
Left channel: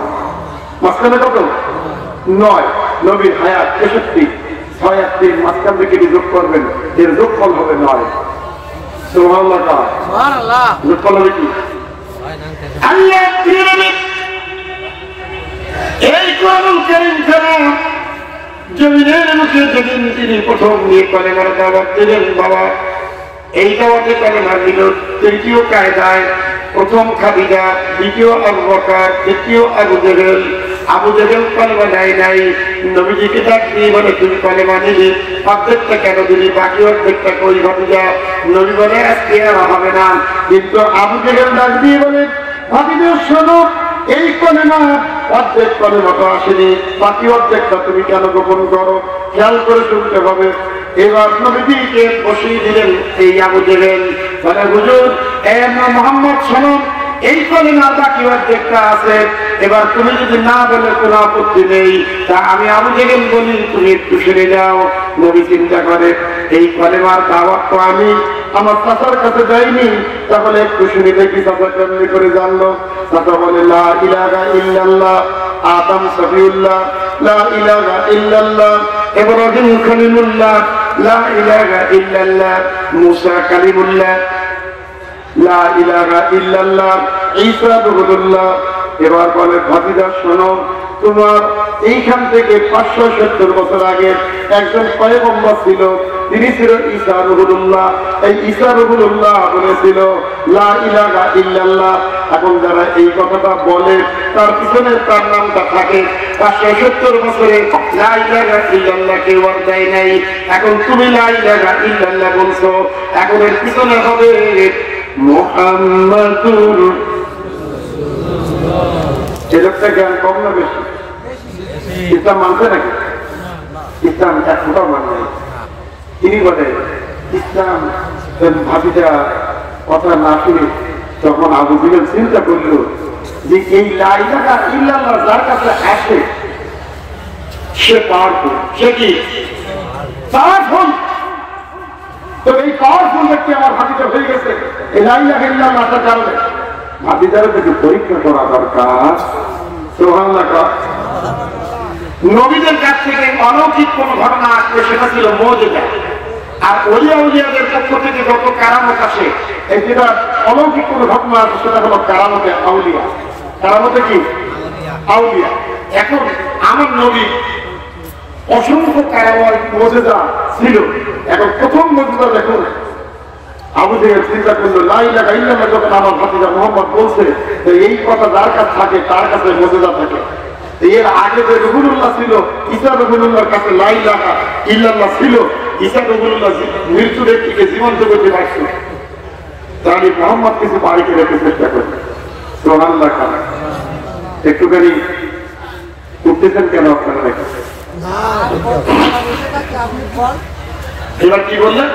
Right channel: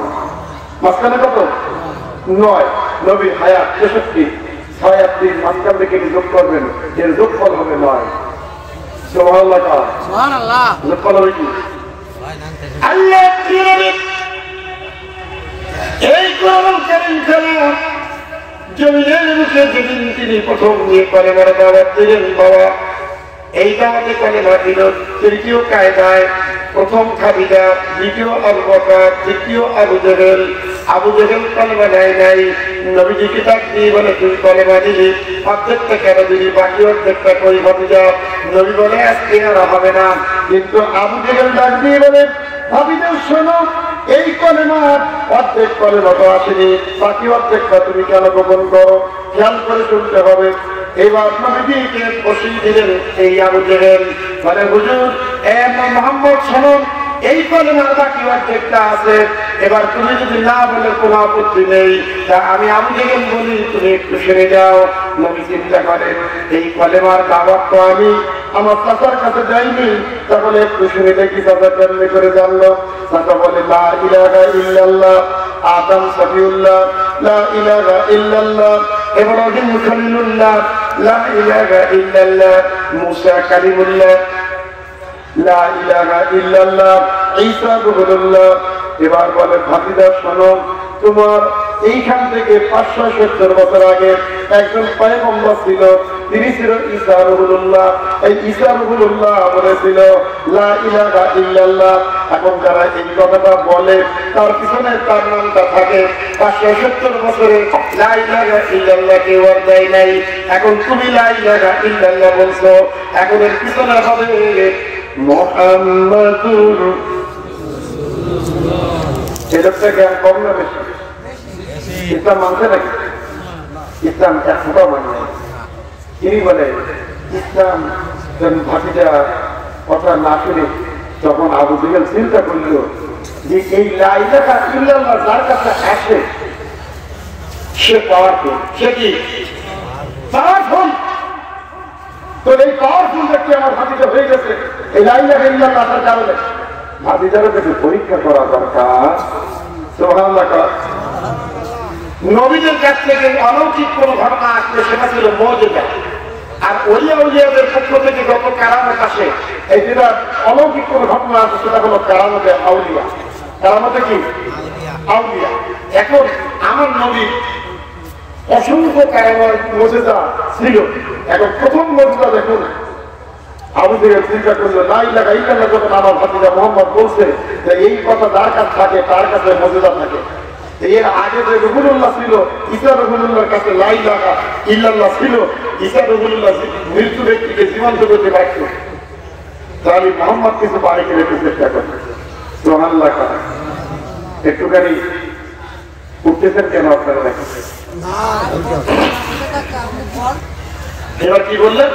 মাঝখানে কত? 9। নবীর হায়াত 63, 6 আর 3 মাঝখান থেকে যোগ করবেন, এর যোগফল হবে 9। সুবহানাল্লাহ। সুবহানাল্লাহ। যোগফল হবে কি? আল্লাহ এই কোরআনুল কারীম ছাড়া জমিনের মুখে যেদিন তিনি প্রথম নিয়ে কলেমার দাওয়াত দিলেন বাবা, এই দাওয়াতে কলেমা দিল তৃতীয় কায়দায়। প্রথম খাদিজা, দ্বিতীয় আবু বকর, তৃতীয় আবু জেহেল। আবু জেহেল কলেমা নেয় নাই। নবীজিকে ডাক দিয়ে বলে তুমি কলেমা দিলি, অর্ধেকটা কেন দিলি, বাকি অর্ধেকটা কই ভাতিজা? নবী বলে আজকে আর হবে না। কিন্তু আবু জেহেল ডাক দিয়ে বলে ভাতিজা শোনো, এই কলেমা অর্ধেক কলেমা তো আসেনি, বাকি অর্ধেকটা তুমি কেন গোপন করো? খেয়াল করে শুনতে হবে। এবার নবীজিকে বসিয়ে দিলেন এই আবু জেহেল। বলে হুজুর মুহাম্মদ শোনো, এই কলেমার বাকি অর্ধেকটা আছে, এবার তুমি যদি না বলে কোনো আপত্তি নেই, তা আমি আবু জেহেল বলি তুমি একটু সরে যাও। নবী চিন্তা করে এই কলেমার দাওয়াত তো আমি আমার চাচার কাছে যাইনি, তাহলে একটু শুনে দেখি চাচা কেমনি করে জানলো। চাচা বলে লা ইলাহা ইল্লাল্লাহ আদম সফিউল্লাহ, লা ইলাহা ইল্লাল্লাহ ইব্রাহিম খলিলুল্লাহ, লা ইলাহা ইল্লাল্লাহ মুসা কালিমুল্লাহ, লা ইলাহা ইল্লাল্লাহ ঈসা রূহুল্লাহ। এবার বলে ভাতিজা শোনো, তোমার এইখান থেকে 570 বছর আগে একজন পয়গম্বর ছিল, তিনি ছিল ঈসা রূহুল্লাহ। এই ঈসা রূহুল্লাহ বলেছিল লা ইলাহা ইল্লাল্লাহ। এখন যারা এই কথাটা বলে তার পিছনে তার নামটা থাকে। 570 বছরে লা ইলাহা ইল্লাল্লাহ কেউ আর দেয় নাই। এখন তুমি লা ইলাহা ইল্লাল্লাহ বলছো, এখন এর পিছনে হবে মুহাম্মাদুর। এই লোকটা জ্ঞান কম না বেশি? ইসলাম মানছে নাকি? ইসলাম এক ফোটাও মান নাই। তিনি বলে ইসলাম ভাবিটা কথা না শুনে তখন আবু জেহেল চিন্তা করল যে এই লা ইলাহা ইল্লাল্লাহ যার কাছে আসে সে পাওয়ারফুল। সে কি পাওয়ারফুল? তো এই পাওয়ারফুল ব্যক্তি আমার ভাবিটা হয়ে গেছে এই লা ইলাহা ইল্লাল্লাহ আসার কারণে। ভাবিটারও কিছু পরীক্ষা করা দরকার। সুবহানাল্লাহ। নবীদের কাছ থেকে অলৌকিক কোন ঘটনা আসলে সেটা ছিল মুজিজা। আর ওলিয়া উলিয়াদের পক্ষ থেকে যত কারামত আসে, এই যেটা অলৌকিক কোন ঘটনা আছে সেটা হলো কারামতে আউলিয়া। কারামতে কি? আউলিয়া। এখন আমার নবী অসংখ্য কারামত মুজিজা ছিল। এখন প্রথম মুজিজা দেখুন, আবু জেহেল চিন্তা করলো লা ইলাহা ইল্লাল্লাহ যখন আমার ভাতিজা মুহাম্মদ বলছে এই কথা যার কাছে থাকে তার কাছে মুজিজা থাকে। এর আগে যে রূহুল্লাহ ছিল, ঈসা রূহুল্লাহর কাছে লা ইলাহা ইল্লাল্লাহ ছিল। ঈসা রূহুল্লাহ মৃত্যু ব্যক্তিকে জীবন্ত করতে পারছে। তাহলে মোহাম্মদ কিছু বাড়িতে রেখে চেষ্টা করবে। সুবহানাল্লাহ। একটুখানি উঠতেছেন কেন আপনারা? এবার কি বললেন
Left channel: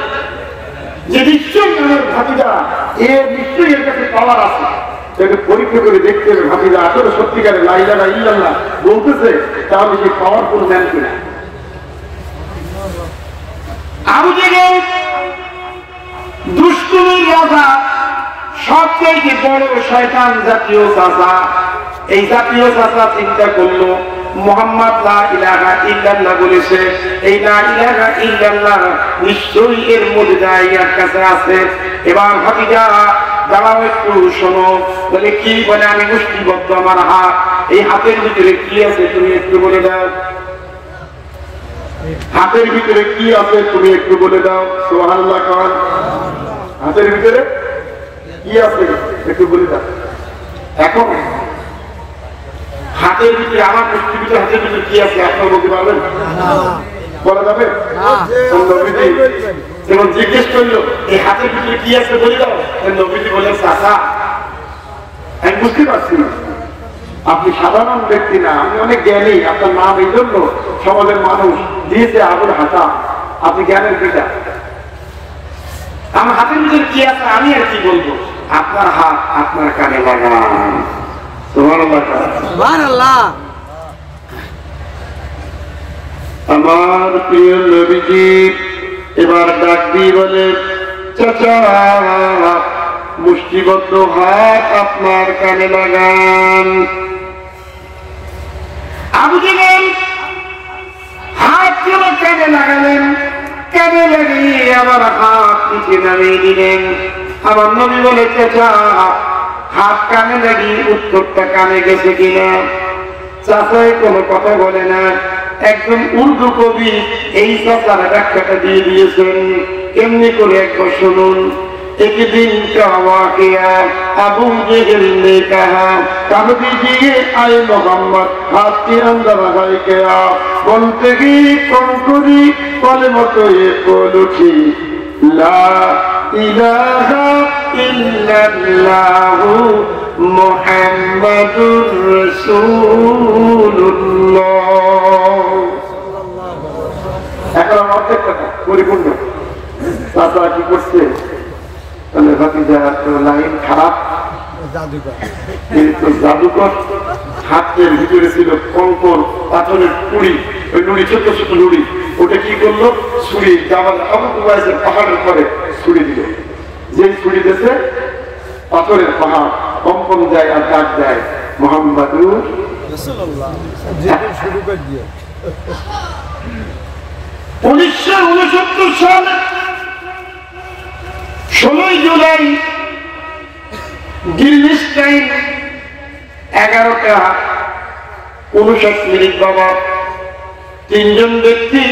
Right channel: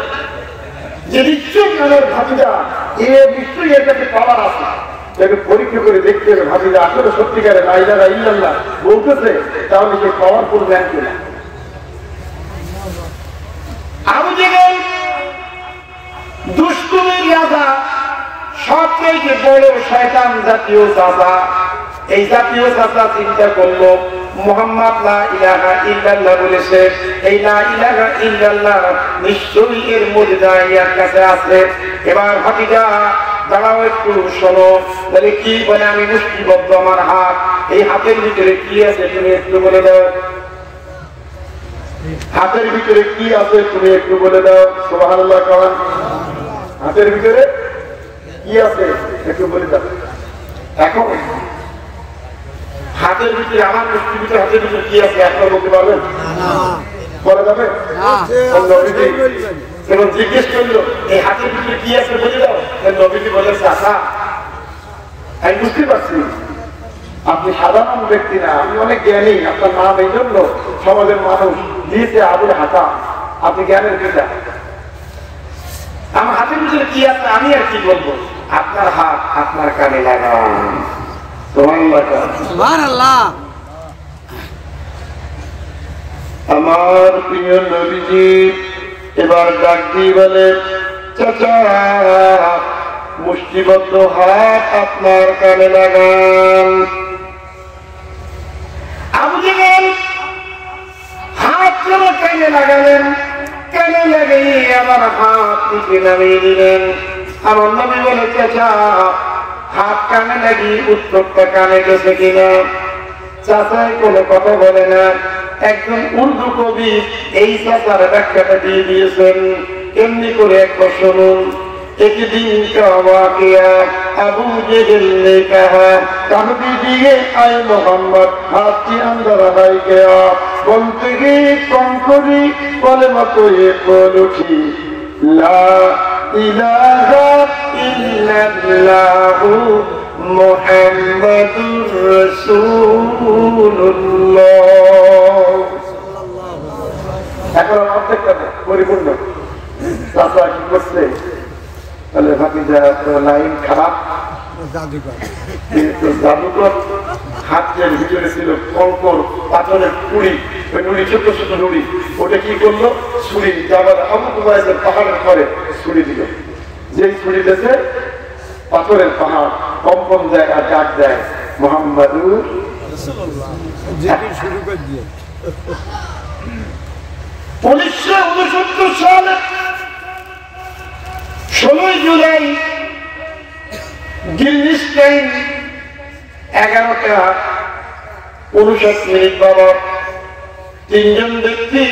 যে নিশ্চয়ই আমার ভাতিজা নিশ্চয়ই এর কাছে পাওয়ার আছে, তাকে পরীক্ষা করে দেখতে হবে ভাতিজা আসলে সত্যিকারে লা ইলাহা ইল্লাল্লাহ বলতেছে, তাহলে সে পাওয়ারফুল জ্ঞান কিনা। আবু জেহেল দুষ্টুমির রাজা, সবচেয়ে বড় শয়তান জাতীয় চাচা। এই জাতীয় চাচা চিন্তা করলো মুহাম্মদ লা ইলাহা ইল্লাল্লাহ বলেছে, এই লা ইলাহা ইল্লাল্লাহ নিশ্চয়ই এর মুজিজা এর কাছে আছে। এবার ভাতিজা দাঁড়াও একটু শোনো, বলে কি বলে? আমি মুষ্টিবদ্ধ আমার হাত, এই হাতের ভিতরে কি আছে তুমি একটু বলে দাও। হাতের ভিতরে কি আছে তুমি একটু বলে দাও। সুবহানাল্লাহ। কারণ হাতের ভিতরে কি আছে একটু বলে দাও। এখন হাতের ভিতরে আমার মুষ্টির ভিতরে হাতের ভিতরে কি আছে আপনারা বলতে পারবেন? বলা যাবে? যেমন জিজ্ঞেস করলো এই হাতের ভিতরে কি আছে বলে দাও, নবীজি বলেন চাচা আমি বুঝতে পারছি আপনি সাধারণ ব্যক্তি না, আপনি অনেক জ্ঞানী, আপনার নাম এই জন্য সমাজের মানুষ দিয়েছে আবুল হাসান, আপনি জ্ঞানের পিতা। আমার হাতের ভিতরে কি আছে আমি আর কি বলবো, আপনার হাত আপনার কানে লাগান। সুবহানাল্লাহ। আমার প্রিয় নবীজি এবার ডাক দিয়ে বলে চাচা মুষ্টিবদ্ধ হাত আপনার কানে লাগান। আবু জেহেল হাত কেন কানে লাগালেন? কানে লাগিয়ে আমার হাত নিচে নামিয়ে দিলেন। আমার নবী বলে চাচা হাত কানে লাগিয়ে উত্তরটা কানে গেছে কিনা? চাচাই কোনো কথা বলে না। একজন উর্দু কবি এই চাচার ব্যাখ্যাটা দিয়ে দিয়েছেন, এমনি করে একবার শুনুন। एक दिन का वाक़या अबू जहल ने कहा कह दीजिए आए मोहम्मद हाथ के अंदर है क्या? बोलते ही कौन करी बोले मत ये बोल उठी ला इलाहा इल्लल्लाहु मुहम्मदुर রাসূলুল্লাহ। এখন অর্ধেক কথা পরিপূর্ণ। চাচা কি করছে? লাইন খারাপ, জাদুকর। হাতের ভিতরে ছিল কঙ্কর পাথরের কুড়ি, ওই নুড়ি ছোট ছোট নুড়ি, ওটা কি করলো ছুরি যাবার আবু কুবাইসের পাহাড়ের পরে ছুরি দিল। যে ছুরি দিয়েছে পাথরের পাহাড় কম্পন দেয় আর ডাক দেয় মুহাম্মাদুর রাসূলুল্লাহ। 1969 সালে 16 জুলাই দিল্লি টাইম 11টা 59 বাবা তিনজন ব্যক্তি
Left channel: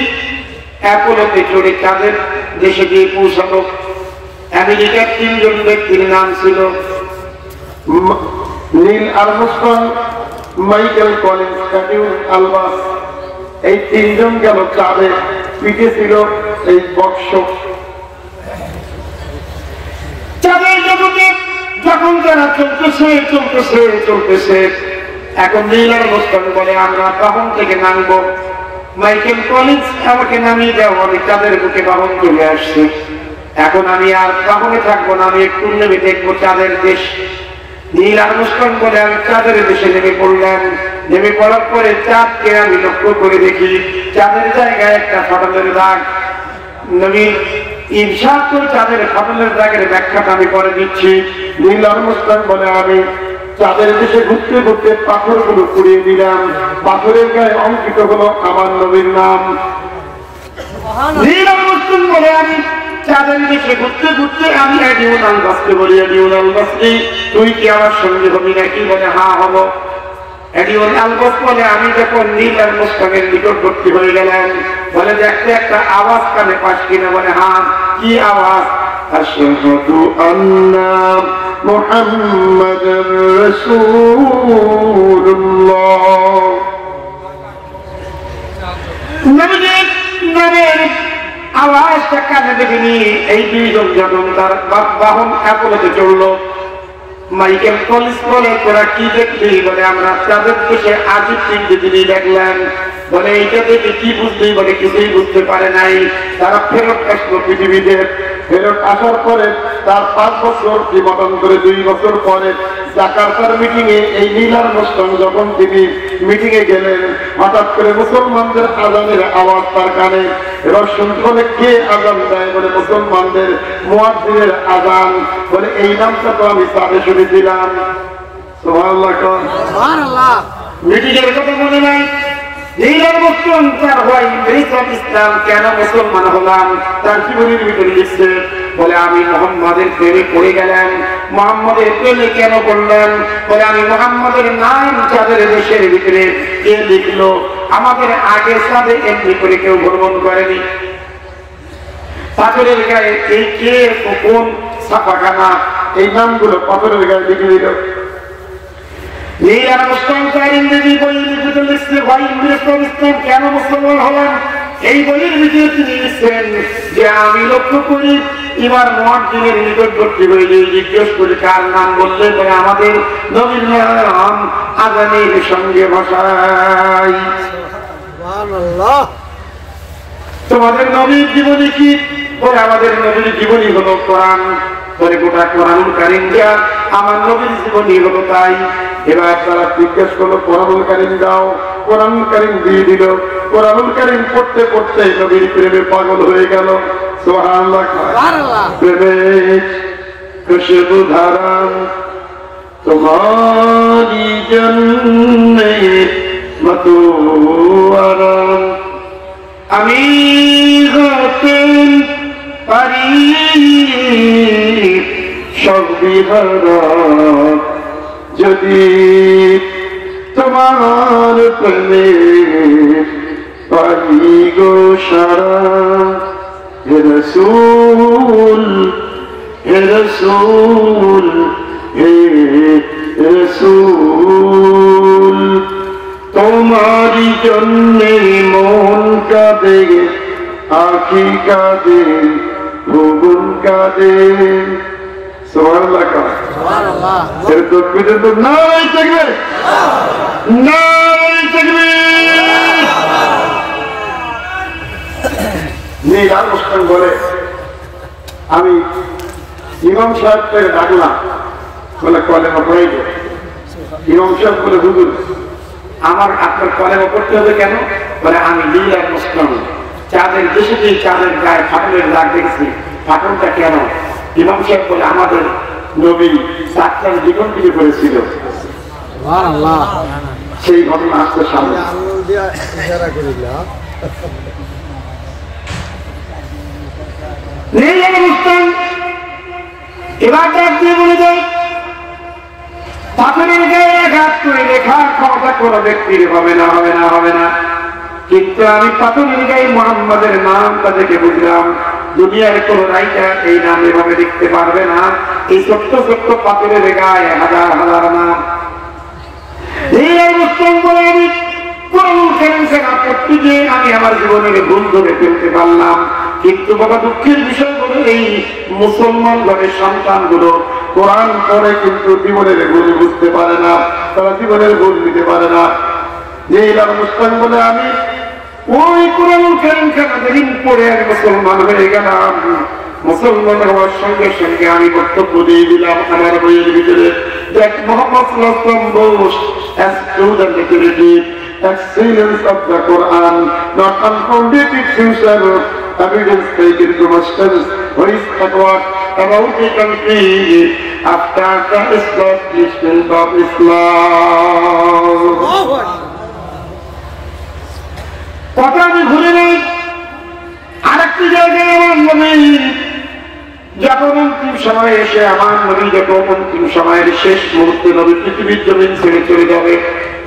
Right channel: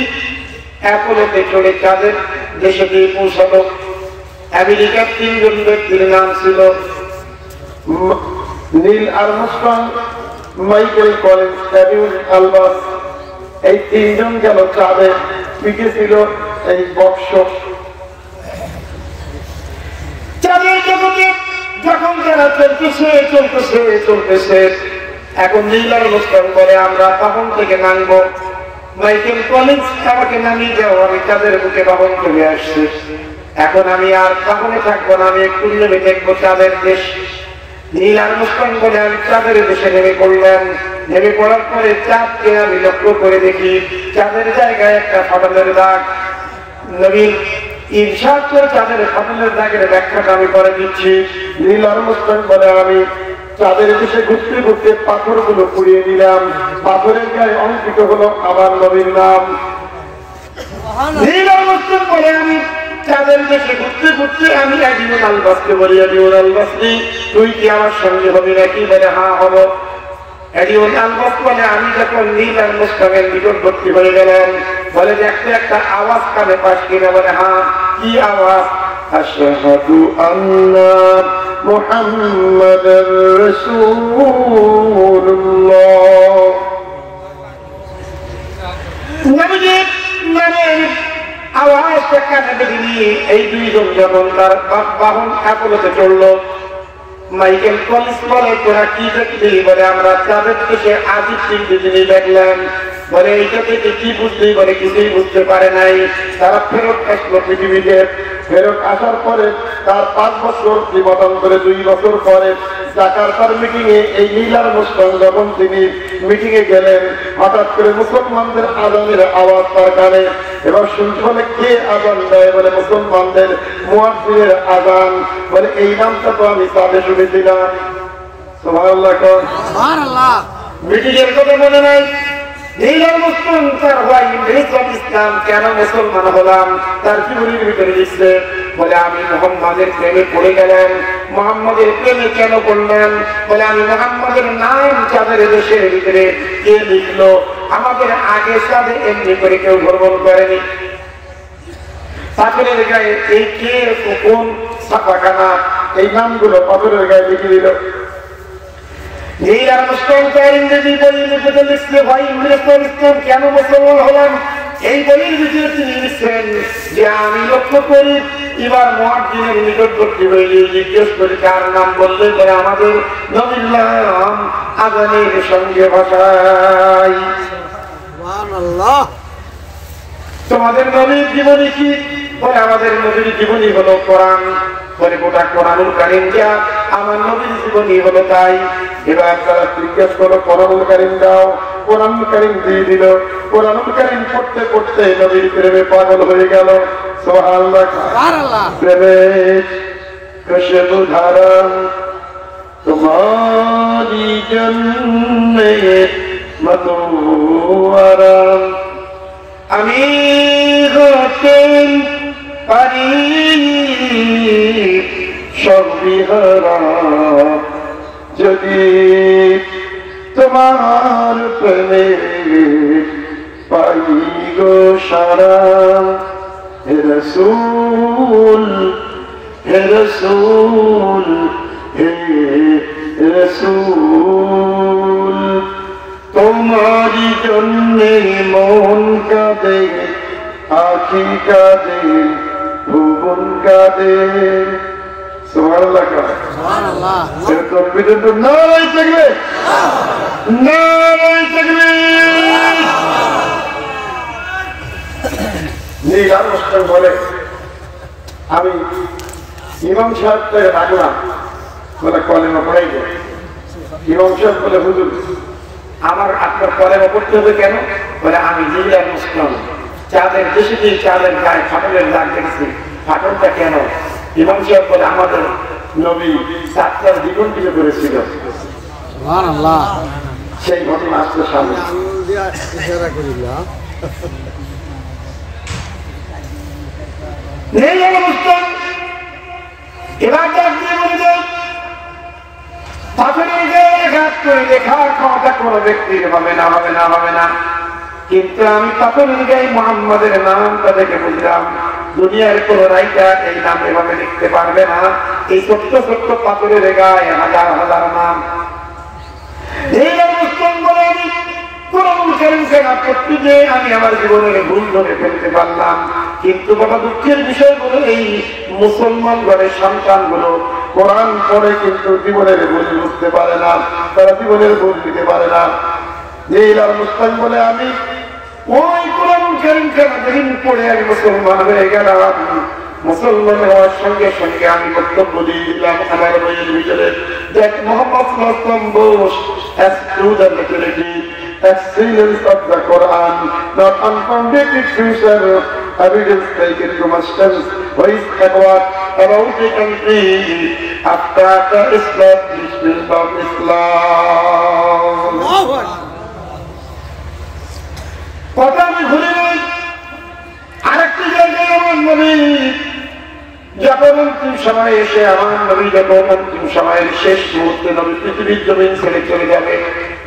অ্যাপোলোতে চড়ে তাদের দেশে গিয়ে পৌঁছালো। আমেরিকার তিনজন ব্যক্তির নাম ছিল নীল আর্মস্ট্রং, মাইকেল কলিন্স, ফ্যাবিউল আলবাস। এই তিনজন গেল চাঁদে, পিঠে ছিল এই বক্স। চাঁদের জগতে যখন যারা চলতেছে এখন নীল আর্মস্ট্রং বলে আমরা বাহন থেকে নামবো। মাইকেল কলিন্স আমাকে নামিয়ে দেওয়া, আমি চাঁদের বুকে বাহন চলে আসছি। এখন আমি আর বাহনে থাকবো না, আমি একটু নেমে দেখবো চাঁদের দেশ। নীল আর্মস্ট্রং বলে আমি চাঁদের দেশে নেমে পড়লাম। নেমে পড়ার পরে চাঁদকে আমি লক্ষ্য করে দেখি চাঁদের জায়গায় একটা ফাটলের দাগ। নবীর ইরশাদ করে চাঁদের ফাটলের দাগের ব্যাখ্যাটা আমি করে দিচ্ছি। নীল আর্মস্ট্রং বলে আমি চাঁদের দেশে ঘুরতে ঘুরতে পাথরগুলো পুড়িয়ে দিলাম, পাথরের গায়ে অঙ্কিত হলো আমার নবীর নাম। নীল আর্মস্ট্রং বলে আমি চাঁদের দেশে ঘুরতে ঘুরতে আমি এডিউল আলবাসকে বলি এডিউল আলবাসি তুই কি আমার সঙ্গে হবি নাকি? বলে হ্যাঁ হব। এডিউল আলবাস বলে আমি যখন নীল আর্মস্ট্রংয়ের নিকটবর্তী হয়ে গেলাম, বলে দেখতে একটা আওয়াজ কানে পাস কিনা? বলে হ্যাঁ। কি আওয়াজ? আশহাদু আন্না মুহাম্মাদার রাসূলুল্লাহ। নবীজির নামের আওয়াজ আরেকটা কানে দেখিনি এই দুইজন যখন তার বাহন অ্যাপোলোতে চললো, মাইকেল কলিন্স বলে তোরা কি দেখলি? বলে আমরা তাদের দেশে আজই 3 দিনই দেখলাম। বলে এইটা থেকে কি বুঝলি? বলে কিছুই বুঝতে পারে নাই। তারা ফেরত আসলো পৃথিবীতে। ফেরত আসার পরে তার 5 বছর জীবন করে 2 বছর পরে জাকার্তার মিটিং এ এই নীল আর্মস্ট্রং যখন তিনি মিটিং এ গেলেন, হঠাৎ করে মুসলমানদের আজানের আওয়াজ তার কানে। এবার শুনতে বলে কে আজান দেয়? বলে মুসলমানদের মুয়াজ্জিনের আজান। বলে এই নামটা তো আমি তাহলে শুনেছিলাম। সুবহানাল্লাহ। সুবহানাল্লাহ। মিটিং এর কথা মনে নাই। নীল আর্মস্ট্রং তার ভাই ইসলাম কেন মুসলমান হলাম তার জীবনের ভিতরে লিখছে। বলে আমি মুহাম্মাদের প্রেমে পড়ে গেলাম। মুহাম্মাদের প্রেমে কেন পড়লেন? বলে আমি মুহাম্মাদের নাম চাঁদের দেশের ভিতরে কে লিখলো? আমাদের আগে চাঁদে এমনি করে কেউ ভ্রমণ করেনি। পাথরের গায়ে এই কে কোন ছাপাখানা এই নামগুলো পাথরের গায়ে লিখে দিল। নীল আর্মস্ট্রং তার ইংরেজি বই লিখতে লিখছে ভাই ইসলাম কেন মুসলমান হলেন? এই বইয়ের ভিতরে তিনি লিখছেন যে আমি লক্ষ্য করি এবার মুয়াজ্জিনের নিকটবর্তী হইলে জিজ্ঞেস করি কার নাম বললে পরে আমাদের নবীর নাম আজানের সঙ্গে ভাষায়। তোমাদের নবীর জীবনী কি? বলে আমাদের নবীর জীবনী হলো কোরআন। বলে গোটা কোরআনুল কারীম যা আমার নবীর জীবনী হলো তাই। এবার তারা জিজ্ঞেস করলো কোরআনুল কারীম দাও। কোরআনুল কারীম দিয়ে দিল। কোরআনুল কারীম পড়তে পড়তে নবীর প্রেমে পাগল হয়ে গেল। সুবহানাল্লাহ। প্রেমে খুশবু ধারাম তোমারি জন্নে মতুয়ারাম আমি হতেন পারি সব বিহারা যদি তোমার প্রেমে পাই গো সারা। হে রাসূল হে রাসূল হে রাসূল তোমারি জন্যে মন কাঁদে আখি কাঁদে ভুবন কাঁদে। সুবহানাল্লাহ। সুবহানাল্লাহ। এর তাকবীর তো নাই থাকবে নাই থাকবে। নীল আর্মস্ট্রং বলে আমি ইমাম সাহেবকে ডাকলাম। বলে কলেমা পড়াইব। ইমাম সাহেব বলে হুজুর আমার আপনার কলেমা পড়তে হবে কেন? বলে আমি নীল আর্মস্ট্রং চাঁদের দেশে গিয়ে চাঁদের গায়ে ফাটলের দাগ দেখছি। ফাটলটা কেন? ইমাম সাহেব বলে আমাদের নবী চাঁদটার জীবন থেকে করেছিল। সেই ঘটনা আসছে সামনে। এবার ডাক দিয়ে বলে যায় পাথরের গায়ে আঘাত করে রেখার ক্ষমতা কোনো ব্যক্তির হবে না হবে না হবে না। কিন্তু আমি পাথরের গায়ে মুহাম্মাদের নামটা দেখে বুঝলাম দুনিয়ার কোন রাইটার এই নাম এভাবে লিখতে পারবে না। এই ছোট্ট ছোট্ট পাথরের গায়ে হাজার হাজার নাম। এই অবস্থান করে আমি কোরআনুল কারীম শেখা করতে গিয়ে আমি আমার জীবনের ভুল ধরে ফেলতে পারলাম। কিন্তু বাবা দুঃখের বিষয় হলো এই মুসলমান ঘরের সন্তানগুলো কোরআন পড়ে কিন্তু জীবনের ভুল বুঝতে পারে না। তারা জীবনের ভুল দিতে পারে না। এই অবস্থান বলে আমি ওই কোরআনুল কারীম শেখা যেদিন পড়ে আমি মুসলমান হয়ে গেলাম। মুসলমান হওয়ার সঙ্গে সঙ্গে আমি বক্তব্য দিয়ে দিলাম আমার বইয়ের ভিতরে that Muhammad boasts as to the literary excellence of the Quran, not unfounded future evidence taken to masters who is backward about the country after the establishment of Islam. কথা আমি ভুলে নেই। আরেকটি জায়গায় আমার নবী যখন অন্তিম সময় এসে আমার নবী যখন অন্তিম সময়ের শেষ মুহূর্তে নবী পৃথিবীর জমিন ছেড়ে চলে যাবে।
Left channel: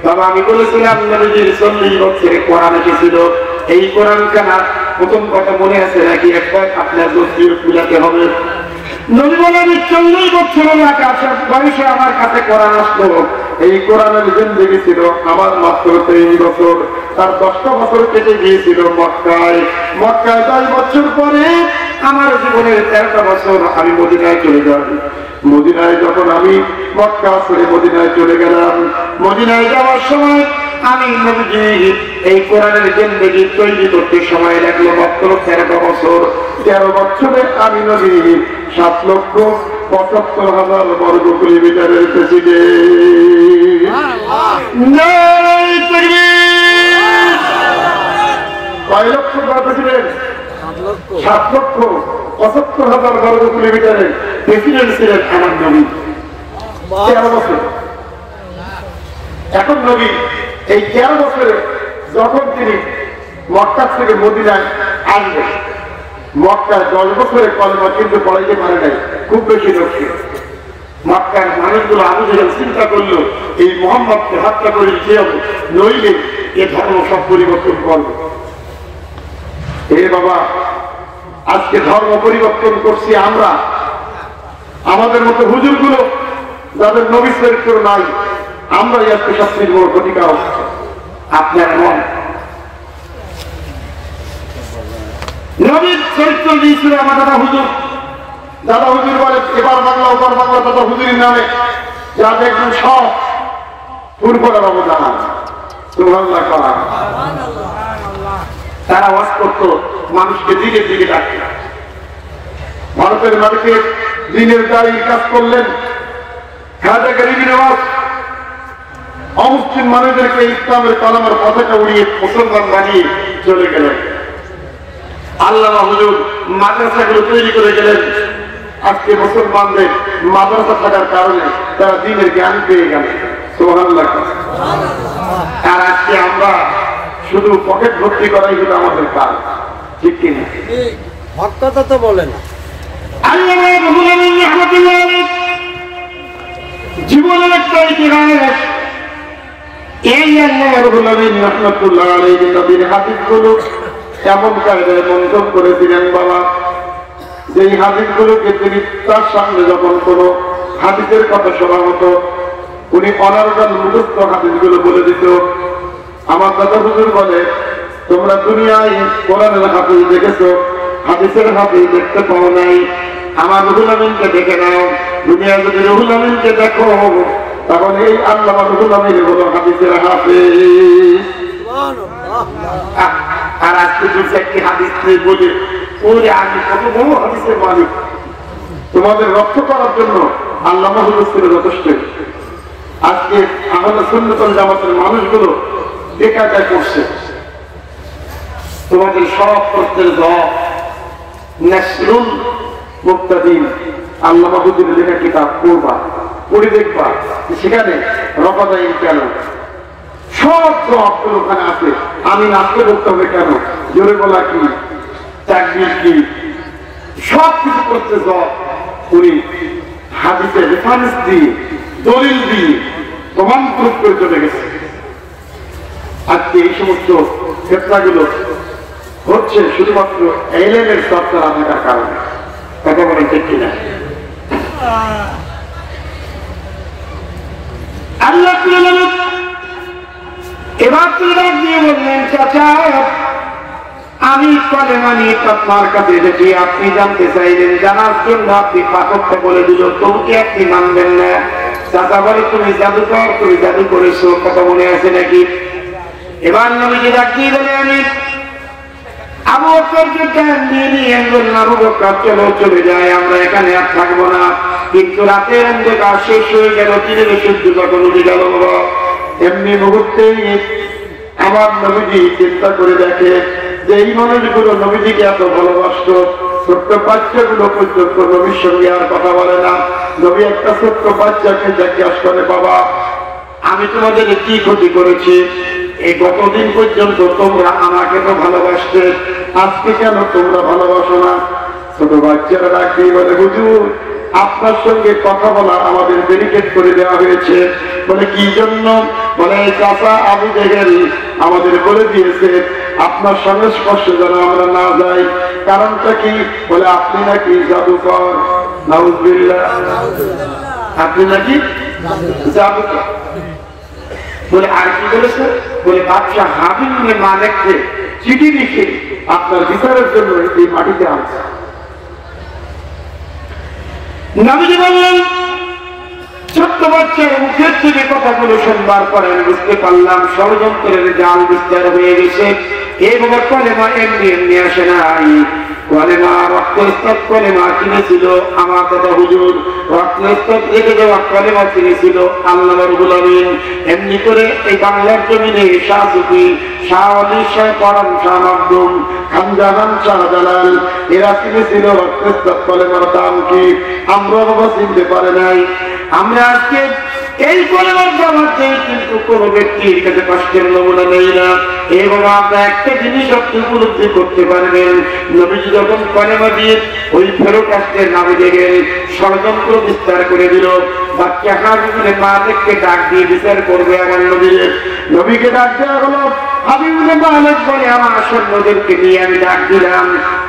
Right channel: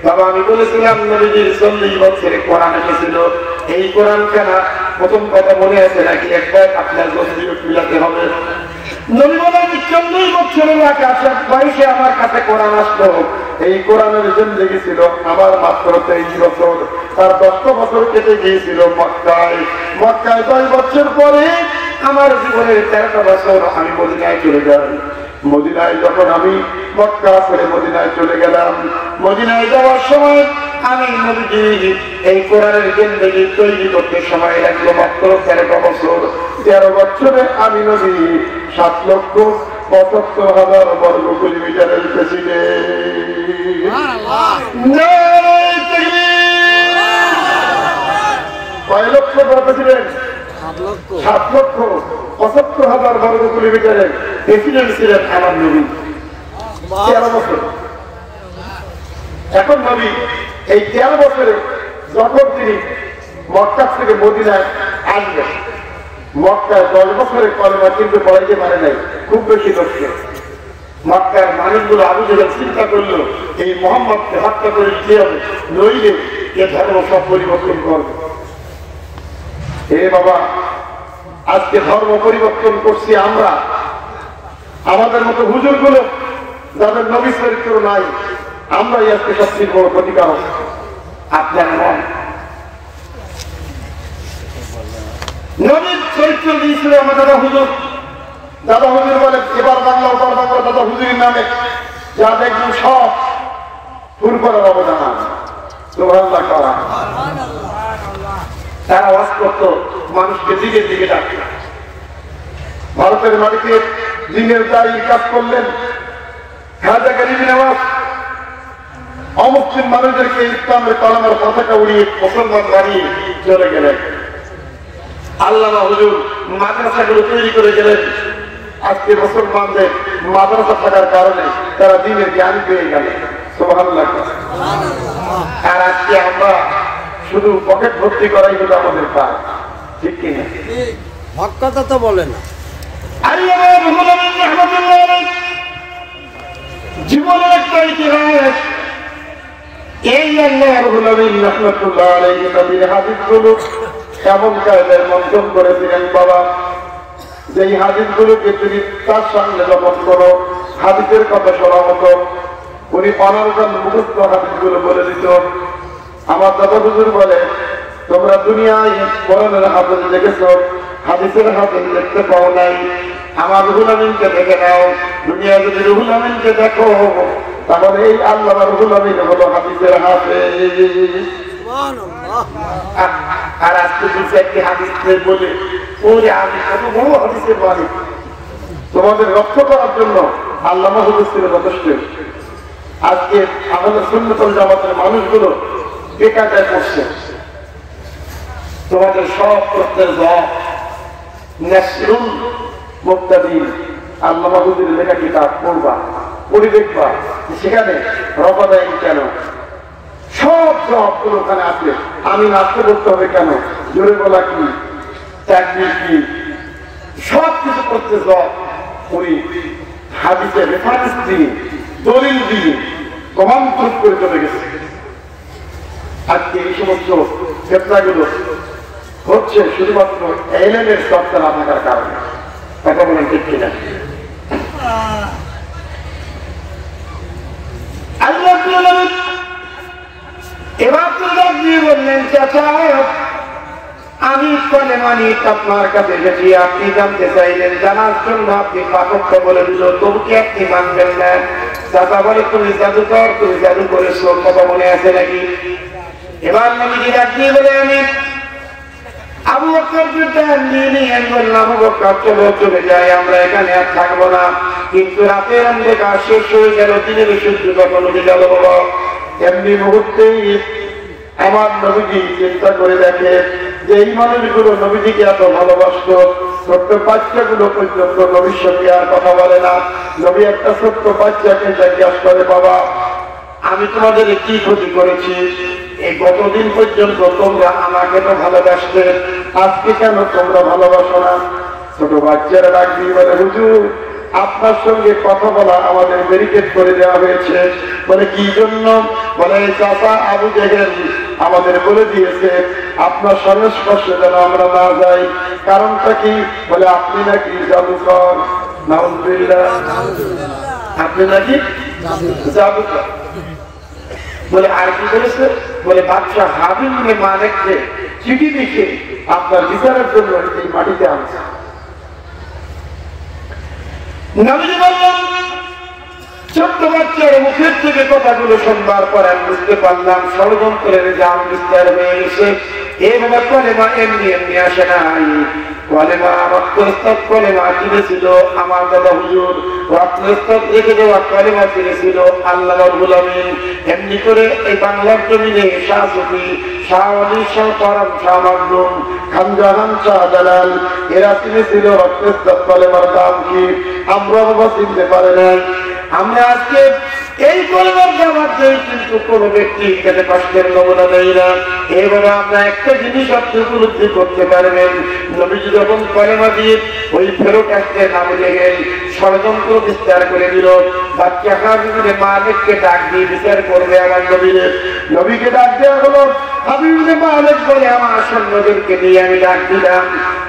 বাবা আমি বলেছিলাম নবীজির 40 বছরে কোরআন এসেছিল। এই কোরআন খানা প্রথম কথা মনে আছে নাকি একবার আপনার দোষীর মিলাতে হবে। নবী বলে আমি 40 বছরের বয়সে আমার কাছে কোরআন আসলো। এই কোরআনের জিন্দেগি ছিল আমার মাত্র 23 বছর, তার 10টা বছর কেটে গিয়েছিল মক্কায়। 10 বছর পরে আমার জীবনের 13টা বছর আমি মদিনায় চলে যাই। মদিনায় যখন আমি মক্কা ছেড়ে মদিনায় চলে গেলাম, মদিনায় যাওয়ার সময় আমি নবীজি এই কোরআনের জিন্দেগি তৈরি করতে সময় লাগলো মাত্র 13টা বছর। 13 বছরে আমি নবী 7,75,000 বর্গ কিলোমিটারের প্রেসিডেন্ট। কয় লক্ষ প্রেসিডেন্ট? 7,75,000 বর্গ কিলোমিটারের প্রেসিডেন্ট ছিলেন আমার নবী 13 বছর। এখন নবী এই 13 বছরে যখন তিনি মক্কা থেকে মদিনায় আসবেন, মক্কায় 10 বছরের কলেমা কিন্তু পড়াইতে পারে নাই খুব বেশি লোককে। মক্কার মানুষগুলো আবু জেহেল চিন্তা করলো এই মুহাম্মদকে হত্যা করে দিতে হবে, নইলে এ ধর্ম সব পরিবর্তন করবে। হে বাবা, আজকে ধর্ম পরিবর্তন করছি আমরা, আমাদের মতো হুজুর গুলো যাদের নবী চরিত্র নাই, আমরাই আজকে সবচেয়ে বড় ক্ষতিকারক। আপনার এমন নবীর চরিত্র দিয়েছিল আমার দাদা হুজুর। দাদা হুজুর বলে এবার বাংলা ওপার বাংলা দাদা হুজুরের নামে যা দেখবেন সব ফুরফলের অবদান। তারা ওয়াজ করত, মানুষকে দিকে দিকে ডাকত। ভারতের মাটিতে দিনের দাঁড়িয়ে কাজ করলেন, অমুসলিম মানুষদেরকে ইসলামের কলমের পতাকা উড়িয়ে মুসলমান বানিয়ে চলে গেলেন। আল্লামা হুজুর মাদ্রাসাগুলো তৈরি করে গেলেন। আজকে মুসলমানদের মাদ্রাসা থাকার কারণে তারা দ্বীনের জ্ঞান পেয়ে গেলেন। সুবহানাল্লাহ। আর আজকে আমরা শুধু পকেট ভর্তি করাই হলো আমাদের কাজ, ঠিক কিনা? ভক্ততা তো বলেন জীবনের একটা ইতিহাস। এই আল্লাহ রাব্বুল আলামিন রাহমাতুল্লাহ আলাইহি নবীর হাদিসগুলো এমন কায়দায় মন্থন করেছিলেন বাবা, যেই হাদিসগুলোকে তিনি তার সামনে যখন কোন হাদিসের কথা শোনা হতো, উনি অনার্গান মুখস্থ হাদিসগুলো বলে দিত। আমার দাদা হুজুর বলে, তোমরা দুনিয়ায় কোরআনের হাদিস দেখেছো, হাদিসের হাদিস দেখতে পাও নাই। আমার রুহুল আমিনকে দেখে নাও, দুনিয়া যদি রুহুল আমিনকে দেখো তাহলে এই আল্লামা রুহুল আমিন হলো হাদিসের হাফেজ। আর আজকে দু চারটি হাদিস বলে ওরে আমি কত বড় হাদিসের মালিক। তোমাদের রক্ষা করার জন্য আল্লামা হুজুর ছিল যথেষ্ট। আজকে আমাদের সুন্নতুল জামাতের মানুষগুলো বেকায়দায় পড়ছে। তোমাদের সব প্রত্যেক জবাব নাসরুল মুক্তাদিন আল্লামা হুজুরের লেখা কিতাব পড়বা, পড়ে দেখবা সেখানে রবাদাইন কেন, সব জবাবগুলো ওখানে আছে। আমি নাচতে বলতে হবে কেন, জোরে বলা কি, তাকবীর কি, সব কিছু করতে জবাব উনি হাদিসের রেফারেন্স দিয়ে দলিল দিয়ে প্রমাণ প্রুফ করে চলে গেছে। আজকে এই সমস্ত ক্ষেত্রগুলো হচ্ছে শুধুমাত্র এলেমের চর্চা না থাকার কারণে। কথা বলেন ঠিক কিনা? আল্লাহ এবার তুলে দিয়ে বললেন, চাচা আমি কনে মানি আপনার কাছে যেটি আপনি জানতে চাইলেন, জানার জন্য আপনি পাঠক্য বলে দিল, তবু কি আপনি মানবেন না? চাচা বলে, তুমি জাদুকর, তুমি জাদু করেছো, কথা মনে আছে নাকি? এবার নবীজি ডাক দিয়ে বলে, আমি আবু বকরকে জ্ঞান দিয়ে নিয়ে বললাম, আবু বকর চলো চলে যায়, আমরা এখানে আর থাকবো না। কিন্তু রাতের অন্ধকার শেষ হয়ে গেল, দিনের সূর্য যখন উঠে গেল বাবা, এমনি মুহূর্তেই আমার নবীজি চিন্তা করে দেখে যে এই মানুষগুলো নবীজিকে এত ভালোবাসত, ছোট্ট বাচ্চাগুলো পর্যন্ত নবীর সঙ্গে আর কথা বলে না। নবী একটা ছোট্ট বাচ্চাকে জিজ্ঞাসা করে, বাবা আমি তোমাদের কি ক্ষতি করেছি? এই কতদিন পর্যন্ত তোমরা আমাকে তো ভালোবাসতে, আজকে কেন তোমরা ভালোবাসো না? ছোট বাচ্চারা ডাক দিয়ে বলে, হুজুর আপনার সঙ্গে কথা বলা আমাদের ব্যারিকেড করে দেওয়া হয়েছে। বলে কি জন্য? বলে চাচা আবু জেহেল আমাদের বলে দিয়েছে আপনার সংস্পর্শে যেন আমরা না যাই। কারণটা কি? বলে আপনি নাকি জাদুকর। নাউজুবিল্লাহ, আপনি নাকি জাদুকর। বলে আর কি বলেছে? বলে বাদশাহ হাবিব ইবনে মালিককে চিঠি লিখে আপনার বিচারের জন্য এই মাটিতে আনছে। নবীজি বললেন, ছোট্ট বাচ্চার মুখের থেকে কথাগুলো শুনবার পরে আমি বুঝতে পারলাম ষড়যন্ত্রের জাল বিস্তার হয়ে গেছে। এইভাবে কলেমা এমনি এমনি আসে নাই, কলেমা রক্তস্তব কলেমা কিনেছিল আমার দাদা হুজুর, রক্তস্তব রেখে দেওয়া কলেমা কিনেছিল আল্লাহ রাব্বুল আমিন। এমনি করে এই বাংলার জমিনে শাহ সুফি, শাহ আলী, শাহ পরান, শাহ মাকদুম, খানজাহান, শাহ জালাল এরা কিনেছিল রক্তস্তব কলেমার দাম কি আমরা বাবা চিনতে পারে নাই। আমরা আজকে এই কলেমার দামাত দেই, কিন্তু কোন ব্যক্তির কাছে কষ্টের নমুনা নেই না। এইভাবে আমরা একটা জিনিস আপনি উপলব্ধি করতে পারবেন, নবীজি যখন কলেমা দিয়ে ওই ফেরত আসতে না বুঝে গেলেন, ষড়যন্ত্র বিস্তার করে দিল। বাচ্চা হাবিব ইবনে মালিককে ডাক দিয়ে বিচার করবে আমার নবীকে ডাক দেওয়া হলো। হাবিব ইবনে মালিক বলে, আমার সৈন্যদেরকে নিয়ে আমি ডাক দিলাম।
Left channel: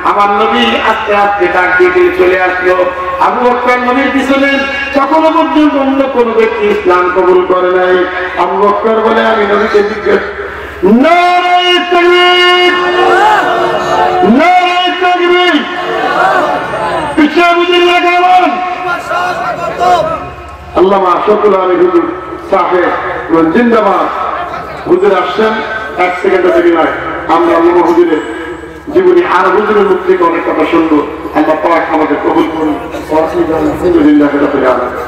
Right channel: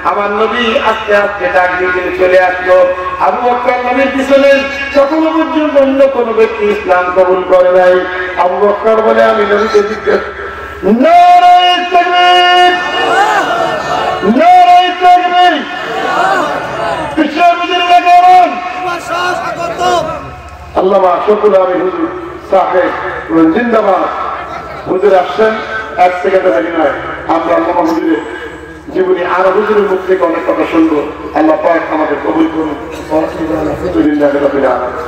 আমার নবী আস্তে আস্তে ডাক দিয়ে চলে আসলো। আবু বকর নবীর পিছনে তখনো পর্যন্ত অন্য কোন ব্যক্তি ইসলাম কবুল করে নাই। আবু বকর বলে, আমি নবীকে জিজ্ঞেস নারে তাকবীর, নারে তাকবীর, পিছনে বুঝে লাগান। আল্লামা শফিউল আলী হুজুর সাহেব জিন্দাবাদ। হুজুর আসছেন, এক সেকেন্ডে দেরি নয়। আমরা আল্লামা হুজুরের জীবনী আর হুজুরের মুখ থেকে অনেক কথা শুনবো। আল্লাহ পাক আমাদের কবুল করুন। আলহামদুলিল্লাহ রাব্বিল আলামিন।